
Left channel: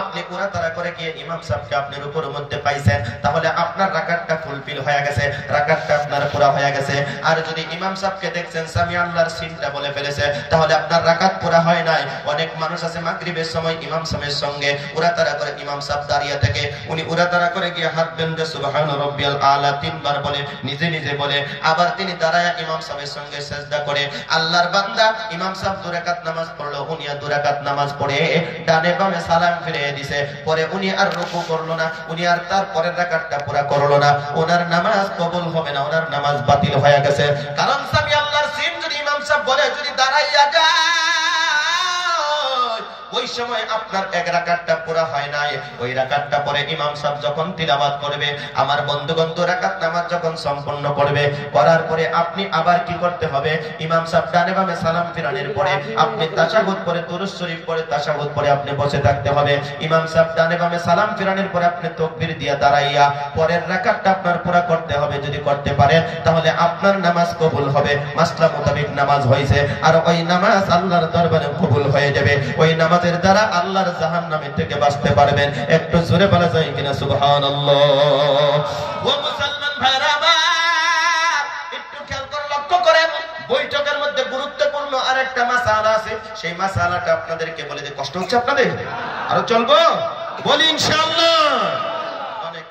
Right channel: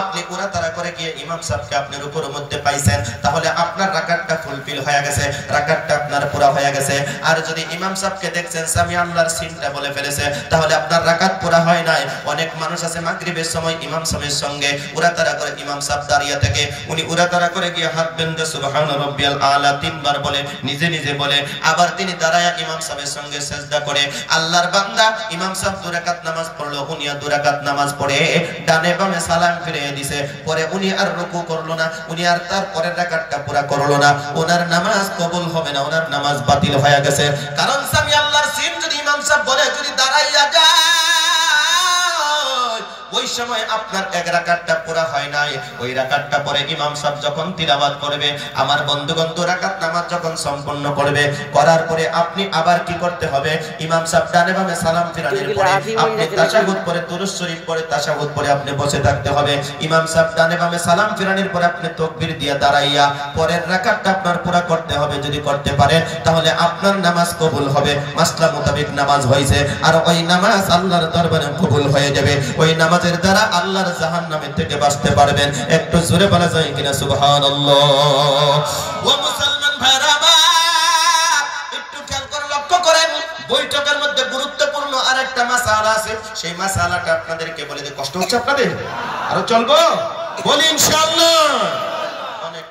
আপনি পুরা তারা করে গিয়ে ইমাম সাহেবকে আপনি রুকুর মধ্যে পাইছেন, তাহলে আপনার রাকাতটা ফুলফিল হয়ে গেছে, রাকাতটা আপনার পুরা হয়ে গেছে। আর যদি ইমাম সাহেবকে দেখছেন সামি আল্লাহর সিনটা বলে ফেলেছে, তাহলে আপনার রাকাত পুরা হয় নাই। অনেক মানুষ আছে মাগরিবের সময় ইমাম সাহেবের সঙ্গে উরা তারা করে, ইমাম সাহেব দাঁড়িয়ে থেকে উনি উরা তারা করে গিয়ে হাত বেঁধে সুবহান রাব্বিয়াল আলা 3 বার বলে, নিজে নিজে বলে, আবার তিনি দাঁড়ায় ইমাম সাহেবের সঙ্গে সিজদা করে। আল্লাহর বান্দা ইমাম সাহেব 2 রাকাত নামাজ পড়লো, উনি 2 রাকাত নামাজ পড়ে ডানে বামে সালাম ফিরিয়ে দিয়েছে, পরে উনি আর রুকু করলো না, উনি আর তার পরের রাকাতটা পুরা করলো না, ওনার নামাজ কবুল হবে না, ওনার নামাজ বাতিল হয়ে গেছে। কারণ সামি আল্লাহর সিন যদি ইমাম সাহেব বলে যদি দাঁড়াইয়া যায়, ওই সময় আপনার 1 রাকাতটা পুরা হয় নাই। ওই রাকাতটা পরে ইমাম সাহেব যখন তিলাওয়াত করবে, আমার বন্ধুগণ 2 রাকাত নামাজ যখন সম্পূর্ণ করবে, করার পরে আপনি আবার কি করতে হবে? ইমাম সাহেব ডানে বামে সালাম ফিরানোর পরে আপনি তাশাহুদ পড়ে, দুরূদ শরীফ পড়ে, তাশাহুদ পড়ে আপনি বসে থাকতে হবে। ইমাম সাহেব ডানে বামে সালাম ফিরানোর পরে আপনি তাকবীর দিয়ে দাঁড়াইয়া পরের রাকাতটা আপনার পুরা করতে হবে। যদি করতে পারেন তাহলে আপনার নামাজ কবুল হবে, মাসলা মোতাবেক নামাজ হয়েছে, আর ওই নামাজ আল্লাহর দরবারে কবুল হয়ে যাবে। ওই নামাজের দ্বারা আল্লাহর জাহান্নামের থেকে বাঁচতে পারবেন। একটু জোরে বলা যায় কিনা সুবহানাল্লাহ? ও মুসলমান ভাইরা একটু খেয়াল করে লক্ষ্য করেন, বৈঠকের মধ্যে গুরুত্বপূর্ণ আরেকটা মাসআলা আছে, সেই মাসআলাটা আপনাদেরকে বলে দিই। কষ্ট হচ্ছে আপনাদের? আরো চলবো? বলি ইনশাআল্লাহ।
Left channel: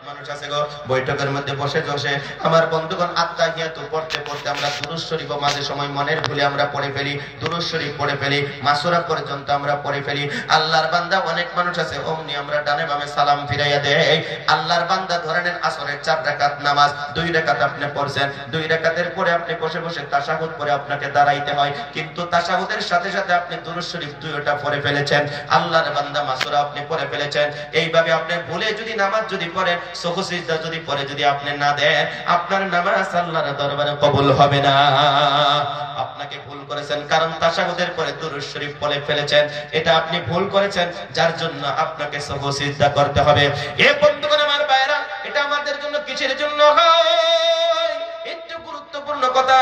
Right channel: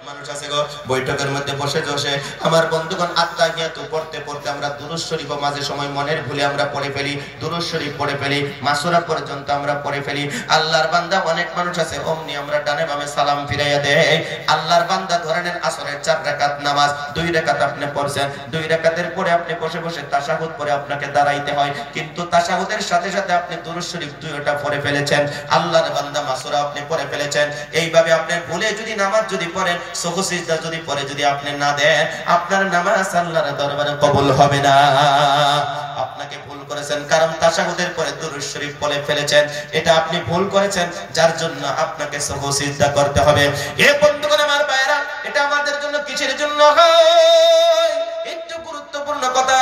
মানুষ আছে গো বৈঠকের মধ্যে বসে বসে, আমার বন্ধুগণ আত্তাহিয়াতু পড়তে পড়তে আমরা দুরূদ শরীফ মাঝে সময় মনের ভুলে আমরা পড়ে ফেলি, দুরূদ শরীফ পড়ে ফেলি, মাসুরা পর্যন্ত আমরা পড়ে ফেলি। আল্লাহর বান্দা অনেক মানুষ আছে অমনি আমরা ডানে বামে সালাম ফিরাইয়া দেই। আল্লাহর বান্দা ধরে নেন আসরের 4 রাকাত নামাজ, 2 রাকাত আপনি পড়ছেন, 2 রাকাতের পরে আপনি বসে বসে তাশাহুদ পড়ে আপনাকে দাঁড়াইতে হয়, কিন্তু তাশাহুদের সাথে সাথে আপনি দুরূদ শরীফ 2টা পড়ে ফেলেছেন, আল্লাহর বান্দা মাসুরা আপনি পড়ে ফেলেছেন। এইভাবে আপনি ভুলে যদি নামাজ যদি পড়েন, সুজু সিজদা যদি পড়ে যদি আপনি না দেন, আপনার নামাজ আল্লাহর দরবারে কবুল হবে না। আপনাকে ভুল করেছেন, কারণ তাশাহুদের পরে দুরূদ শরীফ পড়ে ফেলেছেন, এটা আপনি ভুল করেছেন, যার জন্য আপনাকে সুজু সিজদা করতে হবে। এ বন্ধুগণ আমার ভাইরা, এটা আমাদের জন্য কিসের জন্য হয়? একটু গুরুত্বপূর্ণ গুরুত্বপূর্ণ কথা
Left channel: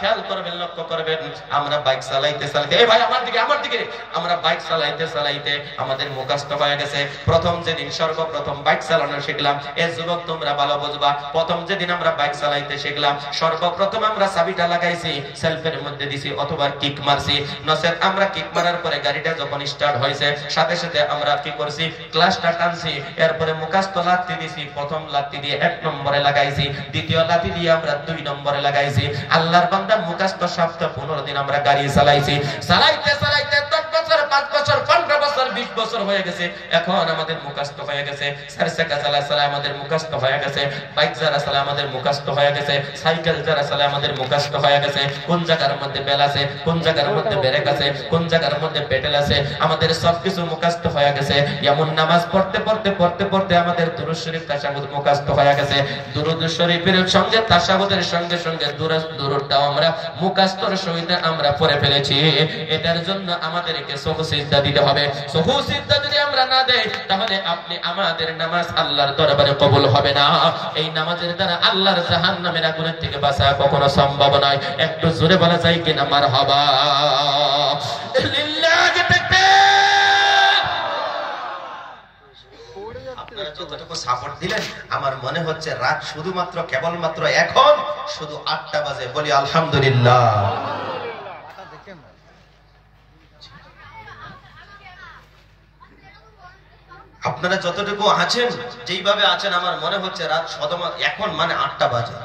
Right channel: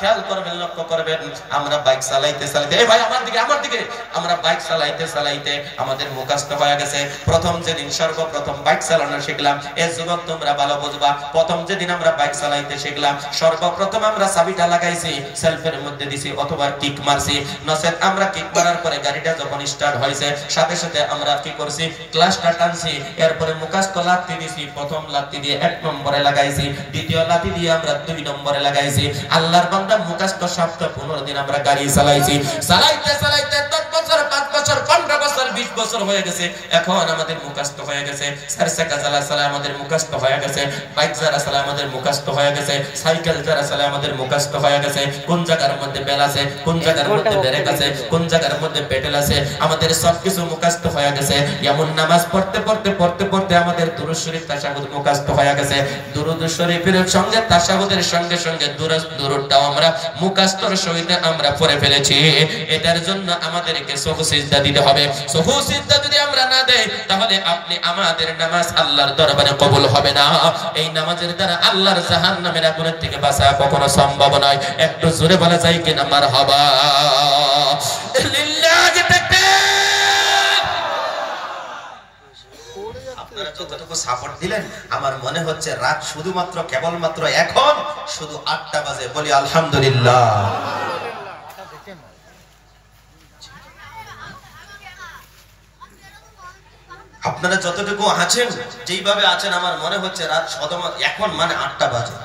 খেয়াল করবেন, লক্ষ্য করবেন। আমরা বাইক চালাইতে চালাইতে, এই ভাই আমার দিকে, আমরা বাইক চালাইতে চালাইতে আমাদের মুখস্থ হয়ে গেছে। প্রথম যেদিন সর্বপ্রথম বাইক চালানো শিখলাম, এই যুবক তোমরা ভালো বুঝবা, প্রথম যেদিন আমরা বাইক চালাইতে শিখলাম সর্বপ্রথম আমরা চাবিটা লাগাইছি, সেলফের মধ্যে দিছি অথবা কিক মারছি। নচেত আমরা কিক মারার পরে গাড়িটা যখন স্টার্ট হয়েছে সাথে সাথে আমরা কি করছি, ক্লাসটা টানছি, এরপরে মুখস্থ লাথি দিছি। প্রথম লাথি দিয়ে 1 নম্বরে লাগাইছি, দ্বিতীয় লাথি দিয়ে আমরা 2 নম্বরে লাগাইছি। আল্লাহর বান্দা মুখস্থ সপ্তাহ 15 দিন আমরা গাড়ি চালাইছি। চালাইতে চালাইতে 10 বছর, 5 বছর, 15 বছর, 20 বছর হয়ে গেছে। এখন আমাদের মুখস্থ হয়ে গেছে। 4 চাকা চালা আমাদের মুখস্থ হয়ে গেছে, বাইক যারা চালা আমাদের মুখস্থ হয়ে গেছে, সাইকেল যারা চালা আমাদের মুখস্থ হয়ে গেছে। কোন জায়গার মধ্যে বেল আছে, কোন জায়গার মধ্যে ব্রেক আছে, কোন জায়গার মধ্যে পেডেল আছে, আমাদের সবকিছু মুখস্থ হয়ে গেছে। এমন নামাজ পড়তে পড়তে পড়তে পড়তে আমাদের দুরূদ শরীফ তাশাহুদ মুখস্থ হয়ে গেছে। দুরূদ শরীফের সঙ্গে তাশাহুদের সঙ্গে সঙ্গে দুরূদটাও আমরা মুখস্থর সহিত আমরা পড়ে ফেলেছি। এটার জন্য আমাদেরকে সুজু সিজদা দিতে হবে। সুজু সিজদা যদি আমরা না দেই তাহলে আপনি আমাদের নামাজ আল্লাহর দরবারে কবুল হবে না। এই নামাজের দ্বারা আল্লাহর জাহান্নামের আগুন থেকে বাঁচা কখনো সম্ভব নয়। একটু জোরে বলা যায় কিনা মারহাবা। লিল্লাহি তাকবীর। আপনারা যতটুকু সাপোর্ট দিলেন আমার মনে হচ্ছে রাত শুধুমাত্র কেবলমাত্র এখন শুধু 8টা বাজে। বলি আলহামদুলিল্লাহ। আপনারা যতটুকু আছেন, যেইভাবে আছেন আমার মনে হচ্ছে রাত এখন মানে 8টা বাজে,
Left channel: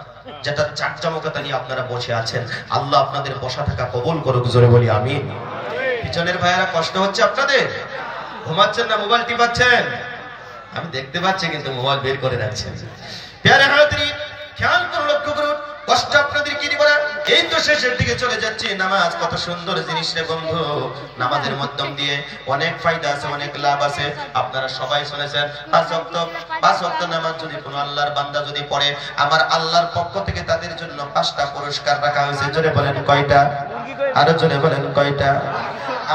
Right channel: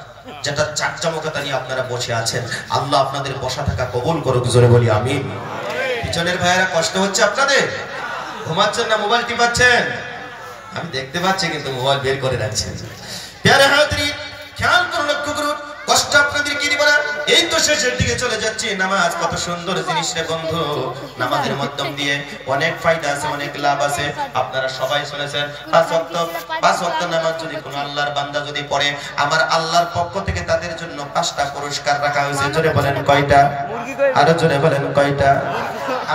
যেটা চাকচামকতা নিয়ে আপনারা বসে আছেন। আল্লাহ আপনাদের বসা থাকা কবুল করুক, জোরে বলি আমিন। পিছনের ভাইয়েরা কষ্ট হচ্ছে আপনাদের? ঘুমাচ্ছেন না মোবাইল টিপাচ্ছেন? আমি দেখতে পাচ্ছি কিন্তু মোবাইল বের করে রাখছেন। প্যারে হাজরিন খেয়াল করে লক্ষ্য করুন, কষ্ট আপনাদের কি দিব না। এই তো শেষের দিকে চলে যাচ্ছে। নামাজ কত সুন্দর জিনিস রে বন্ধু। নামাজের মাধ্যম দিয়ে অনেক ফায়দা আছে, অনেক লাভ আছে। আপনারা সবাই শুনেছেন 5 ওয়াক্ত নামাজ যদি কোনো আল্লাহর বান্দা যদি পড়ে, আমার আল্লাহর পক্ষ থেকে তাদের জন্য 5টা পুরস্কার রাখা হয়েছে। জোরে বলেন কয়টা? আরো জোরে বলেন কয়টা?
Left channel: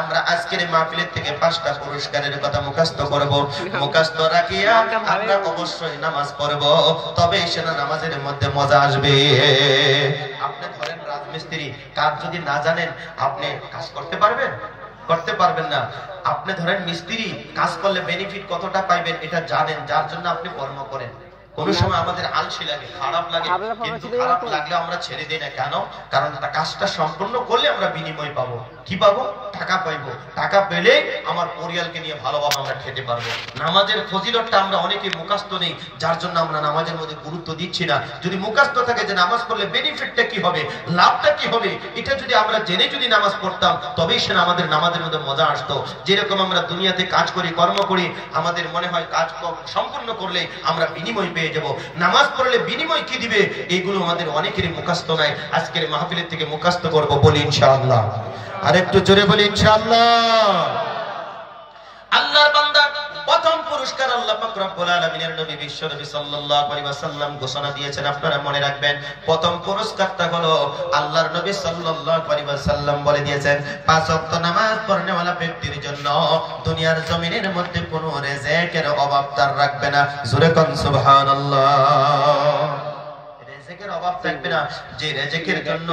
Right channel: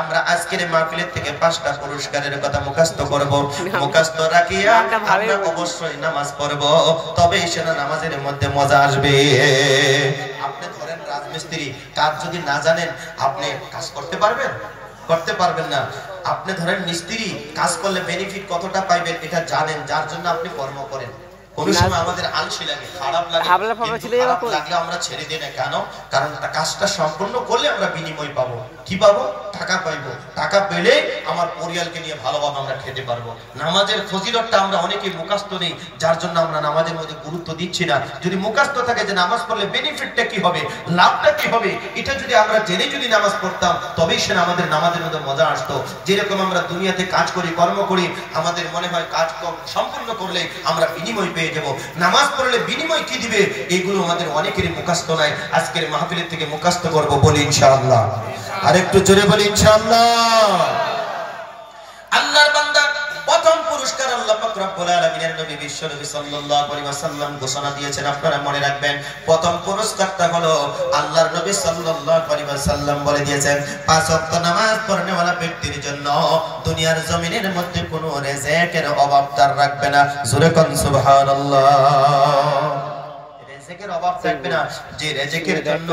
আমরা আজকের মাহফিলের থেকে 5টা পুরস্কারের কথা মুখস্থ করব। মুখস্থ রাখিয়া আমরা অবশ্যই নামাজ পড়ব, তবেই সেটা নামাজের মধ্যে মজা আসবে। আপনি ধরেন রাজমিস্ত্রি, কাজ যদি না জানেন আপনি কাজ করতে পারবেন? করতে পারবেন না। আপনি ধরেন মিস্ত্রি, কাজ করলে বেনিফিট কতটা পাইবেন এটা জানেন, যার জন্য আপনি কর্ম করেন। কোন সময় আমাদের আলসি লাগে, খারাপ লাগে, কিন্তু খারাপ লাগলে আমরা ছেড়ে দিই না। কেন? কারণ কাজটা সম্পূর্ণ করলে আমরা বিনিময় পাবো। কি পাবো? টাকা পাইবো। টাকা পেলে আমার পরিবারকে নিয়ে ভালোভাবে আমরা খেতে পারবো। নামাজের ফজিলতটা আমরা অনেকেই মুখস্থ নেই, যার জন্য আমরা নামাজের মধ্যে গুরুত্ব দিচ্ছি না। যদি মুখস্থ থাকে যে নামাজ পড়লে বেনিফিটটা কি হবে, লাভটা কি হবে, এটা যদি আমরা জেনে যদি নামাজ পড়তাম তবেই সে আমাদের নামাজের মধ্যে মজা আসতো। যেরকম আমরা দুনিয়াতে কাজ করি, কর্ম করি, আমাদের মনে হয় কাজ সম্পূর্ণ করলে আমরা বিনিময় পেয়ে যাব। নামাজ পড়লে বিনিময় কি দিবে এগুলো আমাদের অনেকেরই মুখস্থ নাই। আজকের মাহফিলের থেকে মুখস্থ করব, বলি ইনশাআল্লাহ। আরেকটু জোরে বলি ইনশাআল্লাহ। আল্লাহর বান্দা প্রথম পুরস্কার আল্লাহ পাক রব্বুল আলামিনের নবী বিশ্বনবী সাল্লাল্লাহু আলাইহি ওয়াসাল্লাম ঘোষণা দিয়েছেন। আপনারা মনে রাখবেন, প্রথম পুরস্কারটা হলো আল্লাহর নবী সাল্লাল্লাহু আলাইহি ওয়াসাল্লাম বলে দিয়েছেন 5 ওয়াক্ত নামাজ পড়নেওয়ালা ব্যক্তির জন্য দুনিয়ার জমিনের মধ্যে কোনো রিজিকের অভাব তার রাখবে না। জোরে কোন সুবহানাল্লাহ। রিজিকের অভাব থাকবে না। যে রিজিকের জন্য,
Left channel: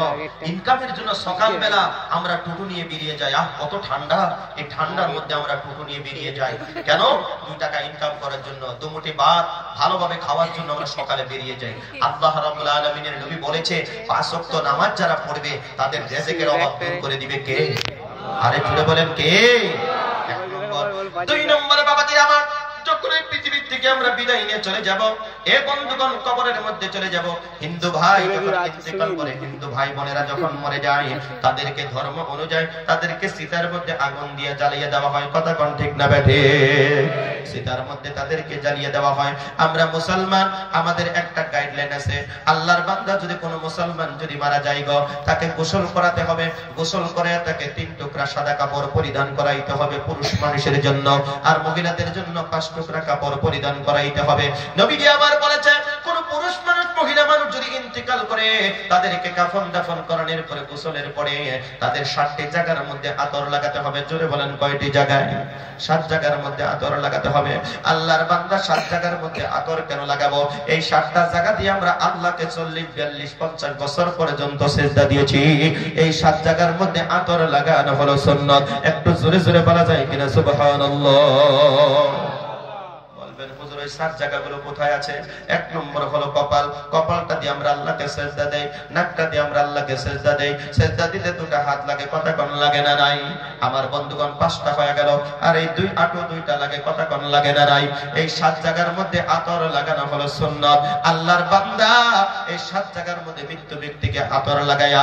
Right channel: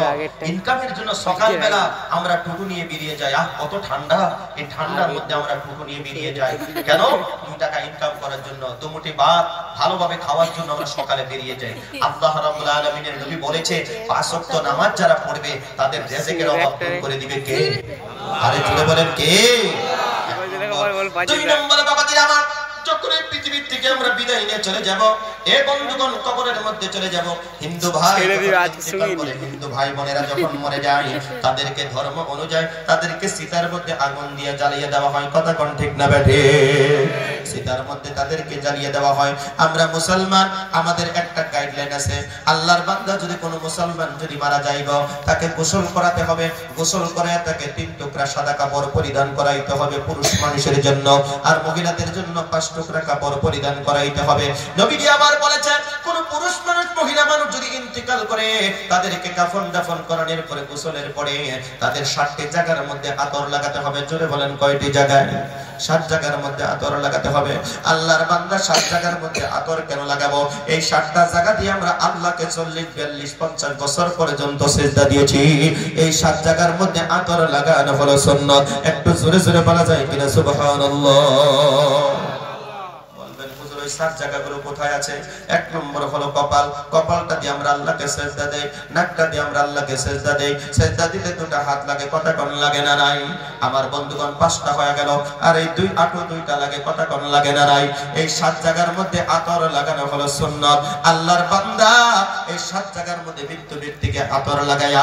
ইনকামের জন্য সকালবেলা আমরা টুটু নিয়ে বেরিয়ে যাই। কত ঠান্ডা, এই ঠান্ডার মধ্যে আমরা টুটু নিয়ে বেরিয়ে যাই কেন? 2 টাকা ইনকাম করার জন্য, দুমুঠি ভাত ভালোভাবে খাওয়ার জন্য আমরা সকালে বেরিয়ে যাই। আল্লাহ রাব্বুল আলামিনের নবী বলেছে 5 ওয়াক্ত নামাজ যারা পড়বে তাদের রিজিকের অভাব দূর করে দিবে কে? আরে জোরে বলেন কে? 2 নম্বরে বাবাজিরা আমার, যখন এই পৃথিবী থেকে আমরা বিদায় নিয়ে চলে যাব, এ বন্ধুগণ কবরের মধ্যে চলে যাব। হিন্দু ভাই হিন্দু ভাই বোনেরা যখন মরে যায় তাদেরকে ধর্ম অনুযায়ী তাদেরকে সীতার মধ্যে আগুন দিয়ে জ্বালিয়ে দেওয়া হয়। কথা কোন ঠিক না বেঠে? সীতার মধ্যে তাদেরকে জ্বালিয়ে দেওয়া হয়। আমরা মুসলমান, আমাদের একটা গাইডলাইন আছে। আল্লাহর বান্দা যদি কোনো মুসলমান যদি মারা যায় গো, তাকে গোসল করাতে হবে। গোসল করে তাকে 3 টুকরা সাদা কাপড় পরিধান করাইতে হবে পুরুষ মানুষের জন্য, আর মহিলাদের জন্য 5 টুকরা কাপড় পরিধান করাইতে হবে। নবীজি আবার বলেছেন কোন পুরুষ মানুষ মহিলা মানুষ যদি ইন্তেকাল করে তাদেরকে কাফন দাফন করানোর পরে গোসলের পরে তাদের 7টি জায়গার মধ্যে আতর লাগাতে হবে। জোরে বলেন কয়টি জায়গায়? 7 জায়গার মধ্যে আতর লাগাতে হবে। আল্লাহর বান্দা 7 জায়গার মধ্যে আতর কেন লাগাবো? এই 7টা জায়গা দিয়ে আমরা আল্লাহকে 40, 42, 50 বছর পর্যন্ত সিজদা দিয়েছি। এই 7 জায়গার মধ্যে আতর লাগানো হলো সুন্নাত। একটু জোরে জোরে বলা যায় কিনা সুবহানাল্লাহ? 7 জায়গাগুলো কোথায় আছে? 1 নম্বর হলো কপাল। কপালটা দিয়ে আমরা আল্লাহকে সিজদা দেই, নাকটা দিয়ে আমরা আল্লাহকে সিজদা দেই। সিজদা দিলে 2টা হাত লাগে, কটা কোণ লাগে না নাই? আমার বন্ধুগণ 5টা হয়ে গেল। আর এই 2 হাঁটু 2টা লাগে, কটা কোণ লাগে না নাই? এই 7 জায়গার মধ্যে আতর লাগানো হলো সুন্নাত। আল্লাহর বান্দা এই 7 জায়গার মধ্যে মৃত্যু ব্যক্তিকে আতর লাগায়া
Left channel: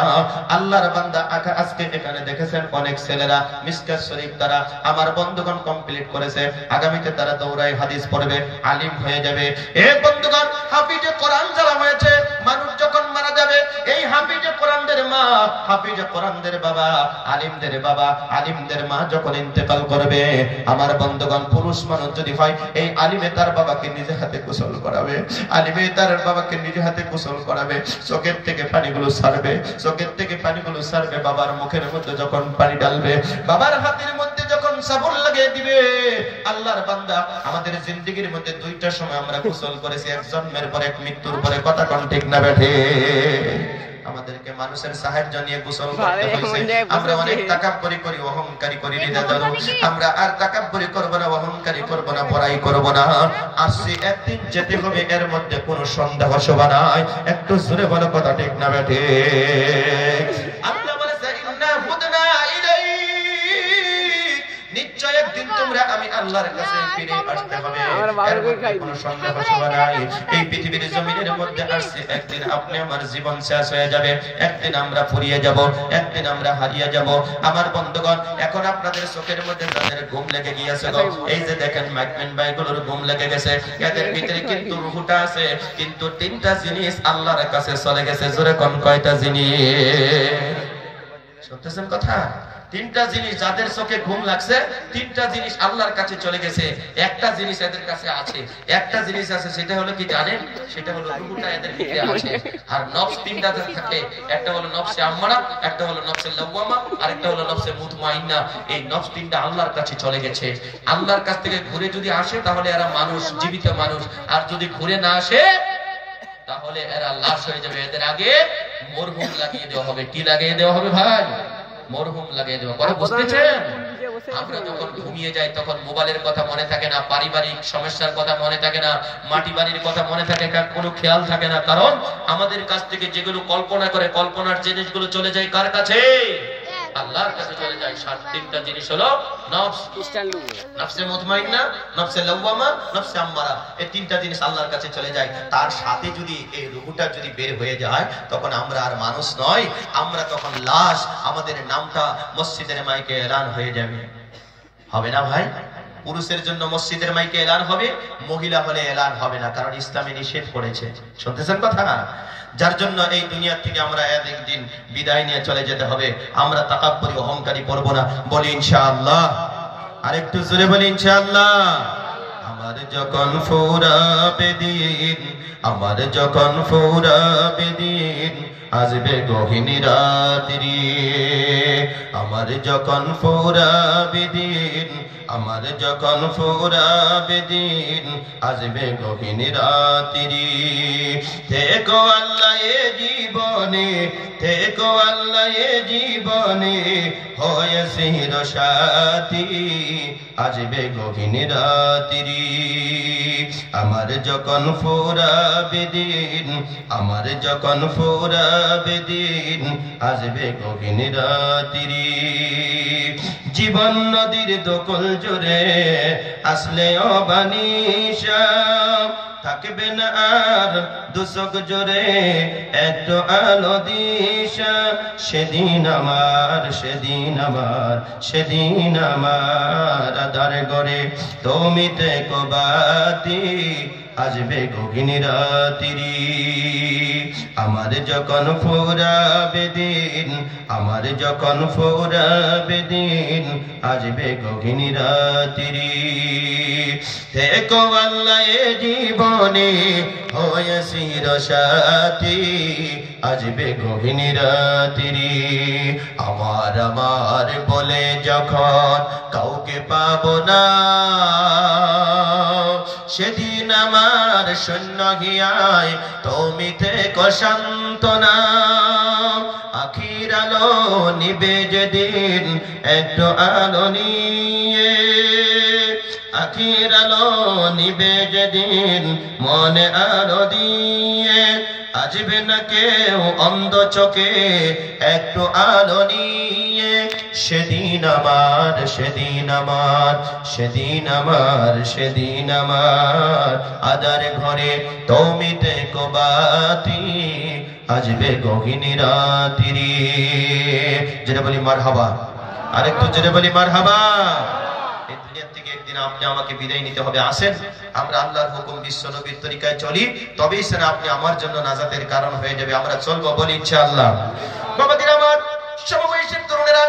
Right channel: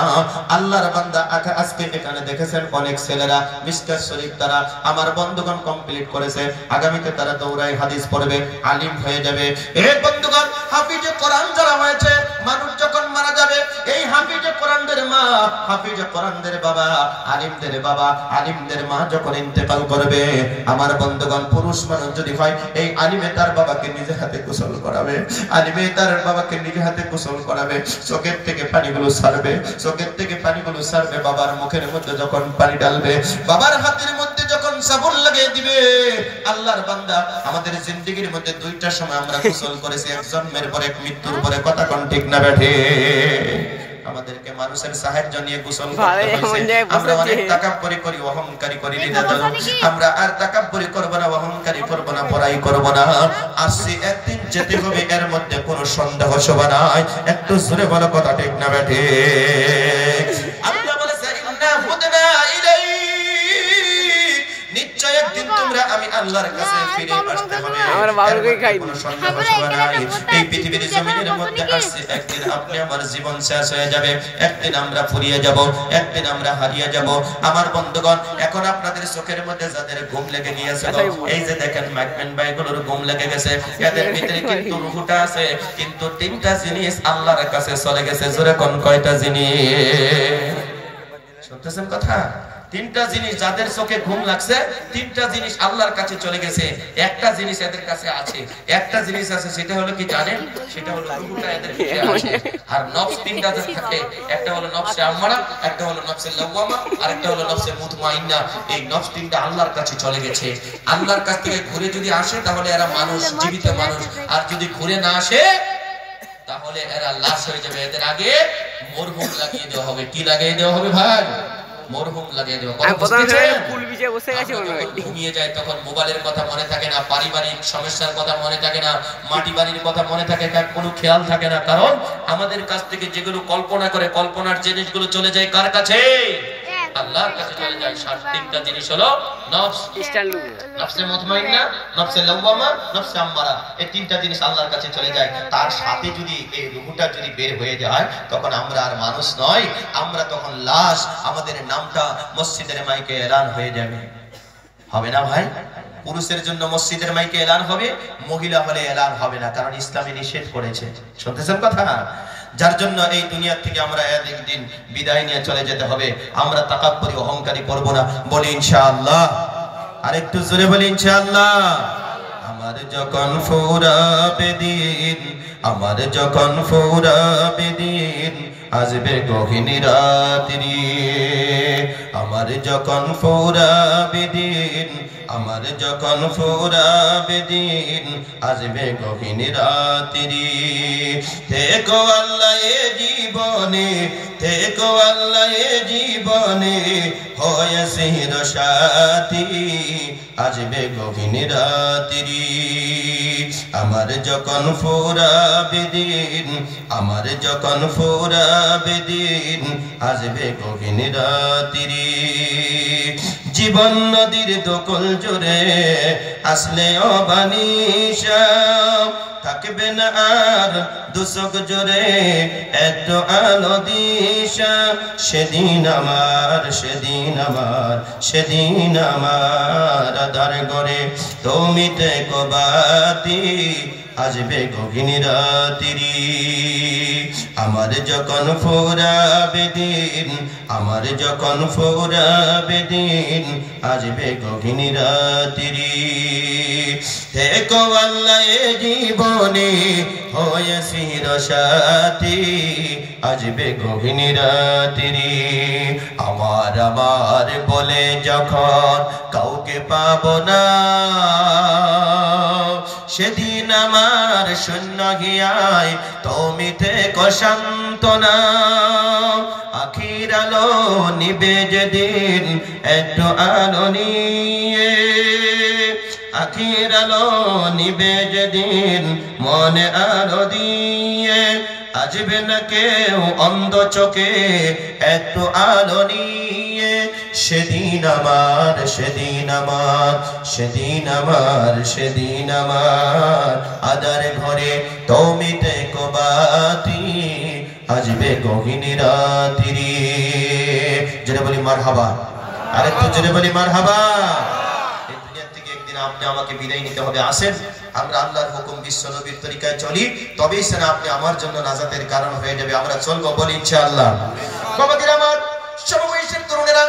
আল্লাহর বান্দা আজকে এখানে দেখেছেন অনেক ছেলেরা মিশকাত শরীফ দ্বারা আমার বন্ধুগণ কমপ্লিট করেছে। আগামীতে তারা দৌড়ায় হাদিস পড়বে, আলিম হয়ে যাবে। এ বন্ধুগণ, হাফিজে কোরআন যারা হয়েছে, মানুষ যখন মারা যাবে এই হাফিজে কোরআনদের মা, হাফিজে কোরআনদের বাবা, আলিমদের বাবা, আলিমদের মা যখন ইন্তেকাল করবে, আমার বন্ধুগণ পুরুষ মানুষ যদি হয় এই আলিমে তার বাবাকে নিজে হাতে গোসল করাবে, আলিমে তার বাবাকে নিজে হাতে গোসল করাবে। চোখের থেকে পানিগুলো ছাড়বে, চোখের থেকে পানিগুলো ছাড়বে, বাবার মুখের মধ্যে যখন পানি ঢালবে, বাবার হাতের মধ্যে যখন সাবুন লাগিয়ে দিবে। আল্লাহর বান্দা আমাদের জিন্দেগির মধ্যে 2টা সময় আমরা গোসল করেছি, এক জন্মের পরে, এক মৃত্যুর পরে। কথা কোন ঠিক না বেঠে? আমাদেরকে মানুষের সাহায্য নিয়ে গোসল করতে হয়েছে। আমরা অনেক তাকাব্বুরি করি, অহংকারী করি। আমরা আর তাকাব্বুরি করব না, অহংকারী করব না, বড়াই করব না। আসছে একদিন যেতে হবে, এর মধ্যে কোনো সন্দেহ শোভা নাই। একটু জোরে বলো, কথা ঠিক না বেঠে? আল্লাহ বলেছে ইন্না হুদনা ইলাইক, নিশ্চয় একদিন তোমরা আমি আল্লাহর কাছে ফিরে আসতে হবে। আমার বাবুকে খাই কোনো সন্দেহ শোভা নাই। এই পৃথিবীর জমিনের মধ্যে আসছে একদিন আপনি আমার জীবন শেষ হয়ে যাবে, একদিন আমরা ফুরিয়ে যাব, একদিন আমরা হারিয়ে যাব। আমার বন্ধুগণ, এখন আপনাদের চোখের মধ্যে যাদের ঘুম লেগে গিয়েছে, এই যে দেখেন মাইকম্যান ভাইগুলোর ঘুম লেগে গেছে, এদের ভিতরে কিন্তু রূহটা আছে, কিন্তু 3টা জিনিস আল্লাহর কাছে চলে গেছে। জোরে কোন কয়টা জিনিস? শুনতেছেন কথা? 3টা জিনিস যাদের চোখে ঘুম লাগছে, 3টা জিনিস আল্লাহর কাছে চলে গেছে। একটা জিনিস এদের কাছে আছে, একটা জিনিস আছে, সেটা হলো কি জানেন? সেটা হলো রূহটা এদের ভিতরে আছে। আর নফস 3টা থাকে, একটা হলো নফসে আম্মারা, একটা হলো নফসে লাওয়ামা, আর একটা হলো নফসে মুতমাইন্না। এই নফস 3টা আল্লাহর কাছে চলে গেছে। আল্লাহর কাছ থেকে ঘুরে যদি আসে তাহলে এরা মানুষ, জীবিত মানুষ। আর যদি ঘুরে না আসে তাহলে এরা লাশ হয়ে যাবে। এদের আগে মরহুম লাগিয়ে দেওয়া হবে। কি লাগিয়ে দেওয়া হবে ভাই? মরহুম লাগিয়ে দেওয়া। ঘুমিয়ে যায় তখন মোবাইলের কথা মনে থাকে না, পারিবারিক সমস্যার কথা মনে থাকে না, মাটি বাড়ির কথা মনে থাকে না, কোনো খেয়াল থাকে না। কারণ আমাদের কাছ থেকে যেগুলো কল্পনা করে, কল্পনার জিনিসগুলো চলে যায় কার কাছে? আল্লাহর কাছে চলে যায়। 3টা জিনিস হলো নফস, নফসে মুতমাইন্না, নফসে লাওয়ামা, নফসে আম্মারা। এই 3টা জিনিস আল্লাহর কাছে চলে যায়। তার সাথে যদি এই রূহটা যদি বের হয়ে যায় তখন আমরা আর মানুষ নয়, আমরা তখন লাশ। আমাদের নামটা মসজিদের মাইকে এলান হয়ে যাবে, হবে না ভাই? পুরুষের জন্য মসজিদের মাইকে এলান হবে, মহিলা হলে এলান হবে না, কারণ ইসলামে নিষেধ করেছে। শুনতেছেন কথা না? যার জন্য এই দুনিয়া থেকে আমরা একদিন বিদায় নিয়ে চলে যেতে হবে। আমরা তাকাব্বুরি, অহংকারী করব না। বলি ইনশাআল্লাহ। আরেকটু জোরে বলি ইনশাআল্লাহ। আমার যখন ফুরাবে দিন, আমার যখন ফুরাবে দিন, আসবে গহীন রাত্রি। আমার যখন ফুরাবে দিন, আমার যখন ফুরাবে দিন, আসবে গহীন রাত্রি। থেকো আল্লাহ এ জীবনে, থেকো আল্লাহ এ জীবনে, হয় চির সাথী, আসবে গহীন রাত্রি। আমার যখন ফুরাবে দিন, আমার যখন ফুরাবে দিন, আসবে গহীন রাত্রি। জীবন নদীর দোকল জুড়ে আসলে অবানিশা, থাকবে না আর দুচোখ জোরে একটু আলো দিশা। সেদিন আমার, সেদিন আমার, সেদিন আমার আধার ঘরে তুমি থেকো বাতি, আসবে গহীন রাত্রি। আমার যখন ফুরাবে দিন, আমার যখন ফুরাবে দিন, আসবে গহীন রাত্রি। থেকো আল্লাহ এ জীবনে হয়ে চিরসাথী, আসবে গহীন রাত্রি। আমার আমার বলে যখন কাউকে পাবো না, সেদিন আমার শূন্য গিয়ায় তুমি থেকো সান্ত্বনা। আখির আলো নিবে যেদিন একটু আলো নিয়ে, আখির আলো নিবে যেদিন মনে আলো দিয়ে, আসবে না কেউ অন্ধ চোখে একটু আলো নিয়ে। সেদিন আমার, সেদিন আমার, সেদিন আমার, সেদিন আমার আদার ঘরে তুমি থেকো বাতি, আসবে গহীন রাত্রি। যেটা বলি মারহাবা, আরেকটু যেটা বলি মারহাবা। এই দুনিয়া থেকে একদিন আপনি আমাকে বিদায় নিতে হবে। আসেন আমরা আল্লাহর হুকুম বিশ্ব নবীর তরিকায় চলি, তবেই সেনা আপনি আমার জন্য নাজাতের কারণ হয়ে যাবে। আমরা চলবো, বলি ইনশাআল্লাহ। বাবাজিরা আমার, সমবয়সী তরুণেরা,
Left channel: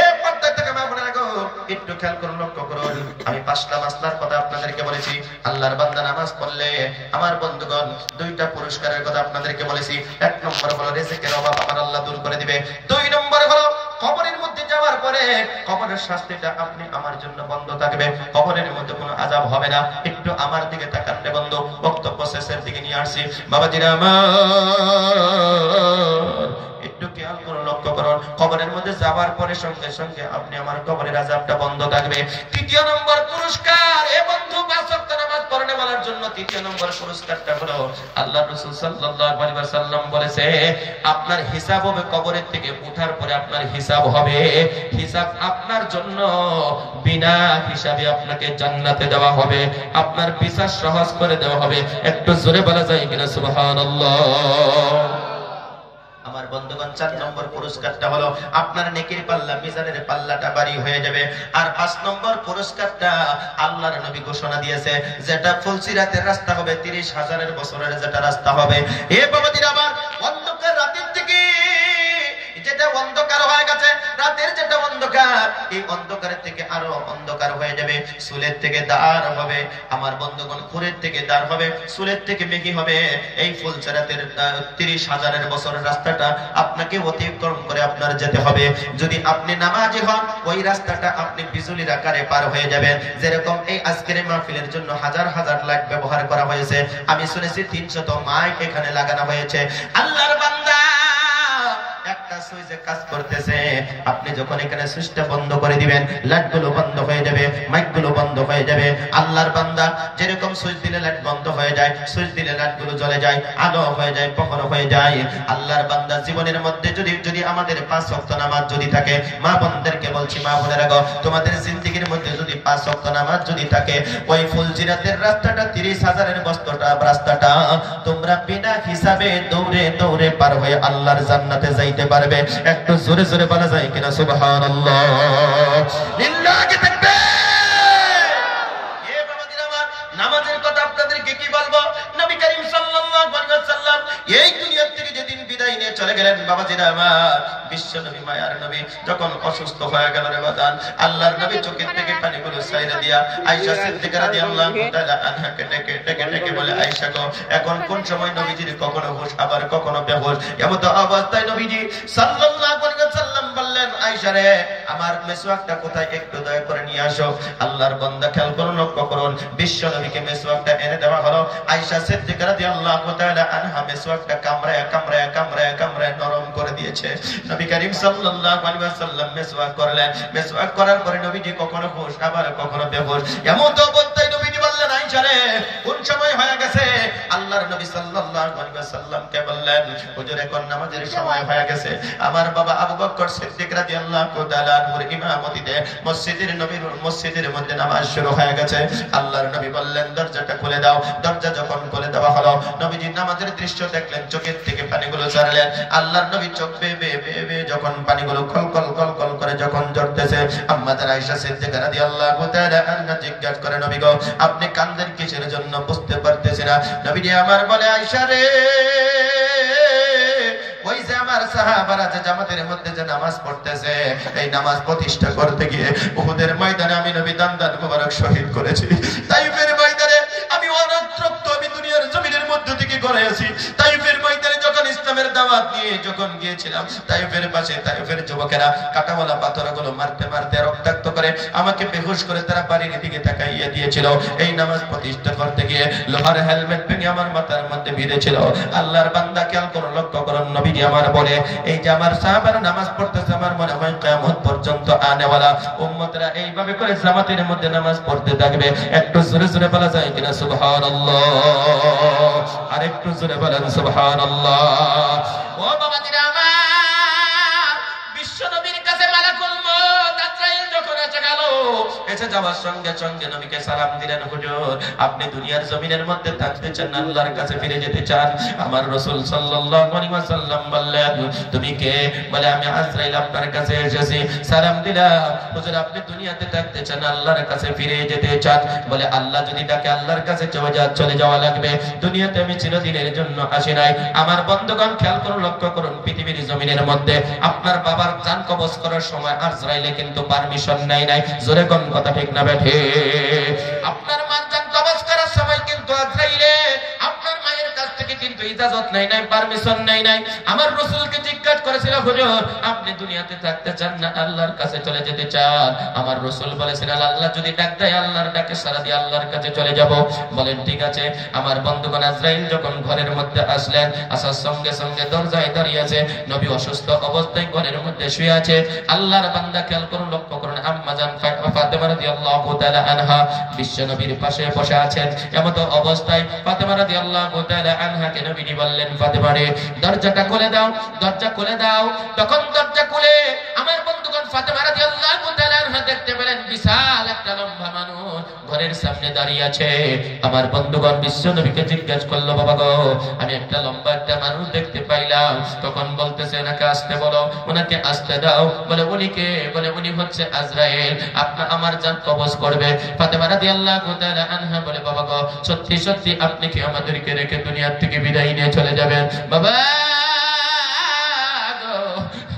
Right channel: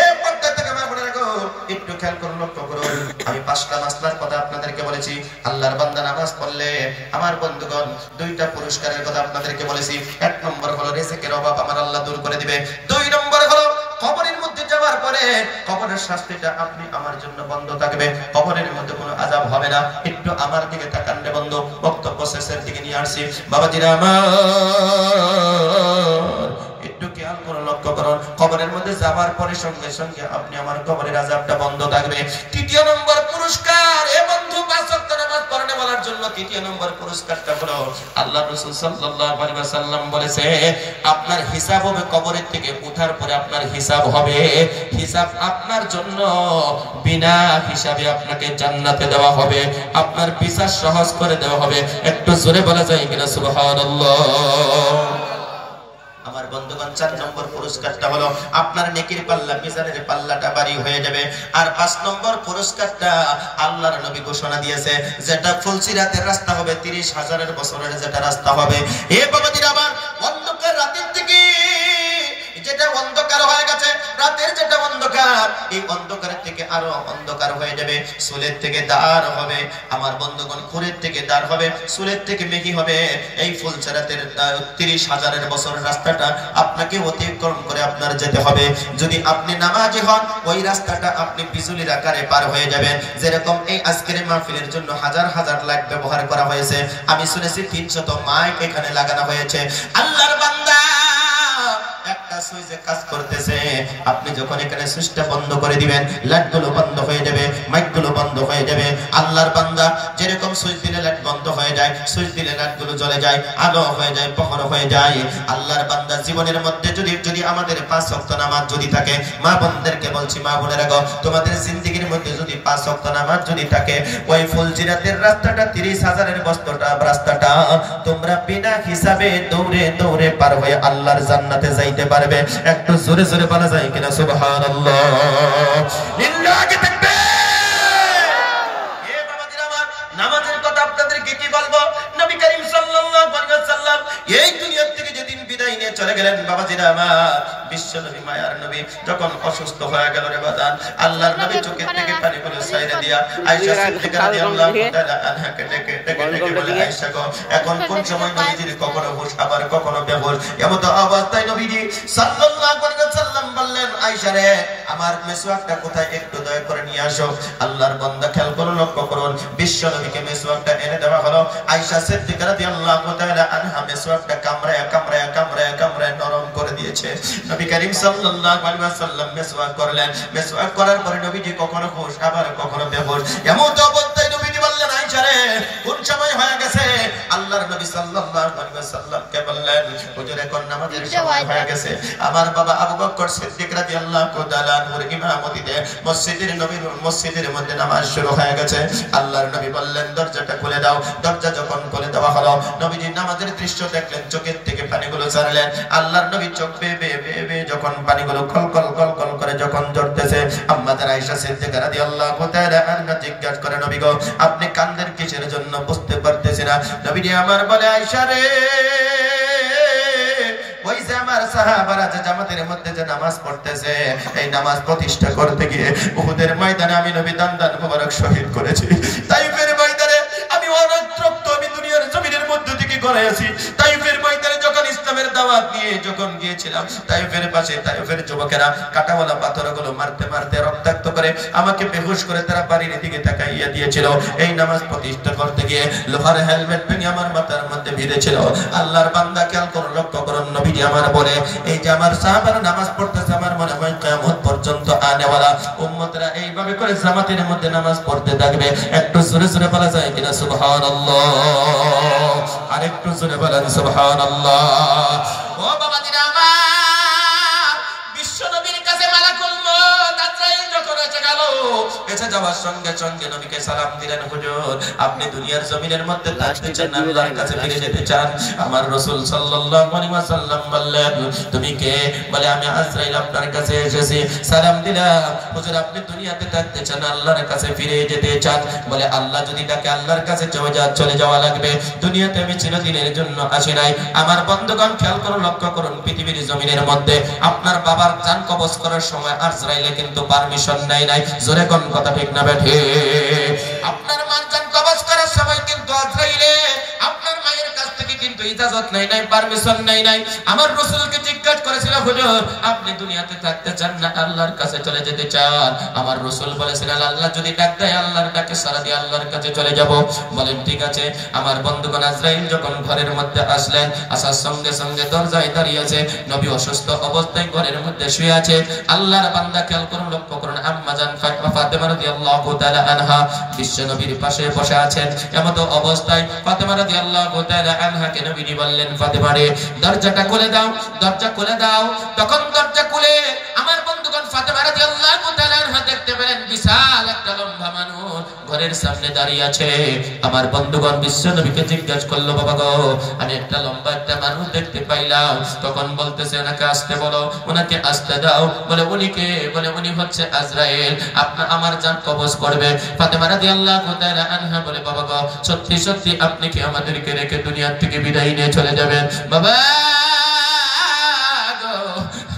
এ পর্দা থেকে আমার বলে রাখো, একটু খেয়াল করুন, লক্ষ্য করুন। আমি 5টা মাসলার কথা আপনাদেরকে বলেছি। আল্লাহর বান্দা নামাজ পড়লে আমার বন্ধুগণ 2টা পুরস্কারের কথা আপনাদেরকে বলেছি। 1 নম্বর হলো রিজিকের অভাব আমার আল্লাহ দূর করে দিবে। 2 নম্বর হলো কবরের মধ্যে যাওয়ার পরে কবরের শাস্তিটা আপনি আমার জন্য বন্ধ থাকবে, কবরের মধ্যে কোনো আযাব হবে না। একটু আমার দিকে তাকান রে বন্ধু, বক্তব্য শেষের দিকে নিয়ে আসছি। বাবাজিরা আমার, একটু খেয়াল করুন, লক্ষ্য করুন। কবরের মধ্যে যাওয়ার পরে সঙ্গে সঙ্গে আপনি আমার কবরের আযাবটা বন্ধ থাকবে। 3য় নম্বর পুরস্কার, এ বন্ধু 5 ওয়াক্ত নামাজ পড়নে বলার জন্য 3য় নম্বর পুরস্কারটা হলো আল্লাহ রাসূল সাল্লাল্লাহু আলাইহি ওয়াসাল্লাম বলেছে, আপনার হিসাব হবে কবরের থেকে উঠার পরে আপনার হিসাব হবে। হিসাব আপনার জন্য বিনা হিসাবে আপনাকে জান্নাতে দেওয়া হবে, আপনার বিচার সহজ করে দেওয়া হবে। একটু জোরে বলা যায় কিনা সুবহানাল্লাহ। আমার বন্ধুগণ, 4 নম্বর পুরস্কারটা হলো আপনার নেকির পাল্লা, মিজানের পাল্লাটা ভারী হয়ে যাবে। আর 5 নম্বর পুরস্কারটা আল্লাহর নবী ঘোষণা দিয়েছে, যেটা ফুলসিরাতের রাস্তা হবে, 30,000 বছরের যেটা রাস্তা হবে। এ বাবাজিরা আমার, অন্ধকার রাতের থেকে যেটা অন্ধকার হয়ে গেছে, রাতের যেটা অন্ধকার, এই অন্ধকারের থেকে আরো অন্ধকার হয়ে যাবে। চুলের থেকে দাঁড় হবে আমার বন্ধুগণ, খুরের থেকে দাঁড় হবে, চুলের থেকে মেঘি হবে। এই ফুলসিরাতের 30,000 বছরের রাস্তাটা আপনাকে অতিক্রম করে আপনার যেতে হবে। যদি আপনি নামাজি হন, ওই রাস্তাটা আপনি বিজুলির আকারে পার হয়ে যাবেন। যেরকম এই আজকের মাহফিলের জন্য হাজার হাজার লাইট ব্যবহার করা হয়েছে, আমি শুনেছি 300 মাইক এখানে লাগানো হয়েছে। আল্লাহর বান্দা একটা সুইচে কাজ করতেছে, আপনি যখন এখানে সুইচটা বন্ধ করে দিবেন, লাইটগুলো বন্ধ হয়ে যাবে, মাইকগুলো বন্ধ হয়ে যাবে। আল্লাহর বান্দা যেরকম সুইচ দিলে লাইট বন্ধ হয়ে যায়, সুইচ দিলে লাইটগুলো জ্বলে যায়, আলো হয়ে যায়, প্রহর হয়ে যায়। আল্লাহর বান্দা জীবনের মধ্যে যদি আমাদের 5 ওয়াক্ত নামাজ যদি থাকে, মা বোনদেরকে বলছি, মা বোনেরা গো, তোমাদের জিন্দেগীর মধ্যে যদি 5 ওয়াক্ত নামাজ যদি থাকে, ওই ফুলসিরাতের রাস্তাটা 30,000 বছরটা রাস্তাটা তোমরা বিনা হিসাবে দৌড়ে দৌড়ে পার হয়ে আল্লাহর জান্নাতে যাইতে পারবে। একটু জোরে জোরে বলা যায় কিনা সুবহানাল্লাহ, লিল্লাহি তাকবীর। এ বাবাজিরা আমার, নামাজের কথা আপনাদেরকে কি বলবো? নবী করিম সাল্লাল্লাহু আলাইহি ওয়াসাল্লাম এই দুনিয়া থেকে যেদিন বিদায় নিয়ে চলে গেলেন, বাবাজিরা আমার, বিশ্ব নবী মায়ার নবী যখন অসুস্থ হয়ে গেল রে বাদান, আল্লাহর নবী চোখের থেকে পানিগুলো ছাইড়া দিয়া আয়েশা সিদ্দিকা রাদিয়াল্লাহু তাআলা আনহাকে ডেকে বলে, আয়েশা গো, এখন কোন সময় নবীজির কখনো হুঁশ আবার কখনো বেহুশ, এমন অবস্থায় নবীজি সাল্লাল্লাহু আলাইহি ওয়াসাল্লাম বললেন, আয়েশা রে, আমার মেসওয়াকটা কোথায়, একটু দয়া করে নিয়ে আসো। আল্লাহর বান্দা খেয়াল করুন, লক্ষ্য করুন, বিশ্ব নবীকে মেসওয়াকটা এনে দেওয়া হলো। আয়েশা সিদ্দিকা রাদিয়াল্লাহু তাআলা আনহা মেসওয়াকটা কামড়ায় কামড়ায় কামড়ায় কামড়ায় নরম করে দিয়েছে। নবী করিম সাল্লাল্লাহু আলাইহি ওয়াসাল্লাম মেসওয়াক করলেন। মেসওয়াক করার পরে নবীজি কখনো হুঁশ আবার কখনো বেহুশ, এমন অবস্থায় নবীজি বললেন, আয়েশা রে, কোন সময় হয়ে গেছে? আল্লাহর নবী সাল্লাল্লাহু আলাইহি ওয়াসাল্লামকে বললেন, হুজুর, এখন নামাজের সময় হয়ে গেছে। আমার বাবা আবু বকর সিদ্দিক রাদিয়াল্লাহু তাআলা আনহুর ইমামতিতে মসজিদের মধ্যে নামাজ শুরু হয়ে গেছে। আল্লাহর নবী বললেন, দরজাটা খুলে দাও। দরজা যখন খুলে দেওয়া হলো, নবীজি নামাজের দৃশ্য দেখলেন, চোখের থেকে পানিগুলো ঝরলেন। আল্লাহর নবী চোখ বেয়ে যখন পানিগুলো কলকল কলকল করে যখন ঝরতেছে, আম্মাজান আয়েশা সিদ্দিকা রাদিয়াল্লাহু তাআলা আনহা জিজ্ঞাসা করে, নবী গো, আপনি কান্দেন কিসের জন্য? বুঝতে পারতেছি না। নবীজি আমার বলে, আয়েশা রে, ওই যে আমার সাহাবারা যে জামাতের মধ্যে যে নামাজ পড়তেছে, এই নামাজ প্রতিষ্ঠা করতে গিয়ে উহুদের ময়দানে আমি নবী দান মোবারক শহীদ করেছি। তাইফের ময়দানে করেছি। তাইফের ময়দানে যখন ইসলামের দাওয়াত নিয়ে যখন গিয়েছিলাম, তাইফের পাশে তাইফের যুবকেরা কাঁটাওয়ালা পাথরগুলো মারতে মারতে রক্তাক্ত করে আমাকে বেহুশ করে তারা বাড়ির দিকে তাকাইয়া দিয়েছিল। এই নামাজ প্রতিষ্ঠা করতে গিয়ে লোহার হেলমেট ভেঙে আমার মাথার মধ্যে ভিড়েছিল। আল্লাহর বান্দা খেয়াল করুন, লক্ষ্য করুন, নবীজি আমার বলে এই যে আমার সাহাবারা নামাজ পড়তেছে, আমার মনে হয় কিয়ামত পর্যন্ত আনেওয়ালা উম্মতরা এইভাবে করে জামাতের মধ্যে নামাজ পড়তে থাকবে। একটু জোরে জোরে বলা যায় কিনা সুবহানাল্লাহ? আর একটু জোরে বলেন সুবহানাল্লাহ। ও বাবা দিরা আমার, বিশ্ব নবীর কাছে মালাকুল মউত আজরাইল যখন এসে গেল, এসে যাওয়ার সঙ্গে সঙ্গে নবীকে সালাম দিলেন, হুজুর আপনি দুনিয়ার জমিনের মধ্যে থাকতে চান, আল্লাহর কাছে ফিরে যেতে চান? আমার রাসূল সাল্লাল্লাহু আলাইহি ওয়াসাল্লাম বললেন, তুমি কে? বলে আমি আজরাইল আপনার কাছে এসেছি। সালাম দিলাম, হুজুর আপনি দুনিয়াতে থাকতে চান, আল্লাহর কাছে ফিরে যেতে চান? বলে আল্লাহ যদি ডাকে আল্লাহর কাছে চলে যাওয়া লাগবে, দুনিয়াতে আমি চিরদিনের জন্য আসি নাই। আমার বন্ধুগণ খেয়াল করুন, লক্ষ্য করুন, পৃথিবীর জমিনের মধ্যে আপনার বাবার জান কবজ করার সময় আজরাইলে কিন্তু পারমিশন নাই। জোরে কোন কথা ঠিক না বেঠে? আপনার মার জান কবজ করার সময় কিন্তু আজরাইলে আপনার মায়ের কাছ থেকে কিন্তু ইজাজত নাই, পারমিশন নাই। আমার রাসূলকে জিজ্ঞাসা করেছিল, হুজুর আপনি দুনিয়াতে থাকতে চান না আল্লাহর কাছে চলে যেতে চান? আমার রাসূল বলেছিলেন, আল্লাহ যদি ডাক দেয় আল্লাহর ডাকে সাড়া দিয়ে আল্লাহর কাছে চলে যাব। বলেন ঠিক আছে। আমার বন্ধুগণ আজরাইল যখন ঘরের মধ্যে আসলেন, আসার সঙ্গে সঙ্গে দরজায় দাঁড়িয়ে আছে নবী, অসুস্থ অবস্থায় ঘরের মধ্যে শুয়ে আছে। আল্লাহর বান্দা খেয়াল করুন, লক্ষ্য করুন, আম্মা জান ফাতেমা রাদিয়াল্লাহু তাআলা আনহা বিশ্ব নবীর পাশে বসে আছেন। এমতো অবস্থায় ফাতেমা রাদিয়াল্লাহু তাআলা আনহাকে নবীজি বললেন, ফাতেমা রে দরজাটা খুলে দাও, দরজা খুলে দাও। তখন দরজা খুলে আমার বন্ধুগণ ফাতেমা রাদিয়াল্লাহু তাআলা আনহা দেখতে পেলেন বিশাল একটা লম্বা মানুষ ঘরের সামনে দাঁড়িয়ে আছে। আমার বন্ধুগণ বিশ্ব নবীকে জিজ্ঞাসা করলো, বাবা গো আমি একটা লম্বা একটা মানুষ দেখতে পাইলাম। তখন বলতেছে, ওনাকে আসতে বলো, ওনাকে আসতে দাও। বলে উনি কে? বলে উনি হচ্ছে আজরাইল, আপনি আমার জান কবজ করবে। ফাতেমা রাদিয়াল্লাহু তাআলা আনহা বলে, বাবা গো সত্যি সত্যি আপনি কি আমাদেরকে রেখে দুনিয়া থেকে বিদায় নিয়ে চলে যাবেন? বাবা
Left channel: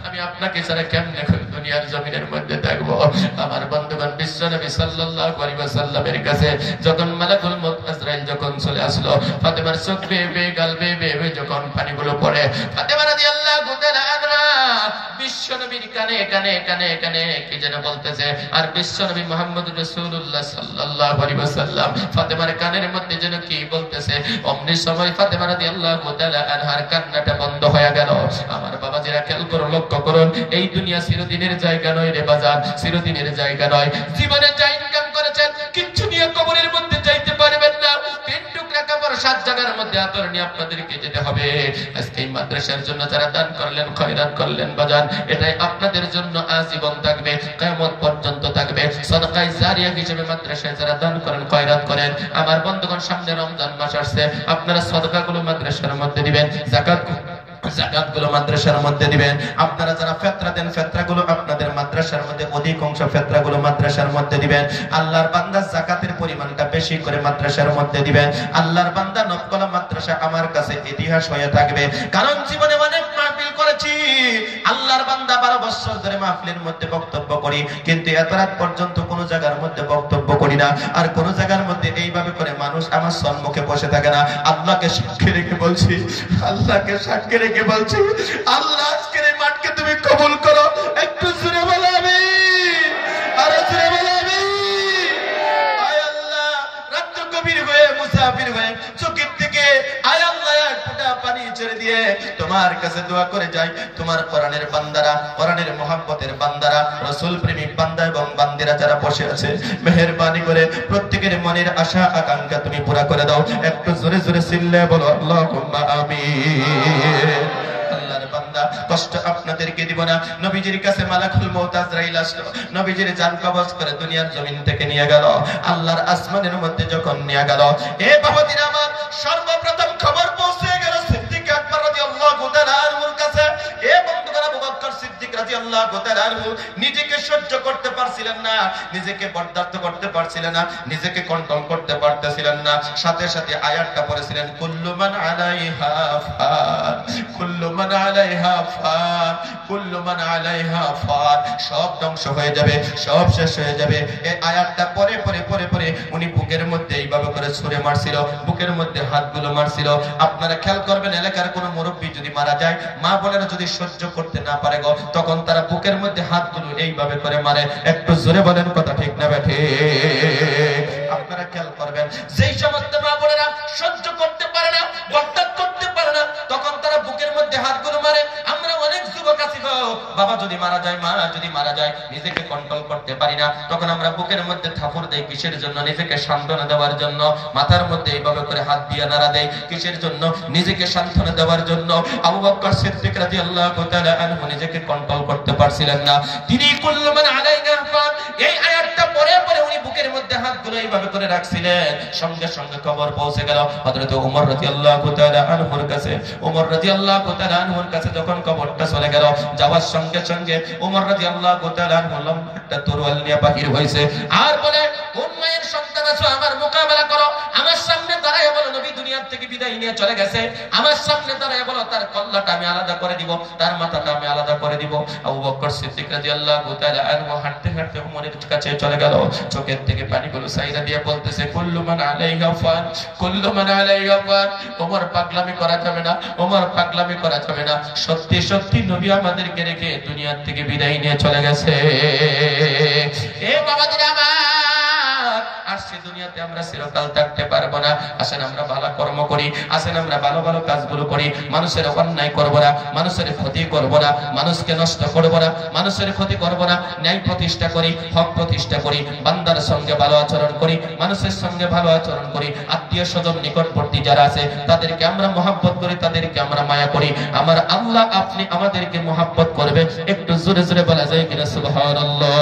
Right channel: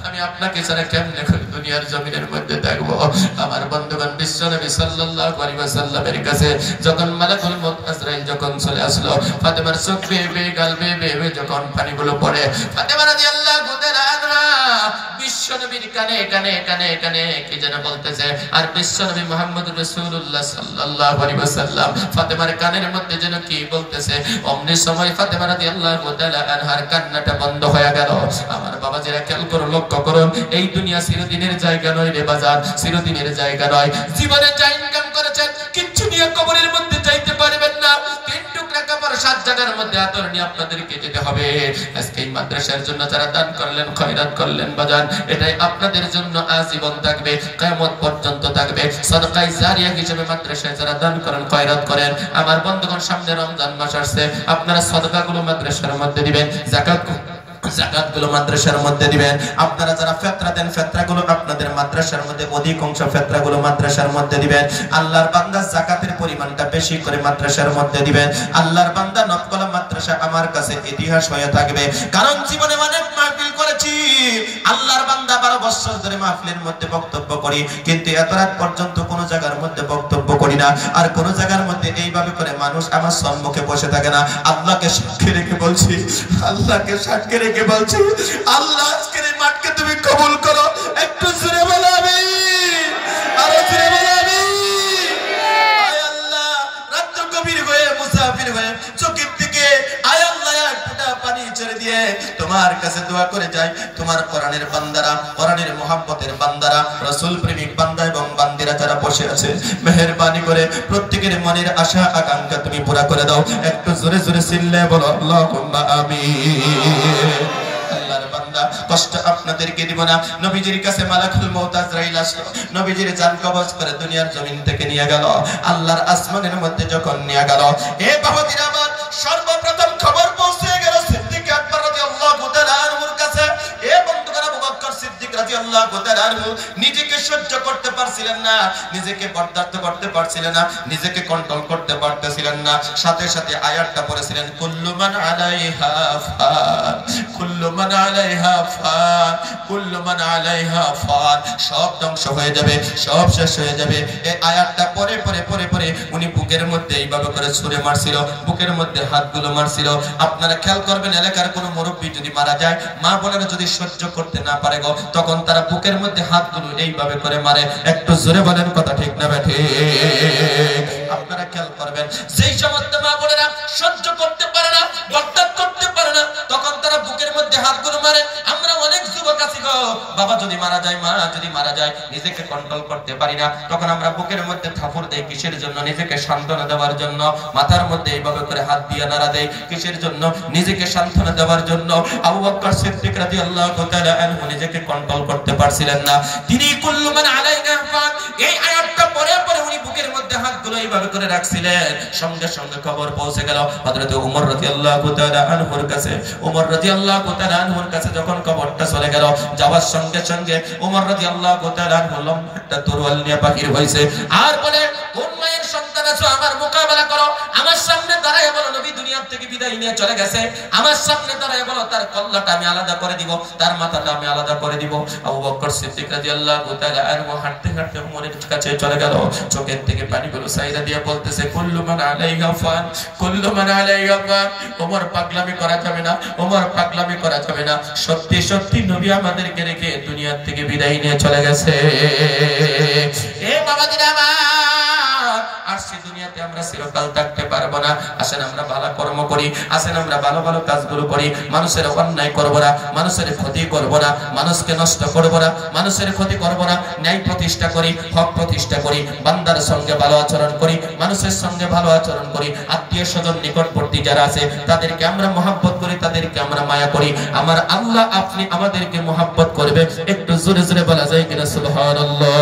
আমি আপনাকে ছাড়া কেমনে দুনিয়ার জমিনের মধ্যে থাকবো? আমার বন্ধুগণ বিশ্ব নবী সাল্লাল্লাহু আলাইহি ওয়াসাল্লামের কাছে যখন মালাকুল মউত আজরাইল যখন চলে আসলো, ফাতেমার চোখ বেয়ে গাল বেয়ে যখন পানিগুলো পড়ে, ফাতেমা রাদিয়াল্লাহু তাআলা আনহা বিশ্ব নবীর কানে কানে কানে কানে কি যেন বলতেছে। আর বিশ্ব নবী মুহাম্মদ রাসূলুল্লাহ সাল্লাল্লাহু আলাইহি ওয়াসাল্লাম ফাতেমার কানের মধ্যে যেন কি বলতেছে। অমনি সময় ফাতেমা রাদিয়াল্লাহু তাআলা আনহার কান্নাটা বন্ধ হয়ে গেল। আমার বাবাজিরা খেয়াল করুন, লক্ষ্য করুন, এই দুনিয়া চিরদিনের জায়গা নয় রে বাজার, চিরদিনের জায়গা নয়। জীবনে যা ইনকাম করেছেন কিচ্ছু নিয়ে কবরের মধ্যে যাইতে পারবেন না। তিন টুকরা কাপড় 7 জায়গার মধ্যে আদর নিয়ে আপনাদেরকে যেতে হবে। আজকে এই মাদ্রাসার জন্য যারা দান করলেন, খয়রাত করলেন বাজার, এটাই আপনাদের জন্য আজীবন থাকবে, কিয়ামত পর্যন্ত থাকবে। সাদকায়ে জারিয়া হিসেবে মাদ্রাসায় যারা দান করেন, খয়রাত করেন, আমার বন্ধুগণ সামনে রমজান মাস আসছে, আপনারা সাদকাগুলো মাদ্রাসার মধ্যে দিবেন, যাকাতগুলো মাদ্রাসার মধ্যে দিবেন। আপনারা যারা ফিতরা দেন, ফিতরাগুলো আপনাদের মাদ্রাসার মধ্যে, অধিকাংশ ফিতরাগুলো মাদ্রাসার মধ্যে দিবেন। আল্লাহর বান্দা যাকাতের পরিমাণটা বেশি করে মাদ্রাসার মধ্যে দিবেন। আল্লাহর বান্দা নবকলা মাদ্রাসা আমার কাছে ইতিহাস হয়ে থাকবে, কারণ জীবনে অনেক মাহফিল করেছি। আল্লাহর বান্দা 12 বছর ধরে মাহফিলের মধ্যে বক্তব্য করি, কিন্তু এত রাত পর্যন্ত কোনো জায়গার মধ্যে বক্তব্য করি না। আর কোন জায়গার মধ্যে এইভাবে করে মানুষ আমার সম্মুখে বসে থাকে না। আল্লাহকে সাক্ষী রেখে বলছি, আল্লাহকে সাক্ষী রেখে বলছি, আল্লাহ আজকের এই মাঠকে তুমি কবুল করো। একটু জোরে বলো আমিন, আরো জোরে বলো আমিন। আয় আল্লাহ, রাত গভীর হয়ে মুসাফির হয়ে চোখের থেকে আয় আল্লাহ এক ফোঁটা পানি ছেড়ে দিয়ে তোমার কাছে দোয়া করে যাই। তোমার কোরআনের বান্দারা, কোরআনের মুহাব্বতের বান্দারা, রাসূল প্রেমিক বান্দা এবং বান্দিরা যারা বসে আছে, মেহেরবানি করে প্রত্যেকের মনের আশা আকাঙ্ক্ষা তুমি পুরা করে দাও। একটু জোরে জোরে চিল্লে বলো আল্লাহুম্মা আমিন। আল্লাহর বান্দা, কষ্ট আপনাদেরকে দিব না। নবীজির কাছে মালাকুল মউত আজরাইল আসলো, নবীজির জান কবজ করে দুনিয়ার জমিন থেকে নিয়ে গেল। আল্লাহর আসমানের মধ্যে যখন নিয়ে গেল, এ বাবাজিরা আমার, সর্বপ্রথম খবর পৌঁছে গেল সিদ্দিক আকবর রাদিয়াল্লাহু তাআলা আনহুর কাছে। এ বন্ধুগণ, আবু বকর সিদ্দিক রাদিয়াল্লাহু রাদিয়াল্লাহু তাআলা নিজেকে সহ্য করতে পারছিলেন না, নিজেকে বরদাস্ত করতে পারছিলেন না, নিজেকে কন্ট্রোল করতে পারতেছিলেন না। সাথে সাথে আয়াতটা পড়েছিলেন, কুল্লু মান আলাইহা ফান, কুল্লু মান আলাইহা ফান, কুল্লু মান আলাইহা ফান। সব ধ্বংস হয়ে যাবে, সব শেষ হয়ে যাবে। এই আয়াতটা পরে পরে পরে পরে উনি বুকের মধ্যে এইভাবে করে ছুঁড়ে মারছিল, বুকের মধ্যে হাতগুলো মারছিল। আপনারা খেয়াল করবেন, এলাকার কোনো মুরব্বী যদি মারা যায়, মা বোনেরা যদি সহ্য করতে না পারে গো, তখন তারা বুকের মধ্যে হাতগুলো এইভাবে করে মারে। একটু জোরে বলেন কথা ঠিক না বেঠে? আপনারা খেয়াল করবেন, যেই সমস্ত মা বোনেরা সহ্য করতে পারে না, বরদাস্ত করতে পারে না, তখন তারা বুকের মধ্যে হাতগুলো মারে। আমরা অনেক যুবক আছি গো, বাবা যদি মারা যায়, মা যদি মারা যায়, নিজেকে কন্ট্রোল করতে পারি না, তখন আমরা বুকের মধ্যে থাপড় দেই। কিসের জন্য? নিজেকে সান্ত্বনা দেওয়ার জন্য। মাথার মধ্যে এইভাবে করে হাত দিয়ে নাড়া দেই। কিসের জন্য? নিজেকে সান্ত্বনা দেওয়ার জন্য। আবু বকর সিদ্দিক রাদিয়াল্লাহু তাআলা আনহু নিজেকে কন্ট্রোল করতে পারছিলেন না। তিনি কুল্লু মান আলাইহা ফান, এই আয়াতটা পড়ে পড়ে উনি বুকের মধ্যে হাতগুলো এইভাবে করে রাখছিলেন। সঙ্গে সঙ্গে খবর পৌঁছে গেল হযরত ওমর রাদিয়াল্লাহু তাআলা আনহুর কাছে। ওমর রাদিয়াল্লাহু তাআলা আনহুর কাছে যখন খবরটা চলে গেল, যাওয়ার সঙ্গে সঙ্গে ওমর রাদিয়াল্লাহু তাআলা আনহু একটা তরোয়াল নিয়ে বাহির হইছে, আর বলে, কোন মায়ের সন্তান আছো, আমার মোকাবেলা করো। আমার সামনে দাঁড়ায় বলো, নবী দুনিয়া থেকে বিদায় নিয়ে চলে গেছে। আমার সামনে দাঁড়ায় বলো, তার কল্লাটা আমি আলাদা করে দিব, তার মাথাটা আমি আলাদা করে দিব। আবু বকর সিদ্দিক রাদিয়াল্লাহু তাআলা আনহু হাঁটতে হাঁটতে ওমরের কাছে চলে গেল। চোখের থেকে পানিগুলো সাইরা দিয়ে বলতেছে, কুল্লু মান আলাইহা ফান, কুল্লু মান আলাইহা ফান। ওমর, পাগলামি করা যাবে না, ওমর পাগলামি করা যাবে না। সত্যি সত্যি নবী আমাদেরকে রেখে দুনিয়া থেকে বিদায় নিয়ে চলে গেছে। এ বাবাজিরা আমার, আসছে দুনিয়াতে আমরা চিরকাল থাকতে পারবো না। আসেন আমরা ভালো কর্ম করি, আসেন আমরা ভালো ভালো কাজগুলো করি। মানুষের অন্যায় করবো না, মানুষের ক্ষতি করবো না, মানুষকে নষ্ট করবো না, মানুষের ক্ষতি করবো না। ন্যায় প্রতিষ্ঠা করি, হক প্রতিষ্ঠা করি, বান্দার সঙ্গে ভালো আচরণ করি, মানুষের সঙ্গে ভালো আচরণ করি। আত্মীয় স্বজন নিকটবর্তী যারা আছে তাদেরকে আমরা মহব্বত করি, তাদেরকে আমরা মায়া করি। আমার আল্লাহ আপনি আমাদেরকে মহব্বত করবে। একটু জোরে জোরে বলা যায় কিনা সুবহানাল্লাহ?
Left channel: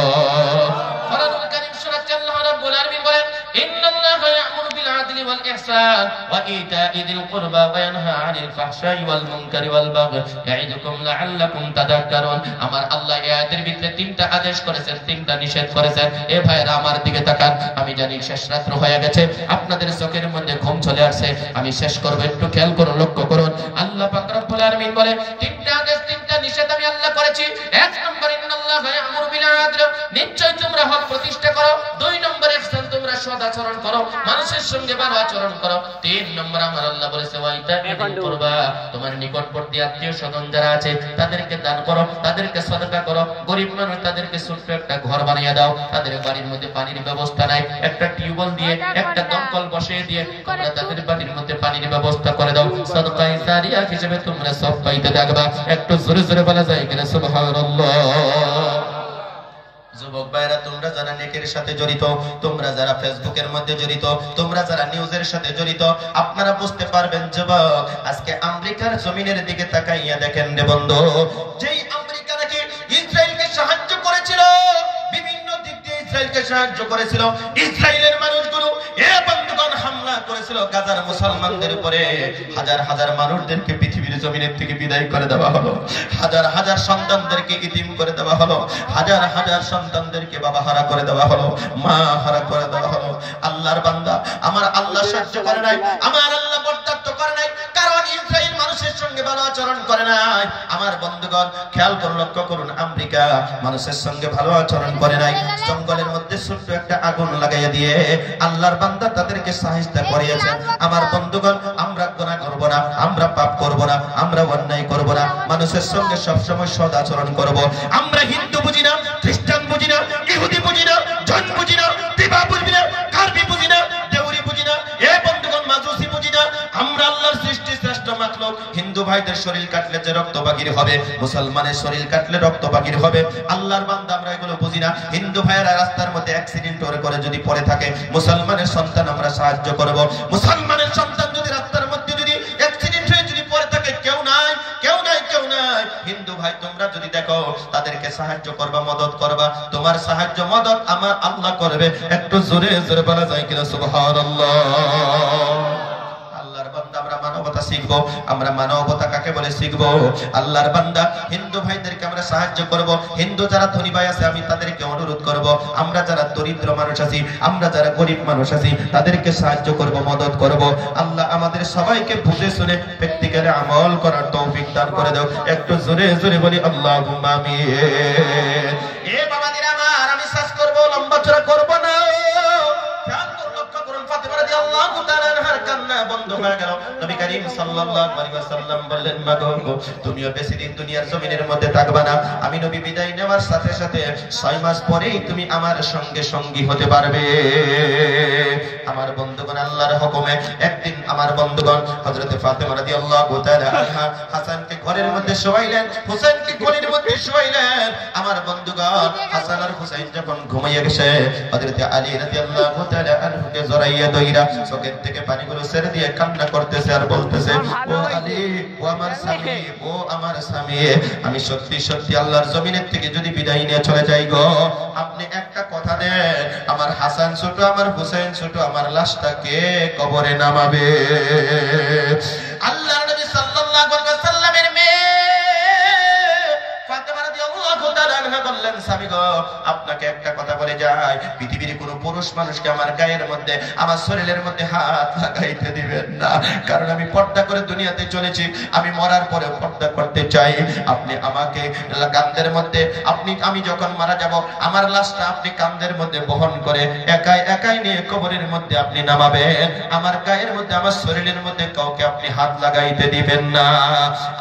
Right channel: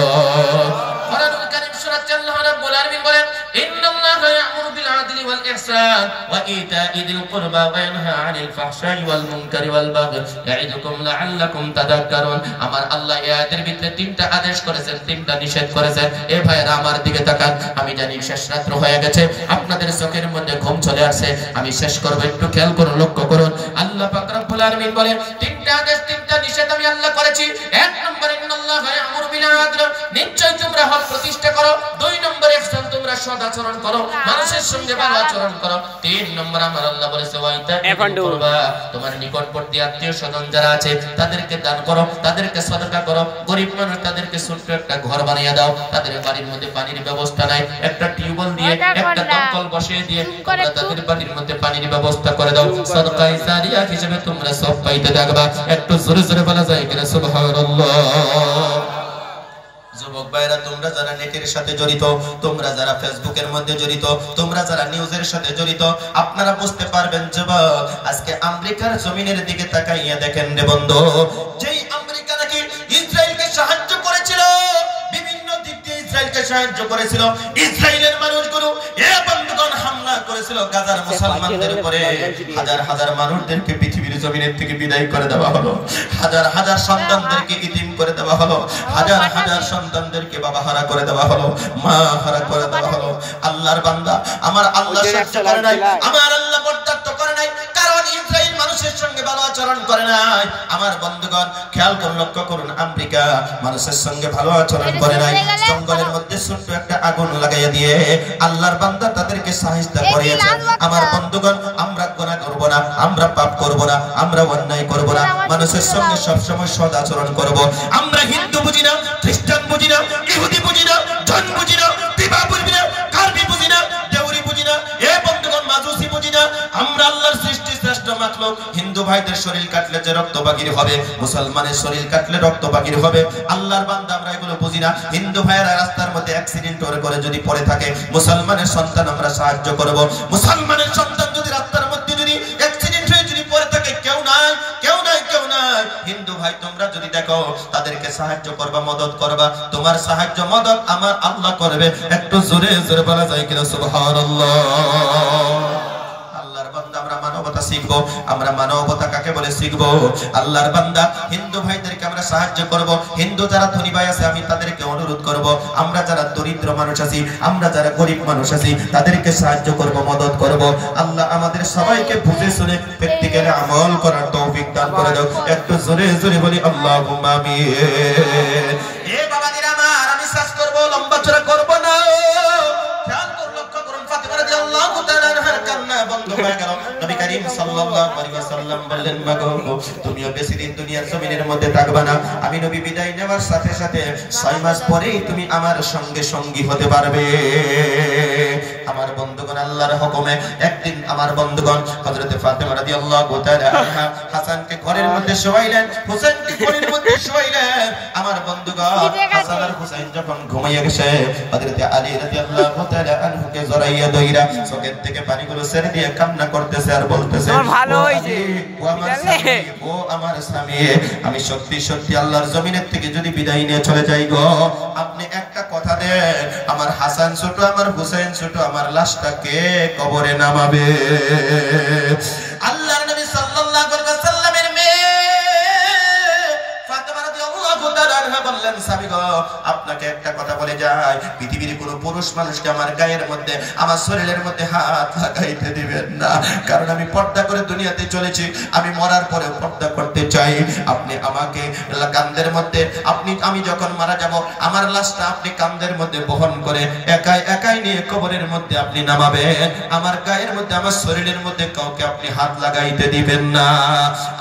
কোরআনুল কারীম সূরা আল্লাহ রাব্বুল আলামিন বলেন, ইন্নাল্লাহা ইয়া'মুরু বিল আদলি ওয়াল ইহসান ওয়া ইতা'i যিল কুরবা ওয়া ইয়ানহা 'আনিল ফাহশাই ওয়াল মুনকারি ওয়াল বাগই ইয়া'iদুকুম লা'আল্লাকুম তাযাক্কারুন। আমার আল্লাহ এই আয়াতের ভিতরে তিনটা আদেশ করেছেন, তিনটা নিষেধ করেছেন। এ ভাইরা আমার দিকে তাকান, আমি জানি শেষ রাত্র হয়ে গেছে, আপনাদের চোখের মধ্যে ঘুম চলে আসছে, আমি শেষ করব। একটু খেয়াল করুন, লক্ষ্য করুন। আল্লাহ পাক রব্বুল আলামিন বলেন, তিনটা আদেশ, তিনটা নিষেধ আমি আল্লাহ করেছি। এক নম্বর, ইন্নাল্লাহা ইয়া'মুরু বিল আদলি, নিশ্চয় তোমরা হক প্রতিষ্ঠা করো। দুই নম্বর, ইহসান, তোমরা সৎ আচরণ করো, মানুষের সঙ্গে ভালো আচরণ করো। তিন নম্বর, আমার আল্লাহ বলেছে, ওয়া ইতা'i যিল কুরবা, তোমার নিকটবর্তী আত্মীয় স্বজন যারা আছে তাদেরকে দান করো, তাদেরকে সদকা করো। গরিব মানুষ, তাদেরকে ছোট্ট একটা ঘর বানিয়ে দাও। তাদের বাড়ির মধ্যে পানির ব্যবস্থা নাই, একটা টিউবওয়েল দিয়ে, একটা দমকল বসিয়ে দিয়ে তোমরা তাদের বাড়ির মধ্যে পানির ব্যবস্থা করে দাও। সাদকায়ে জারিয়া হিসেবে তোমরা সব পাইতে থাকবা। একটু জোরে জোরে বলা যায় কিনা সুবহানাল্লাহ? যুবক ভাইরা, তোমরা যারা নেটের সাথে জড়িত, তোমরা যারা ফেসবুকের মধ্যে জড়িত, তোমরা যারা নিউজের সাথে জড়িত, আপনারা বুঝতে পারবেন যুবক, আজকে আমেরিকার জমিনের দিকে তাকাইয়া দেখেন রে বন্ধু, যেই আমেরিকা নাকি ইসরায়েলকে সাহায্য করেছিল, বিভিন্ন দিক দিয়ে ইসরায়েলকে সাহায্য করেছিল, ইসরায়েলের মানুষগুলো এ বন্ধুগণ হামলা করেছিল গাজার মুসলমানদের উপরে। হাজার হাজার মানুষদেরকে পৃথিবীর জমিনের থেকে বিদায় করে দেওয়া হলো, হাজার হাজার সন্তানদেরকে ইতিম করে দেওয়া হলো, হাজার হাজার সন্তানদেরকে বাবা হারা করে দেওয়া হলো, মা হারা করে দেওয়া হলো। আল্লাহর বান্দা, আমার আল্লাহ সাহায্য করে নাই, আমার আল্লাহ বরদাস্ত করে নাই, কারণ ইসরায়েল মানুষের সঙ্গে ভালো আচরণ করে নাই। আমার বন্ধুগণ খেয়াল করুন, লক্ষ্য করুন, আমেরিকা মানুষের সঙ্গে ভালো আচরণ করে নাই। জঙ্গলের মধ্যে ছোট্ট একটা আগুন লাগাইয়া দিয়ে আল্লাহর বান্দা তাদেরকে সাহায্য করিয়েছে। আমার বন্ধুগণ, আমরা গুনাহ করব না, আমরা পাপ করব না, আমরা অন্যায় করব না, মানুষের সঙ্গে সবসময় সৎ আচরণ করব। আমরা হিন্দু বুঝি না, খ্রিস্টান বুঝি না, ইহুদি বুঝি না, জন বুঝি না, তিবা বুঝি না, কার্বি বুঝি না, দেউরি বুঝি না, এ বন্ধুগণ মাজুসি বুঝি না। আমরা আল্লাহর সৃষ্টি শ্রেষ্ঠ মাখলুক। হিন্দু ভাইদের শরীর কাটলে যে রক্ত বাগির হবে, মুসলমানের শরীর কাটলে রক্ত বাগির হবে। আল্লাহর বান্দা, আমরা এগুলো বুঝি না। হিন্দু ভাইরা রাস্তার মধ্যে অ্যাক্সিডেন্ট করে যদি পড়ে থাকে, মুসলমানের সন্তান আমরা সাহায্য করব। মুসলমানের সন্তান যদি রাস্তার মধ্যে যদি অ্যাক্সিডেন্ট হয়ে যদি পড়ে থাকে, কেউ নাই, কেউ নাই, কেউ নাই। হিন্দু ভাই তোমরা যদি দেখো, তাদেরকে সাহায্য করবা, মদত করবা। তোমার সাহায্য মদত আমার আল্লাহ করবে। একটু জোরে জোরে বলা যায় কিনা সুবহানাল্লাহ? আল্লাহর বান্দা, আমরা মানবতা শিখবো। আমরা মানবতা কাকে বলে শিখবো। আল্লাহর বান্দা, হিন্দু ভাইদেরকে আমরা সাহায্য করব। হিন্দু যারা ধনী ভাই আছে আমি তাদেরকে অনুরোধ করব, আমরা যারা দরিদ্র মানুষ আছি, আমরা যারা গরিব মানুষ আছি তাদেরকে সাহায্য করব, মদত করব। আল্লাহ আমাদের সবাইকে বুঝে শুনে প্র্যাকটিক্যালি আমল করার তৌফিক দান করে দাও। একটু জোরে জোরে বলি আল্লাহুম্মা আমিন। এ বাবাজিরা আমার, আমি শ্বাস করব, লম্বা চড়া করব না। খেয়াল করুন, লক্ষ্য করুন, ফাতেমা রাদিয়াল্লাহু তাআলা আনহার কান্না বন্ধ হয়ে গেল। নবী করিম সাল্লাল্লাহু আলাইহি ওয়াসাল্লাম বললেন, মাগো তুমিও বেশি দিন দুনিয়ার জমিনের মধ্যে থাকবা না। আমি নবী বিদায় নেওয়ার সাথে সাথে 6 মাস পরেই তুমি আমার সঙ্গে সঙ্গী হতে পারবে। আমার বন্ধুগণ, আল্লাহর হুকুমে একদিন আমার বন্ধুগণ হযরত ফাতেমা রাদিয়াল্লাহু তাআলা আনহা হাসানকে ঘরের মধ্যে শোয়াইলেন, হুসাইনকে ঘরের মধ্যে শোয়াইলেন। আমার বন্ধুগণ, হাসান আর হুসাইন যখন ঘুমিয়ে গেছে, হযরত আলী রাদিয়াল্লাহু তাআলা আনহুকে জড়াইয়া ধইরা চোখের থেকে পানিগুলো ছেড়ে দিয়ে কান্না করতেছে আর বলতেছে, ও আলী, ও আমার স্বামী, ও আমার স্বামী, আমি সত্যি সত্যি আল্লাহর জমিনের থেকে যদি বিদায় নিয়ে চলে যাই গো, আপনি একটা কথা দেন, আমার হাসান ছোট, আমার হুসাইন ছোট, আমার লাশটা কে কবরে নামাবে? আল্লাহর নবী সাল্লাল্লাহু আলাইহি ওয়াসাল্লামের মেয়ে ফাতেমা রাদিয়াল্লাহু তাআলা আনহা বললেন, স্বামী গো, আপনাকে একটা কথা বলে যাই, পৃথিবীর কোনো পুরুষ মানুষকে আমার গায়ের মধ্যে, আমার শরীরের মধ্যে হাত লাগাইতে দিবেন না, কারণ আমি পর্দা করে দুনিয়াতে চলেছি, আমি মরার পরে পর্দা করতে চাই। আপনি আমাকে কাঁধের মধ্যে, আমি যখন মারা যাব, আমার লাশটা আপনি কাঁধের মধ্যে বহন করে একাই একাই নিয়ে কবরের মধ্যে আপনি নামাবেন, আমার গায়ের মধ্যে, আমার শরীরের মধ্যে কাউকে আপনি হাত লাগাইতে দিবেন না।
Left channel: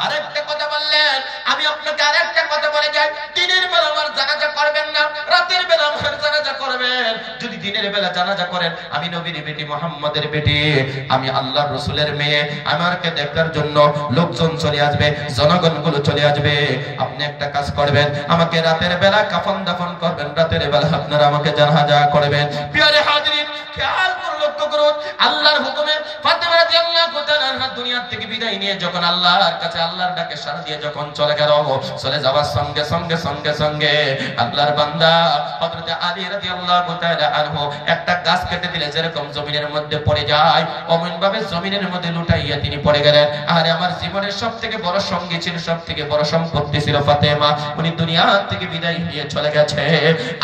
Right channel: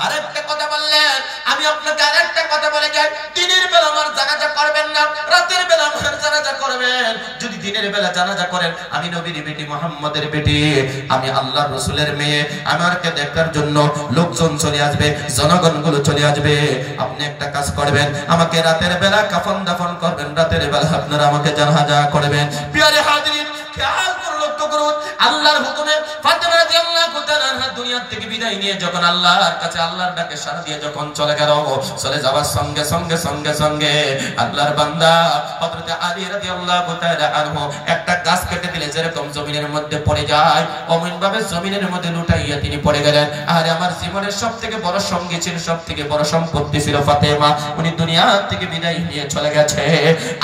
আরেকটা কথা বললেন, আমি আপনাকে আরেকটা কথা বলে যাই, দিনের বেলা আমার জানাজা করবেন না, রাতের বেলা আমার জানাজা করবেন। যদি দিনের বেলা জানাজা করেন, আমি নবীর বেটি, মুহাম্মদের বেটি, আমি আল্লাহর রাসূলের মেয়ে, আমাকে দেখার জন্য লোকজন চলে আসবে, জনগণগুলো চলে আসবে। আপনি একটা কাজ করবেন, আমাকে রাতের বেলা কাফন দাফন করবেন, রাতের বেলা আপনারা আমাকে জানাজা করবেন। প্রিয় হাজিরিন, খেয়াল করুন, লক্ষ্য করুন, আল্লাহর হুকুমে ফাতেমা রাদিয়াল্লাহু তাআলা আনহা দুনিয়া থেকে বিদায় নিয়ে যখন আল্লাহর কাছে, আল্লাহর ডাকে সাড়া দিয়ে যখন চলে গেল, চলে যাওয়ার সঙ্গে সঙ্গে সঙ্গে সঙ্গে আল্লাহর বান্দা হযরত আলী রাদিয়াল্লাহু তাআলা আনহু একটা গাছ কেটে দিলে যেরকম জমিনের মধ্যে পড়ে যায়, অমন ভাবে জমিনের মধ্যে লুটাইয়া তিনি পড়ে গেলেন। আরে আমার জীবনের সবথেকে বড় সঙ্গী ছিল, সবথেকে বড় সম্পত্তি ছিল ফাতেমা, উনি দুনিয়া থেকে বিদায় নিয়ে চলে গেছে।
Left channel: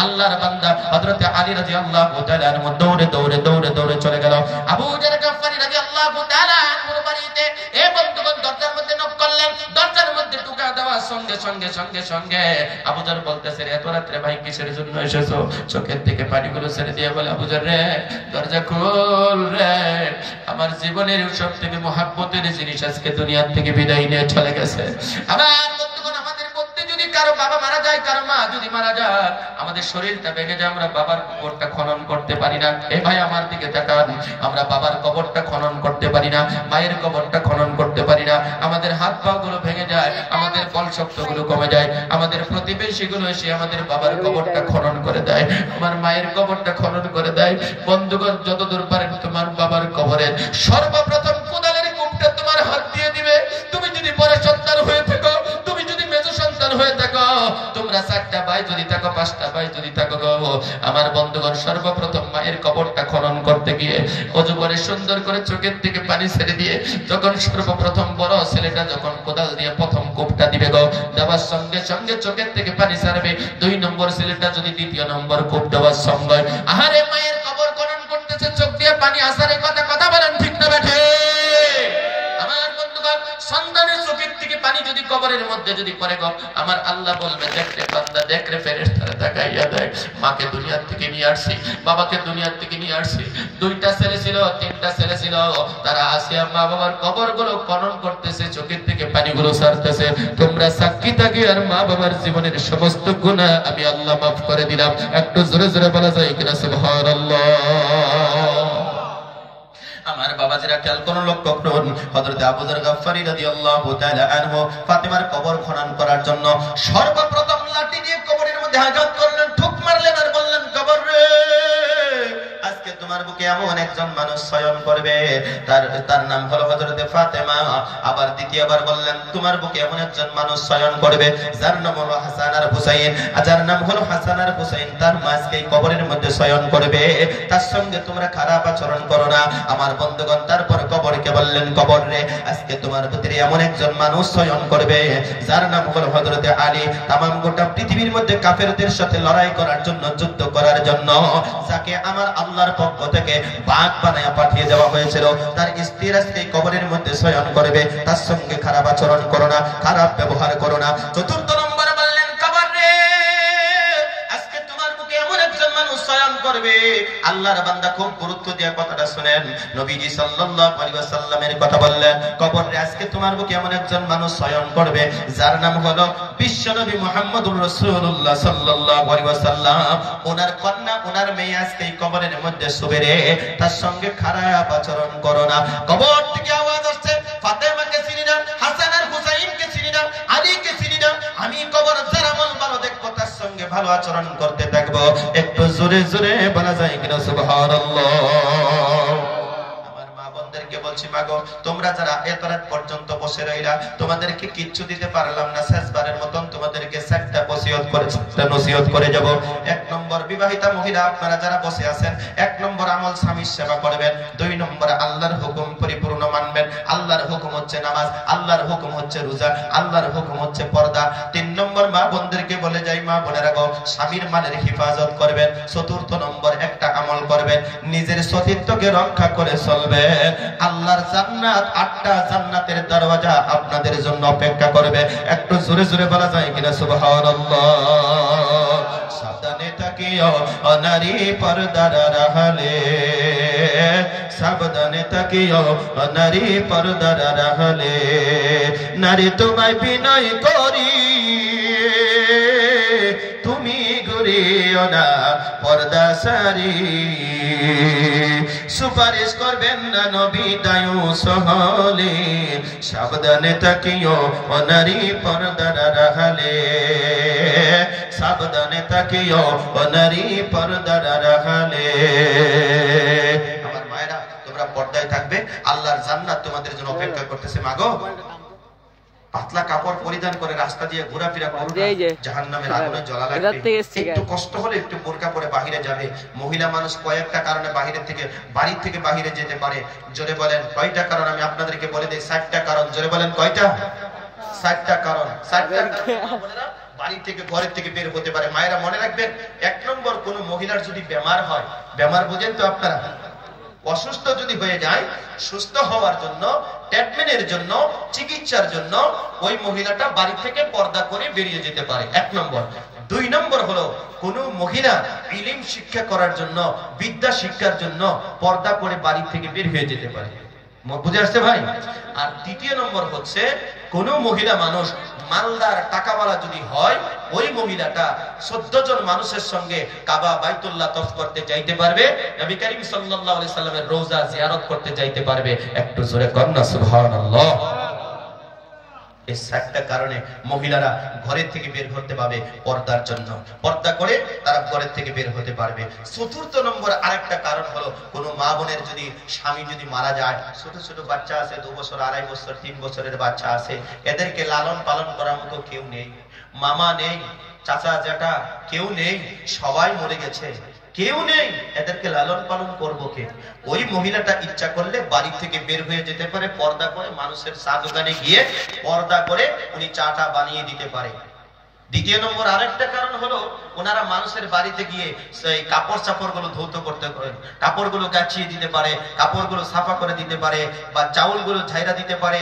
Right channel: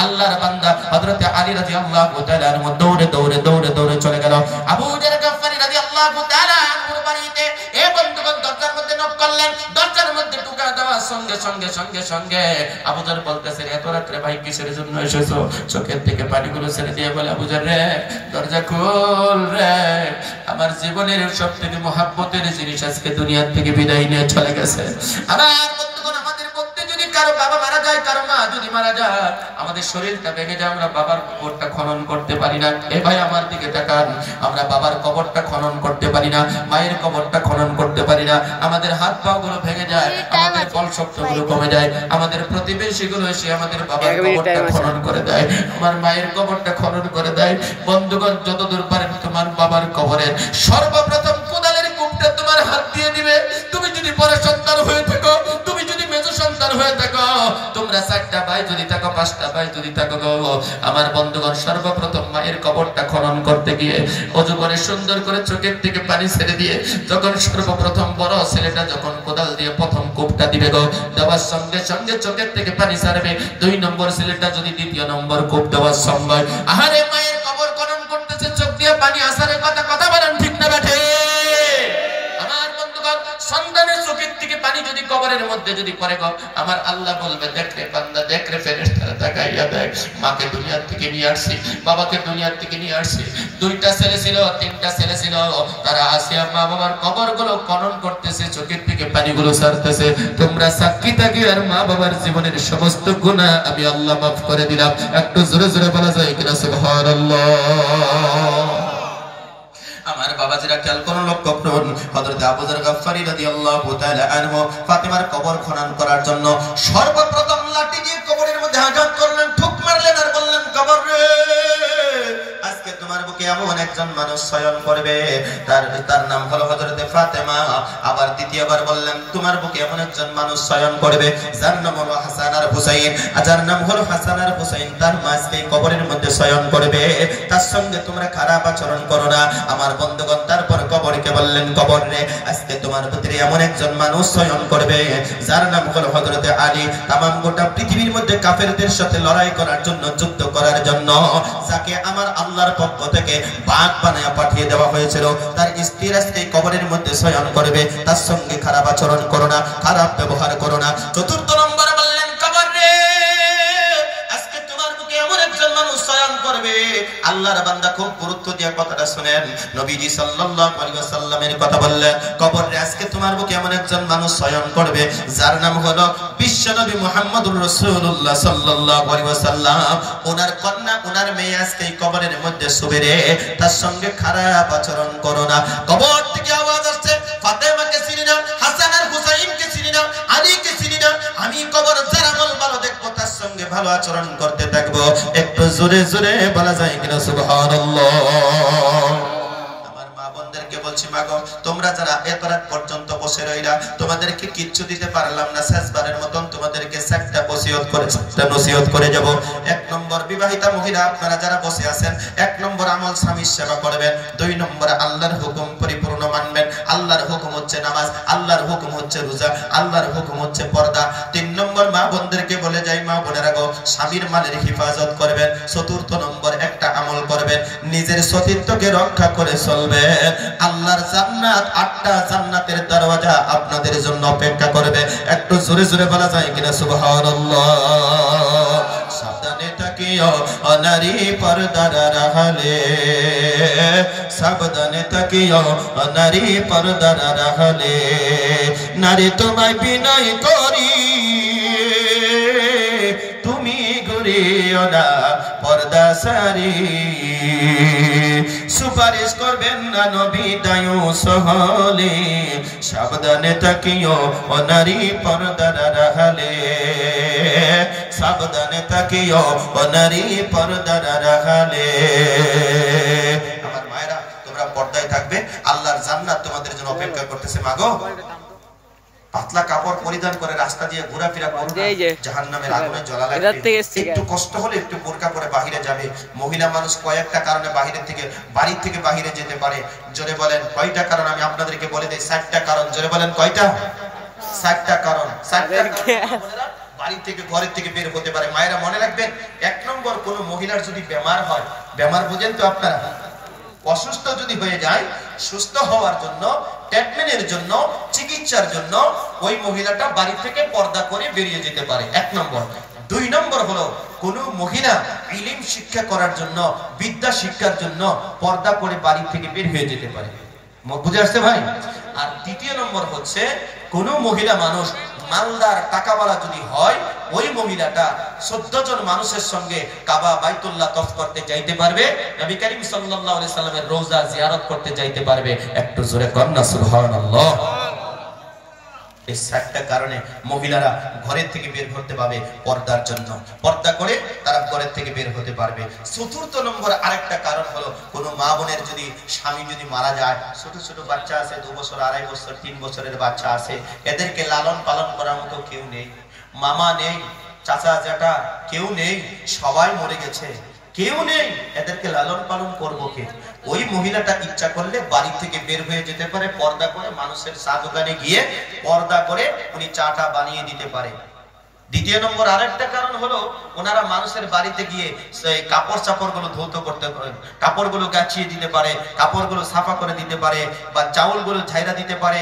আল্লাহর বান্দা হযরত আলী রাদিয়াল্লাহু তাআলা আনহু দৌড়ে দৌড়ে দৌড়ে দৌড়ে চলে গেল আবু জার গফফারি রাদিয়াল্লাহু তাআলা আনহুর বাড়িতে। এই বন্ধুগণ দরজার মধ্যে নক করলেন, দরজার মধ্যে ঢোকা দেওয়ার সঙ্গে সঙ্গে সঙ্গে সঙ্গে আবু জার বলতেছে, এত রাত্রে ভাই কিসের জন্য এসেছো? চোখের থেকে পানিগুলো ছেড়ে দিয়ে বলে, আবু জার রে, দরজা খোল রে, আমার জীবনের সবথেকে মহব্বতের জিনিস আজকে দুনিয়া থেকে বিদায় নিয়ে চলে গেছে। আবার বন্ধুগণ, আমাদের মধ্যে যদি কারো বাবা মারা যায়, কারো মা যদি মারা যায়, আমাদের শরীরটা ভেঙে যায়, আমরা বাবার কবরটা খনন করতে পারি না। এ ভাই আমার দিকে তাকান, আমরা বাবার কবরটা খনন করতে পারি না, মায়ের কবরটা খনন করতে পারি না, আমাদের হাত পা গুলো ভেঙে যায়, আমাদের বল শক্তি গুলো কমে যায়, আমাদের প্রতিবেশী গুলো এসে আমাদের বাবার কবরটা খনন করে দেয়, আমার মায়ের কবরটা খনন করে দেয়। বন্ধুগণ, যতদূর পারেন তোমার বাবার কবরে সর্বপ্রথম কোদালের কূপটা তোমার হাত দিয়ে দিবে। তুমি যদি বড় সন্তান হয়ে থাকো, তুমি যদি মেজ সন্তান হয়ে থাকো, তোমরা 4টা ভাই যদি থাকো, 5টা ভাই যদি থাকো, আমার বন্ধুগণ, সর্বপ্রথম মায়ের কবরটা খনন করতে গিয়ে ওযু করে সুন্দর করে চোখের থেকে পানি ছেড়ে দিয়ে যখন সর্বপ্রথম বড় ছেলেটা যখন কোদাল দিয়ে প্রথম কূপটা দিবে গো, দেওয়ার সঙ্গে সঙ্গে চোখের থেকে পানি ছাড়বে। 2 নম্বর ছেলেটা যদি দ্বিতীয় নম্বর কূপ দেওয়ার সঙ্গে, আহারে মায়ের কবর খনন করতেছে, চোখ দিয়ে পানি আসারে কথা বলেন ঠিক না বেঠে? আমার বন্ধুগণ, সন্তানের চোখের থেকে পানি যদি কবরের মধ্যে যদি পড়ে গো, আমার আল্লাহ বলবে, দেখ রে বান্দা, দেখ রে ফেরেশতারা, তাকাইয়া দেখ, মাকে দুনিয়ার থেকে নিয়ে আসছি, বাবাকে দুনিয়ার থেকে নিয়ে আসছি, 2টা ছেলে ছিল, 3টা ছেলে ছিল, তারা আসে মা বাবার কবরগুলো খনন করতেছে, চোখের থেকে পানিগুলো ছাড়তেছে। তোমরা সাক্ষী থাকি, আর মা বাবার জীবনের সমস্ত গুনাহ আমি আল্লাহ মাফ করে দিলাম। একটু জোরে জোরে বলা যায় কিনা সুবহানাল্লাহ? আমার বাবাজিরা খেয়াল করুন, লক্ষ্য করুন, হযরত আবু যর গফফারি রাদিয়াল্লাহু তাআলা আনহু ফাতেমার কবর খনন করার জন্য সর্বপ্রথম লাঠি দিয়ে কবরের মধ্যে আঘাত করলেন, ঠুক মারলেন আর বললেন, কবর রে, আজকে তোমার বুকে এমন একজন মানুষ শয়ন করবে, তার নাম হলো হযরত ফাতেমা। আবার দ্বিতীয়বার বললেন, তোমার বুকে এমন একজন মানুষ শয়ন করবে যার নাম হলো হাসান আর হুসাইন, যার নাম হলো হাসান আর হুসাইন, তার মাঝকে কবরের মধ্যে শয়ন করবে, তার সঙ্গে তোমরা খারাপ আচরণ করো না। আমার বন্ধুগণ, তারপর কবরকে বললেন, কবর রে, আজকে তোমার তোমার ভিতরে এমন একজন মানুষ চয়ন করবে যার নাম হলো হযরতে আলী। তামাম গোটা পৃথিবীর মধ্যে কাফেরদের সাথে লড়াই করার জন্য, যুদ্ধ করার জন্য, যাকে আমার আল্লাহর পক্ষ থেকে বাঘ বানায়া পাঠিয়ে দেওয়া হয়েছিল, তার স্ত্রীর আজকে কবরের মধ্যে চয়ন করবে। তার সঙ্গে খারাপ আচরণ করো না, খারাপ ব্যবহার করো না। চতুর্থ নম্বরে বললেন কবর রে, আজকে তোমার মুখে এমন একজন মানুষ চয়ন করবে। আল্লাহর বান্দা খুব গুরুত্ব দিয়ে কথাটা শুনেন। নবীজি সাল্লাল্লাহু আলাইহি ওয়াসাল্লামের কথা বললেন, কবর রে আজকে তোমার মুখে এমন একজন মানুষ চয়ন করবে যার নাম হলো বিশ্বনবী মুহাম্মদুর রাসূলুল্লাহ সাল্লাল্লাহু আলাইহি ওয়াসাল্লাম। ওনার কন্যা, ওনার মেয়ে আজকে এই কবরের মধ্যে শুবে রে, তার সঙ্গে খারাপ আচরণ করো না। কবর থেকে আওয়াজ আসছে, ফাতেমাকে চিনি না, হাসান আর হুসাইনকে চিনি না, আলীকে চিনি না, আমি কবর যার আমল ভালো দেখবো তার সঙ্গে ভালো আচরণ করতে থাকবো। একটু জোরে জোরে বলা যায় কিনা সুবহানাল্লাহ। আমার মা বোনদেরকে বলছি, মাগো তোমরা যারা এত রাত পর্যন্ত বসে রইলা, তোমাদেরকে কিচ্ছু দিতে পারলাম না, শেষবারের মতন তোমাদেরকে একটা নসিহত করে যাব। এক নম্বর, বিবাহিতা মহিলা আপনারা যারা বসে আছেন, এক নম্বর আমল স্বামীর সেবা করবেন। দুই নম্বর আল্লাহর হুকুম পরিপূর্ণ মানবেন। আল্লাহর হুকুম হচ্ছে নামাজ, আল্লাহর হুকুম হচ্ছে রোজা, আল্লাহর হুকুম হচ্ছে পর্দা। তিন নম্বর, মা বোনদেরকে বলে যাই, মা বোনেরা গো, স্বামীর মালের হিফাজত করবেন। চতুর্থ নম্বর একটা আমল করবেন, নিজের সতীত্বকে রক্ষা করে চলবেন। আল্লাহর জান্নাত, 8টা জান্নাতের দরওয়াজা আপনাদের জন্য অপেক্ষা করবে। একটু জোরে জোরে বলা যায় কিনা সুবহানাল্লাহ। সাবধানে থাকিও নারী পর্দার আড়ালে, সাবধানে থাকিও নারী পর্দার আড়ালে, নারী তোমায় বিনয় করি তুমি ঘুরিও না পর্দা সারি। সুপারিশ করবেন না নবী দায়ু সহলে, সাবধানে থাকিও নারী পর্দার আড়ালে, সাবধানে থাকিও নারী পর্দার আড়ালে। আমার মায়েরা, তোমরা পর্দায় থাকবে, আল্লাহর জান্নাত তোমাদের জন্য অপেক্ষা করতেছে। মাগো, পাতলা কাপড় পরিধান করে রাস্তা দিয়ে ঘোরাফেরা করবে, জাহান্নামের আগুনে জ্বলা লাগবে। একটু কষ্ট হলে একটু বোরকা করে বাহিরে যাবে। মহিলা মানুষ কয়েকটা কারণে বাড়ি থেকে বাহিরে যেতে পারে। জোরে বলেন কয়টা কারণ? আমি আপনাদেরকে বলে দেই, 7টা কারণ। জোরে বলেন কয়টা? 7টা কারণ। 7টা বাড়ি থেকে, ঘরের থেকে বের হতে পারে। মায়েরা মনে রাখবেন, 1 নম্বর, কোন মহিলার যদি বেমার হয়, বেমার বুঝেন তো আপনারা, অসুস্থ যদি হয়ে যায়, সুস্থ হওয়ার জন্য, ট্রিটমেন্টের জন্য, চিকিৎসার জন্য ওই মহিলাটা বাড়ি থেকে পর্দা করে বেরিয়ে যেতে পারে, 1 নম্বর। 2 নম্বর হলো, কোন মহিলা ইলম শিক্ষা করার জন্য, বিদ্যা শিক্ষার জন্য পর্দা করে বাড়ি থেকে বের হয়ে যেতে পারে। বুঝে আসছে ভাই? আর 3 নম্বর হচ্ছে, কোন মহিলা মানুষ মালদার টাকাওয়ালা যদি হয়, ওই মহিলাটা 14 জন মানুষের সঙ্গে কাবা বাইতুল্লাহ তফ করতে যাইতে পারবে, নবী করিম সাল্লাল্লাহু আলাইহি সাল্লামের রওজা জিয়ারত করতে যাইতে পারবে। একটু জোরে কন্না সুবহানাল্লাহ। এই 7টা কারণে মহিলারা ঘরের থেকে বের হতে পারবে পর্দার জন্য। পর্দা করে তারা ঘরের থেকে বের হতে পারবে। চতুর্থ নম্বর আরেকটা কারণ হলো, কোন মা বোনের যদি স্বামী যদি মারা যায়, ছোট ছোট বাচ্চা আছে, 2 বছর, 2.5 বছর, 3 বছরের বাচ্চা আছে, এদেরকে লালন পালন করার মতো কেউ নেই, মামা নেই, চাচা জ্যাঠা কেউ নেই, সবাই মরে গেছে, কেউ নেই, এদেরকে লালন পালন করবো কে? ওই মহিলাটা ইচ্ছা করলে বাড়ি থেকে বের হয়ে যেতে পারে, পর্দা করে মানুষের চা দোকানে গিয়ে পর্দা করে উনি চাটা বানিয়ে দিতে পারে। 2 নম্বর আরেকটা কারণ হলো, ওনারা মানুষের বাড়িতে গিয়ে সেই কাপড় চাপড়গুলো ধৌত করতে পারেন, কাপড়গুলো গাছিয়ে দিতে পারে, কাপড়গুলো সাফা করে দিতে পারে, বা চাউলগুলো ঝাইরা দিতে পারে,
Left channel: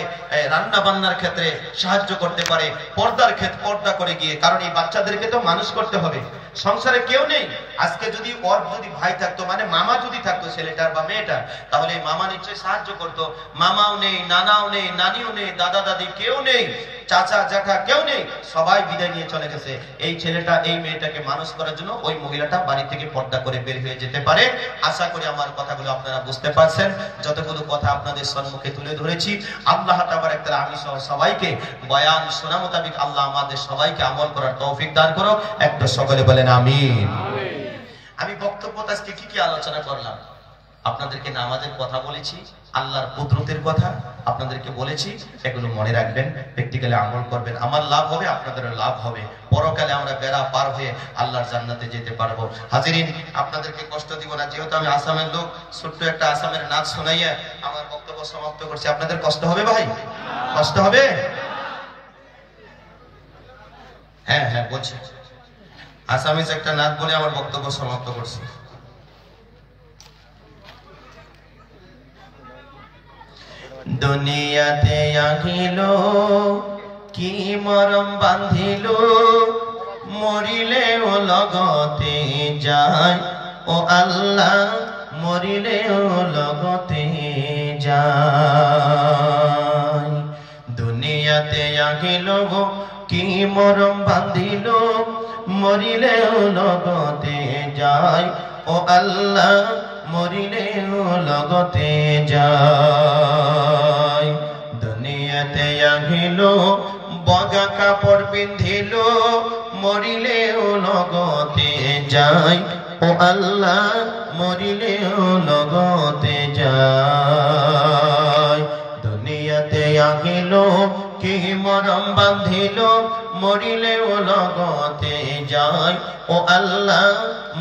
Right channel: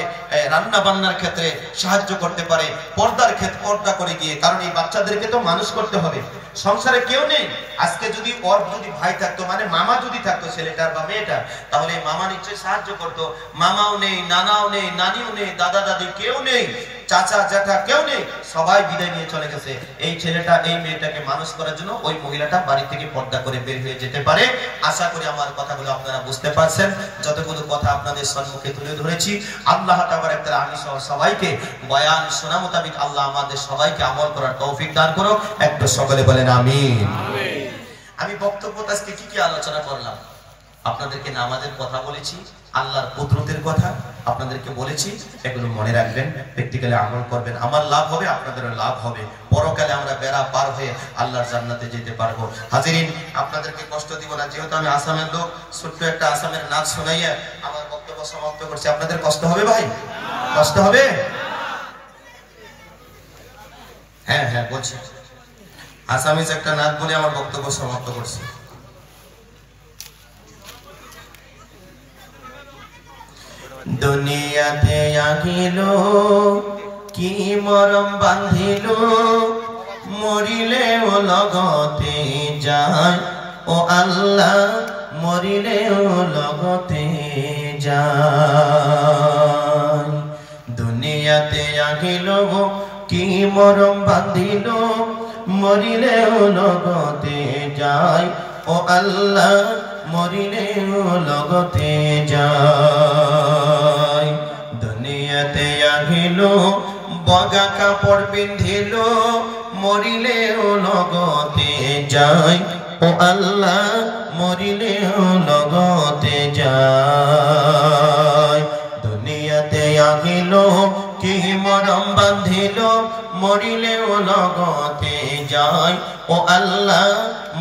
রান্না বান্নার ক্ষেত্রে সাহায্য করতে পারে, পর্দার ক্ষেত্রে পর্দা করে গিয়ে। কারণ এই বাচ্চাদেরকে তো মানুষ করতে হবে, সংসারে কেউ নেই। আজকে যদি ওর যদি ভাই থাকতো, মানে মামা যদি থাকতো ছেলেটার বা মেয়েটার, তাহলে এই মামা নিশ্চয়ই সাহায্য করতো। মামাও নেই, নানাও নেই, নানিও নেই, দাদা দাদি কেউ নেই, চাচা জ্যাঠা কেউ নেই, সবাই বিদায় নিয়ে চলে গেছে। এই ছেলেটা, এই মেয়েটাকে মানুষ করার জন্য ওই মহিলাটা বাড়ি থেকে পর্দা করে বের হয়ে যেতে পারে। আশা করি আমার কথাগুলো আপনারা বুঝতে পারছেন। যতগুলো কথা আপনাদের সম্মুখে তুলে ধরেছি, আল্লাহ তাবারক তাআলা আমি সবাইকে বয়ান শোনা মোতাবেক আল্লাহ আমাদের সবাইকে আমল করার তৌফিক দান করুক। একটু সকলে বলেন আমিন। আমি বক্তব্য আজকে কি আলোচনা করলাম? আপনাদেরকে নামাজের কথা বলেছি, আল্লাহর কুদরতের কথা আপনাদেরকে বলেছি, এগুলো মনে রাখবেন, প্র্যাকটিক্যালি আমল করবেন, আমার লাভ হবে, আপনাদেরও লাভ হবে, পরকালে আমরা বেড়া পার হয়ে আল্লাহর জান্নাতে যেতে পারবো। হাজিরিন, আপনাদেরকে কষ্ট দিব না, যেহেতু আমি আসামের লোক, ছোট্ট একটা আসামের নাচ শোনাইয়া আমার বক্তব্য সমাপ্ত করছি। আপনাদের কষ্ট হবে ভাই? কষ্ট হবে? হ্যাঁ হ্যাঁ বলছি, আসামিজ একটা নাচ বলে আমার বক্তব্য সমাপ্ত করছি। দুনিয়াতে আহিল কি মরম বাঁধিল, মরিলে ও লগতে যায়, ও আল্লাহ মরিলে ও লগতে যায়। দুনিয়াতে আহিল কি মরম বাঁধিল, মরিলে ও লগতে যায়, ও আল্লাহ মরিলে ও লগতে যায়। দুনিয়াতে আহিল বগা কাপড় পিন্ধিল, মরিলে ও লগতে যায়, ও আল্লাহ মরিলে ও লগতে যায়। দুনিয়াতে আহিল কি মরম বাঁধিল, মরিলে ও লগতে যায়, ও আল্লাহ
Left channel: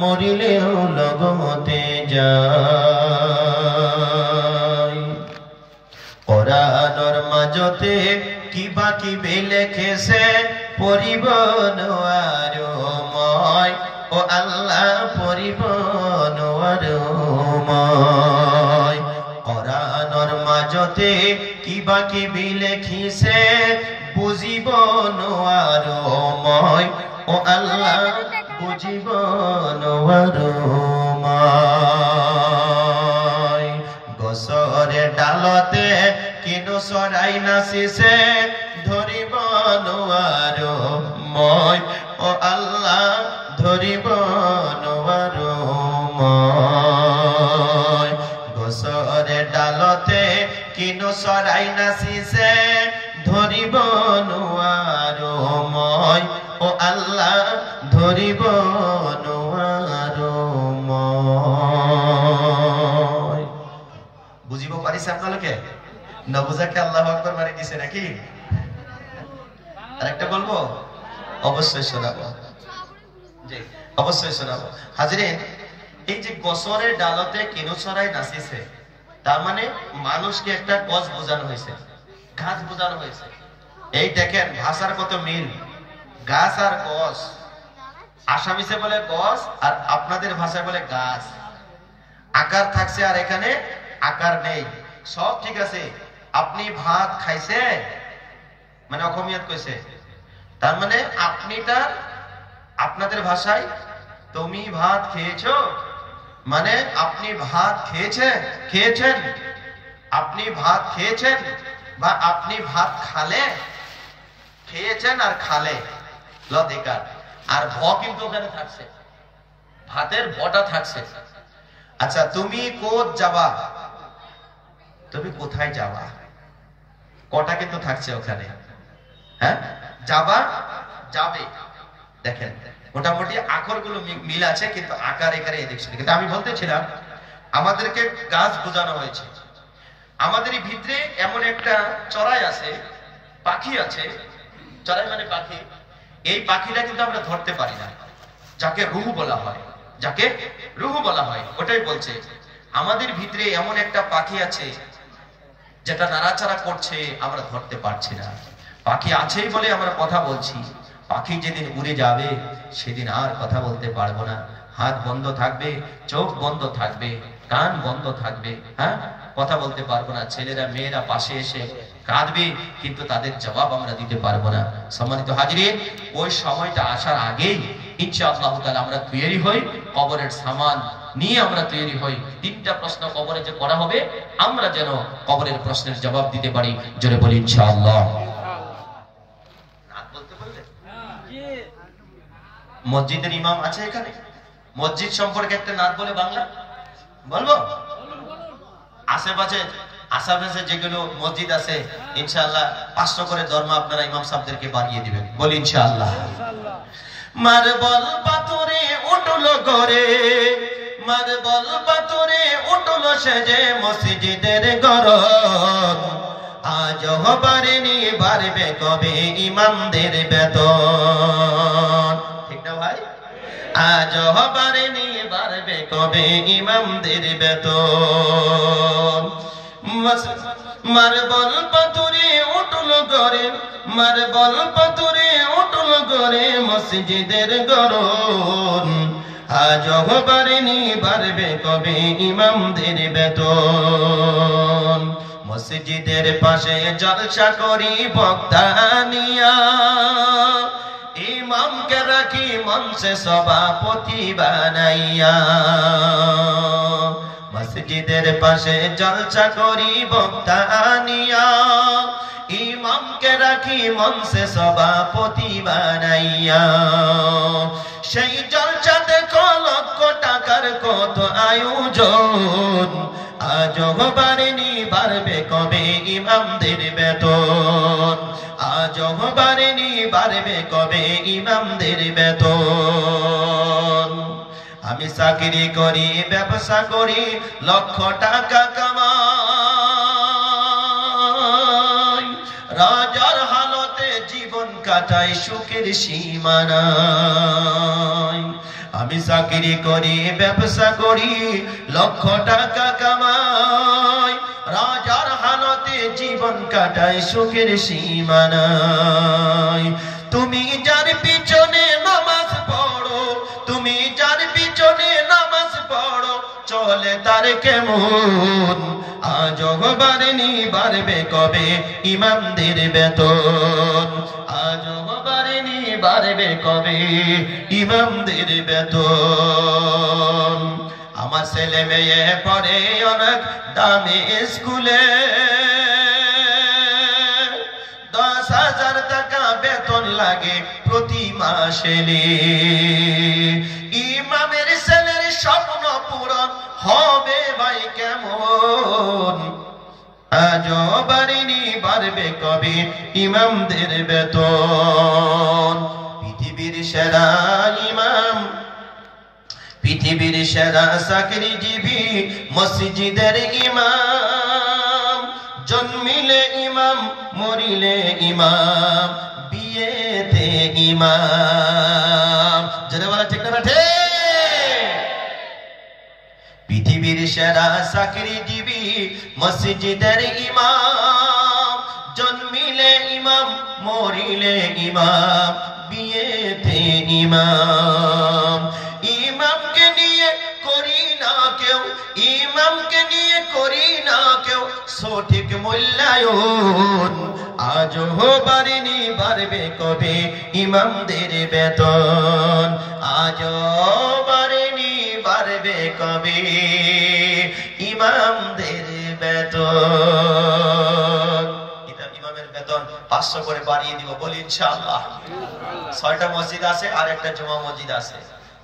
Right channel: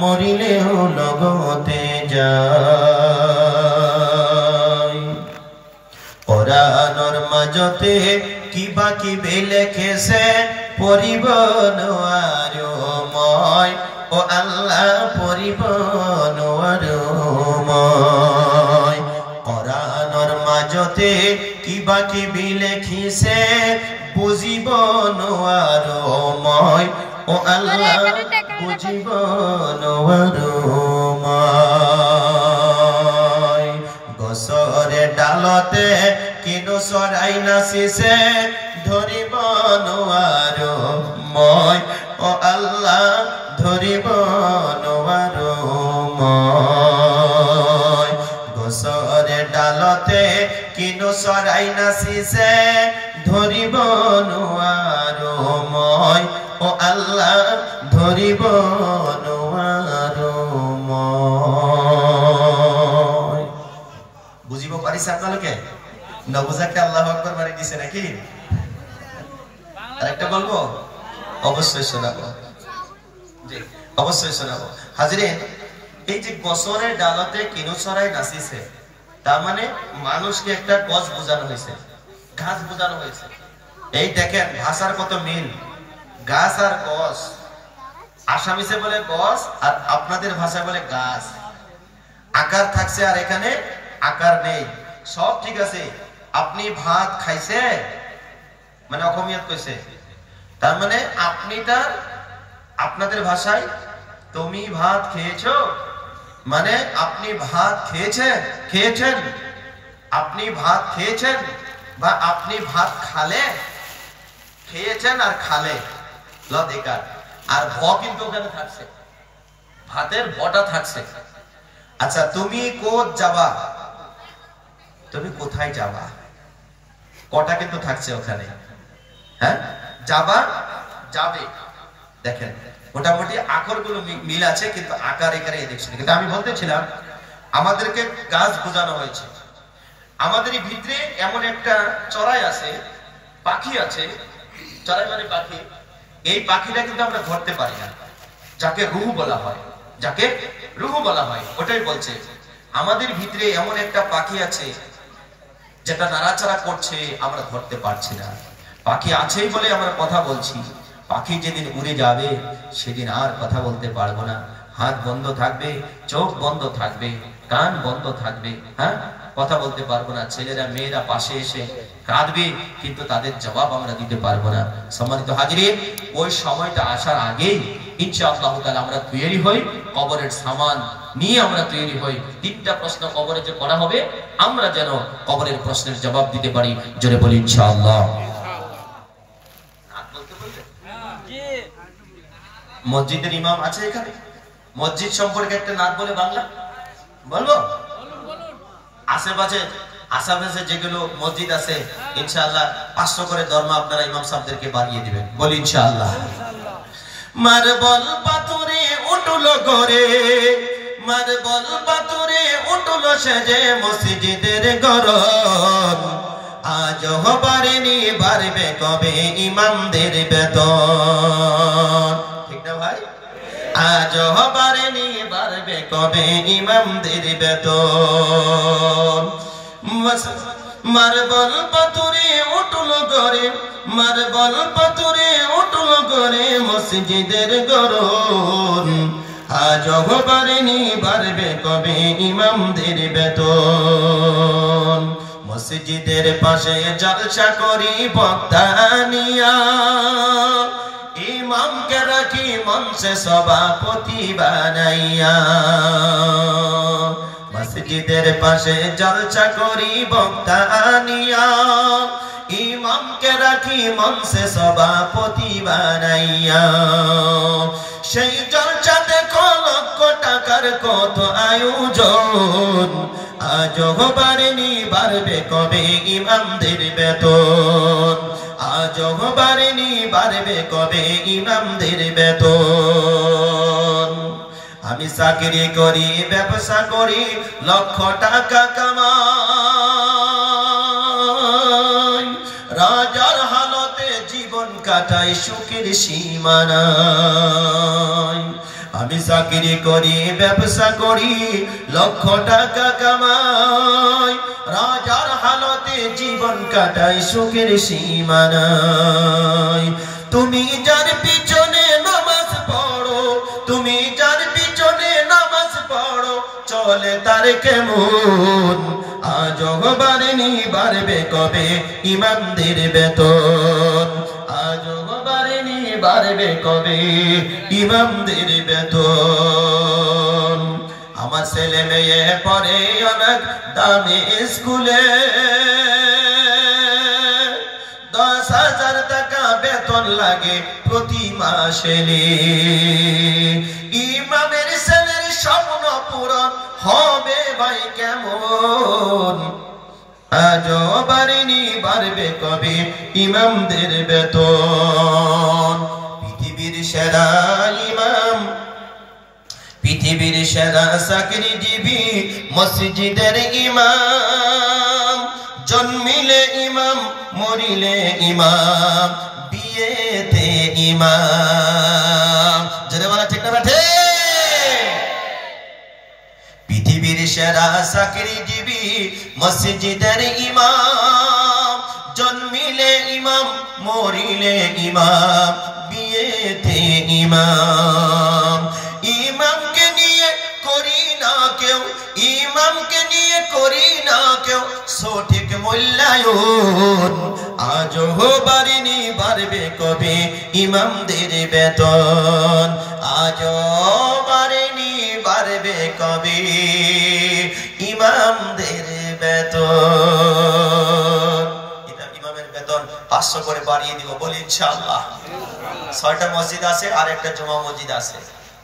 মরিলে ও লগতে যায়। কোরআনের মাঝতে কিবা কিবি লেখেছে পড়িব নোয়ারময়, ও আল্লাহ পড়িব নোয়ারময়। কোরআনের মাঝতে কিবা কিবি লেখিছে বুঝিব নোয়ারময়, ও আল্লাহ বুঝিব নোয়ারময়। গছরে ডালতে কিনো চৰাই নাচিছে ধরিব নোয়ারময়, ও আল্লাহ ধরিব নোয়ারময়। গছরে ডালতে কিনো চৰাই নাচিছে ধরিব নোয়ারময়, ও আল্লাহ ধরিব নোয়ারময়। বুঝিব পারিছে আপনাদেরকে? নবুজাকে আল্লাহু আকবার মারি দিছে নাকি? আরেকটা বলবো? অবশ্যই শোনাবো, জি অবশ্যই শোনাবো। হাজিরিন, এই যে গছরের ডালতে কিনো চৰাই নাচিছে, তার মানে মানুষকে একটা গছ বোঝানো হয়েছে, গাছ বোঝানো হয়েছে। এই দেখেন ভাষার কত মিল, গাছ আর গছ। আসামিসে বলে গছ আর আপনাদের ভাষায় বলে গাছ। আকার থাকছে আর এখানে আকার নেই, সব ঠিক আছে। আপনি ভাত খাইছে মানে অসমীয়াত কইছে, তার মানে আপনিটা আপনাদের ভাষায় তুমি ভাত খেয়েছো মানে আপনি ভাত খেয়েছেন, আপনি ভাত খেয়েছেন বা আপনি ভাত খালে, খেয়েছেন আর খালে লদেকার, আর ভ কিন্তু ওখানে থাকছে, ভাতের ভটা থাকছে। আচ্ছা, তুমি কোথ যাবা, তুমি কোথায় যাবা, কটা কিন্তু থাকছে ওখানে। হ্যাঁ, যাবা যাবে, দেখেন মোটামুটি আকরগুলো মিল আছে, কিন্তু আকার এখানে দেখছেন। কিন্তু আমি বলতেছিলাম আমাদেরকে গাছ বোঝানো হয়েছে। আমাদের ভিতরে এমন একটা চড়াই আছে, পাখি আছে, চড়াই মানে পাখি। এই পাখিটা কিন্তু আমরা ধরতে পারি না, যাকে রুহ বলা হয়, যাকে রুহ বলা হয়। ওটাই বলছে আমাদের ভিতরে এমন একটা পাখি আছে যেটা নাড়াচাড়া করছে, আমরা ধরতে পারছি না। পাখি আছেই বলে আমরা কথা বলছি, পাখি যেদিন উড়ে যাবে সেদিন আর কথা বলতে পারবো না। হাত বন্ধ থাকবে, চোখ বন্ধ থাকবে, কান বন্ধ থাকবে, হ্যাঁ কথা বলতে পারবো না। ছেলেরা মেয়েরা পাশে এসে কাঁদবে, কিন্তু তাদের জবাব আমরা দিতে পারবো না। সম্মানিত হাজিরিন, ওই সময়টা আসার আগেই ইনশাআল্লাহ তাআলা আমরা তৈরি হই, কবরের সামান নিয়ে আমরা তৈরি হই। তিনটা প্রশ্ন কবরে যে করা হবে, আমরা যেন কবরের প্রশ্নের জবাব দিতে পারি। জোরে বলি ইনশাআল্লাহ। মসজিদের ইমাম আছে এখানে? মসজিদ সম্পর্কে একটা নাত বলে বাংলা বলবো? আশেপাশে যেগুলো মসজিদ আছে ইনশাআল্লাহ 500 করে ধর্ম আপনারা ইমাম সাহেবদেরকে বাড়িয়ে দিবেন। বলি ইনশাআল্লাহ। মার্বল পাথরে উঠল করে, মার্বল পাথরে উঠল সেজে মসজিদের গড়ন আজ হবারেনি বাড়বে কবে ইমামদের বেতন ঠিক না ভাই আজ হবারেনি বাড়বে কবে ইমামদের বেতন মার্বল পাথরে উঠল গড়ে মার্বল পাথরে উঠল গড়ে মসজিদের গড়ন আজ হবারেনি বাড়বে কবে ইমামদের বেতন মসজিদের পাশে জলসা করি বক্তা নিয়া ইমামকে রাখি মঞ্চে সভাপতি বানাইয়া মসজিদের পাশে জলসা করি বক্তা নিয়া ইমামকে রাখি মঞ্চে সভাপতি বানাইয়া সেই জলসাতে লক্ষ টাকার কত আয়োজন আজ হবারেনি বাড়বে কবে ইমামদের বেতন আজ হবারেনি বাড়বে কবে ইমামদের বেতন আমি চাকরি করি ব্যবসা করি লক্ষ টাকা কামাই রাজার হালতে জীবন কাটাই সুখের সীমানায় আমি চাকরি করি ব্যবসা করি লক্ষ টাকা কামাই রাজার হালতে জীবন কাটাই সুখের সীমানায় তুমি যার পিছনে নামাজ পড়ো তুমি যার পিছনে নামাজ পড়ো চলে তার কেমন আজ হবারেনি বাড়বে কবে ইমামদের বেতন আজ হবারেনি বাড়বে কবে ইমামদের বেতন আমার ছেলে মেয়ে পড়ে অনেক দামি স্কুলে 10,000 টাকা বেতন লাগে প্রতি মাসে ইমামের ছেলের স্বপ্ন পূরণ হবে ভাই কেমন আজ বাড়েনি বাড়বে কবে ইমামদের বেতন পৃথিবীর সেরা ইমাম পৃথিবীর সেরা চাকরিজীবী মসজিদের ইমাম জন্মিলে ইমাম মরিলে ইমাম বিয়েতে ইমাম যারা বলা ঠিক না ঠিক পৃথিবীর সেরা চাকরিজীবী মসজিদের ইমাম জন্মিলে ইমাম মরিলে ইমাম বিয়েতে ইমাম ইমামকে নিয়ে করি না কেউ ইমামকে নিয়ে করি না কেউ সঠিক মূল্যায়ন আজ বাড়েনি বাড়বে কবে ইমামদের বেতন আজ বাড়েনি বাড়বে কবে ইমামদের বেতন এটা ইমামের বেতন 500 করে বাড়িয়ে দিব বলি ইনশাআল্লাহ 6টা মসজিদ আছে আর একটা জুমা মসজিদ আছে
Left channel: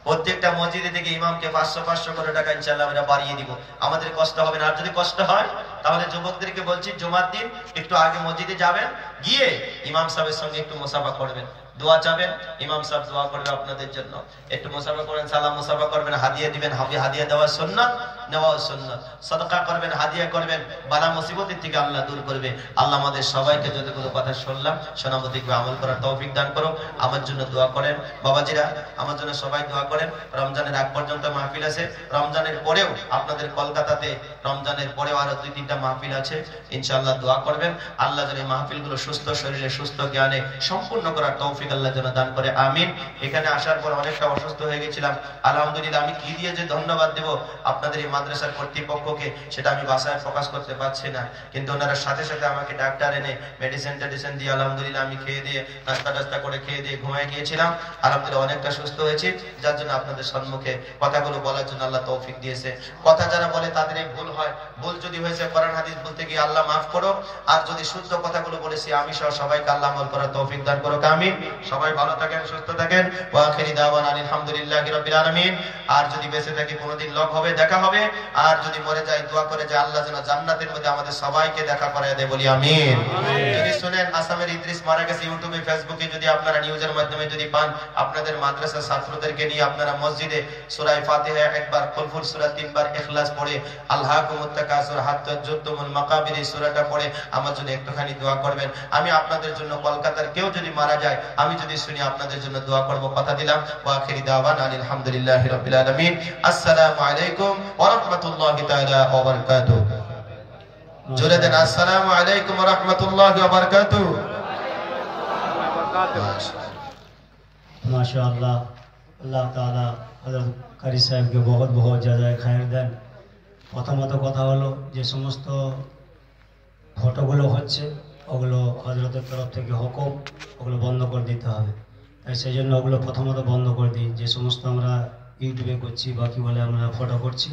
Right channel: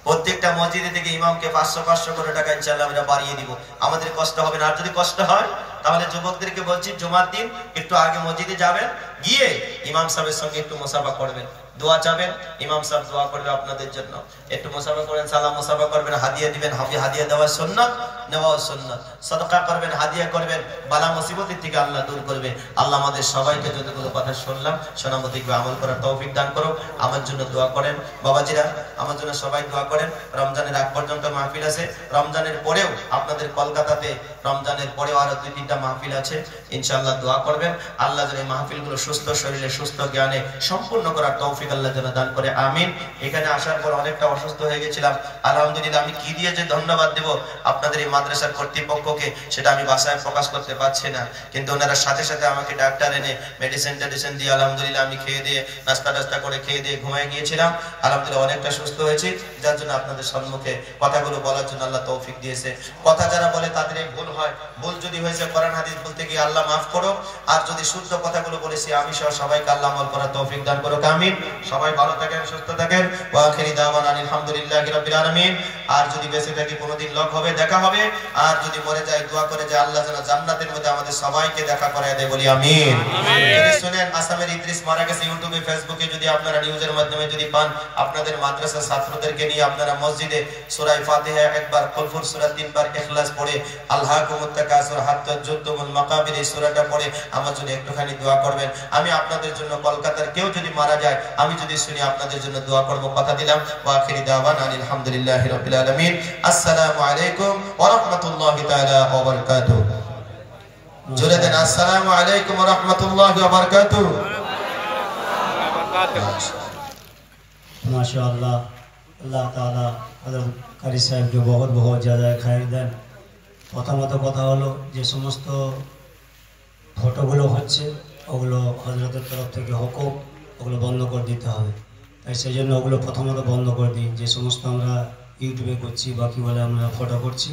প্রত্যেকটা মসজিদে থেকে ইমামকে 500 করে টাকা ইনশাআল্লাহ আমরা বাড়িয়ে দিব আমাদের কষ্ট হবে না আর যদি কষ্ট হয় তাহলে যুবকদেরকে বলছি জুমার দিন একটু আগে মসজিদে যাবেন গিয়ে ইমাম সাহেবের সঙ্গে একটু মুসাফা করবেন দোয়া চাবেন ইমাম সাহেব দোয়া করবে আপনাদের জন্য একটু মুসাফা করেন সালাম মুসাফা করবেন হাদিয়া দিবেন হাদিয়া দেওয়া সুন্নাত নেওয়া সুন্নাত সাদকা করবেন হাদিয়া করবেন বালা মুসিবতের থেকে আল্লাহ দূর করবে আল্লাহ আমাদের সবাইকে যতগুলো কথা শুনলাম শোনা মতো আমল করার তৌফিক দান করো আমার জন্য দোয়া করেন বাবাজিরা আমার জন্য সবাই দোয়া করেন রমজানের আগ পর্যন্ত মাহফিল আছে রমজানের পরেও আপনাদের কলকাতাতে রমজানের পরেও আরো 2-3টা মাহফিল আছে ইনশাআল্লাহ দোয়া করবেন আল্লাহ যেন এই মাহফিলগুলো সুস্থ শরীরে সুস্থ জ্ঞানে সম্পূর্ণ করার তৌফিক আল্লাহ যেন দান করে আমিন এখানে আসার পর অনেকটা অসুস্থ হয়ে গেছিলাম আলহামদুলিল্লাহ আমি কি দিয়ে যে ধন্যবাদ দেব আপনাদের এই মাদ্রাসার কর্তৃপক্ষকে সেটা আমি ভাষায় প্রকাশ করতে পারছি না কিন্তু ওনারা সাথে সাথে আমাকে ডাক্তার এনে মেডিসিন দিয়ে আলহামদুলিল্লাহ আমি খেয়ে দিয়ে নাস্তা করে খেয়ে দিয়ে ঘুমিয়ে গিয়েছিলাম আলহামদুলিল্লাহ অনেকটা সুস্থ হয়েছি যার জন্য আপনাদের সম্মুখে কথাগুলো বলার জন্য আল্লাহ তৌফিক দিয়েছে কথা যারা বলে তাদের ভুল হয় ভুল যদি হয়েছে কোরআন হাদিস বলতে গিয়ে আল্লাহ মাফ করো আর যদি শুদ্ধ কথাগুলো বলেছি আমি সহ সবাইকে আল্লাহ আমল করার তৌফিক দান করো আমিন সবাই ভালো থাকেন সুস্থ থাকেন ওয়া আখিরি দাওয়ানা আলহামদুলিল্লাহি রাব্বিল আলামিন আর যদি বেঁচে থাকি কোনোদিন লক হবে দেখা হবে আর যদি মরে যায় দোয়া করে যে আল্লাহ যেন জান্নাতের মধ্যে আমাদের সবাইকে দেখা করায় দেয়, বলি আমিন। যদি শুনেন আসামের ইদ্রিস মারা গেছে, ইউটিউবে ফেসবুকে যদি আপনারা নিউজের মাধ্যমে যদি পান, আপনাদের মাদ্রাসার ছাত্রদেরকে নিয়ে আপনারা মসজিদে সূরা ফাতিহা একবার, কুলহুর সূরা 3 বার, ইখলাস পড়ে, আলহাকুমুত তাকাসুর হাত্তা যুরতুমুল মাকাবির এই সূরাটা পড়ে আমার জন্য একটুখানি দোয়া করবেন। আমি আপনাদের জন্য কলকাতার কেউ যদি মারা যায়, আমি যদি শুনি আপনাদের জন্য দোয়া করব, কথা দিলাম। ওয়া আখিরি দাওয়ানা আলহামদুলিল্লাহি রাব্বিল আলামিন। আসসালামু আলাইকুম ওয়া রাহমাতুল্লাহি তাআলা ওয়া বারাকাতুহু। জোরে দেন আসসালামু আলাইকুম ওয়া রাহমাতুল্লাহি ওয়া বারাকাতুহু। माशाअल्लाह, अल्लाह ताला हज़रत कारी साहब के बहुत बहुत ज़्यादा खैर दें। प्रथमत कथा हलो जे समस्त ফটোগুলো হচ্ছে ওগুলো হযরতের তরফ থেকে হুকুম, ওগুলো বন্ধ করে দিতে হবে। তাই সেজন্য ওগুলো প্রথমত বন্ধ করে দিই। যে সমস্ত আমরা ইউটিউবে করছি বা কি বলে আমরা ফটো করছি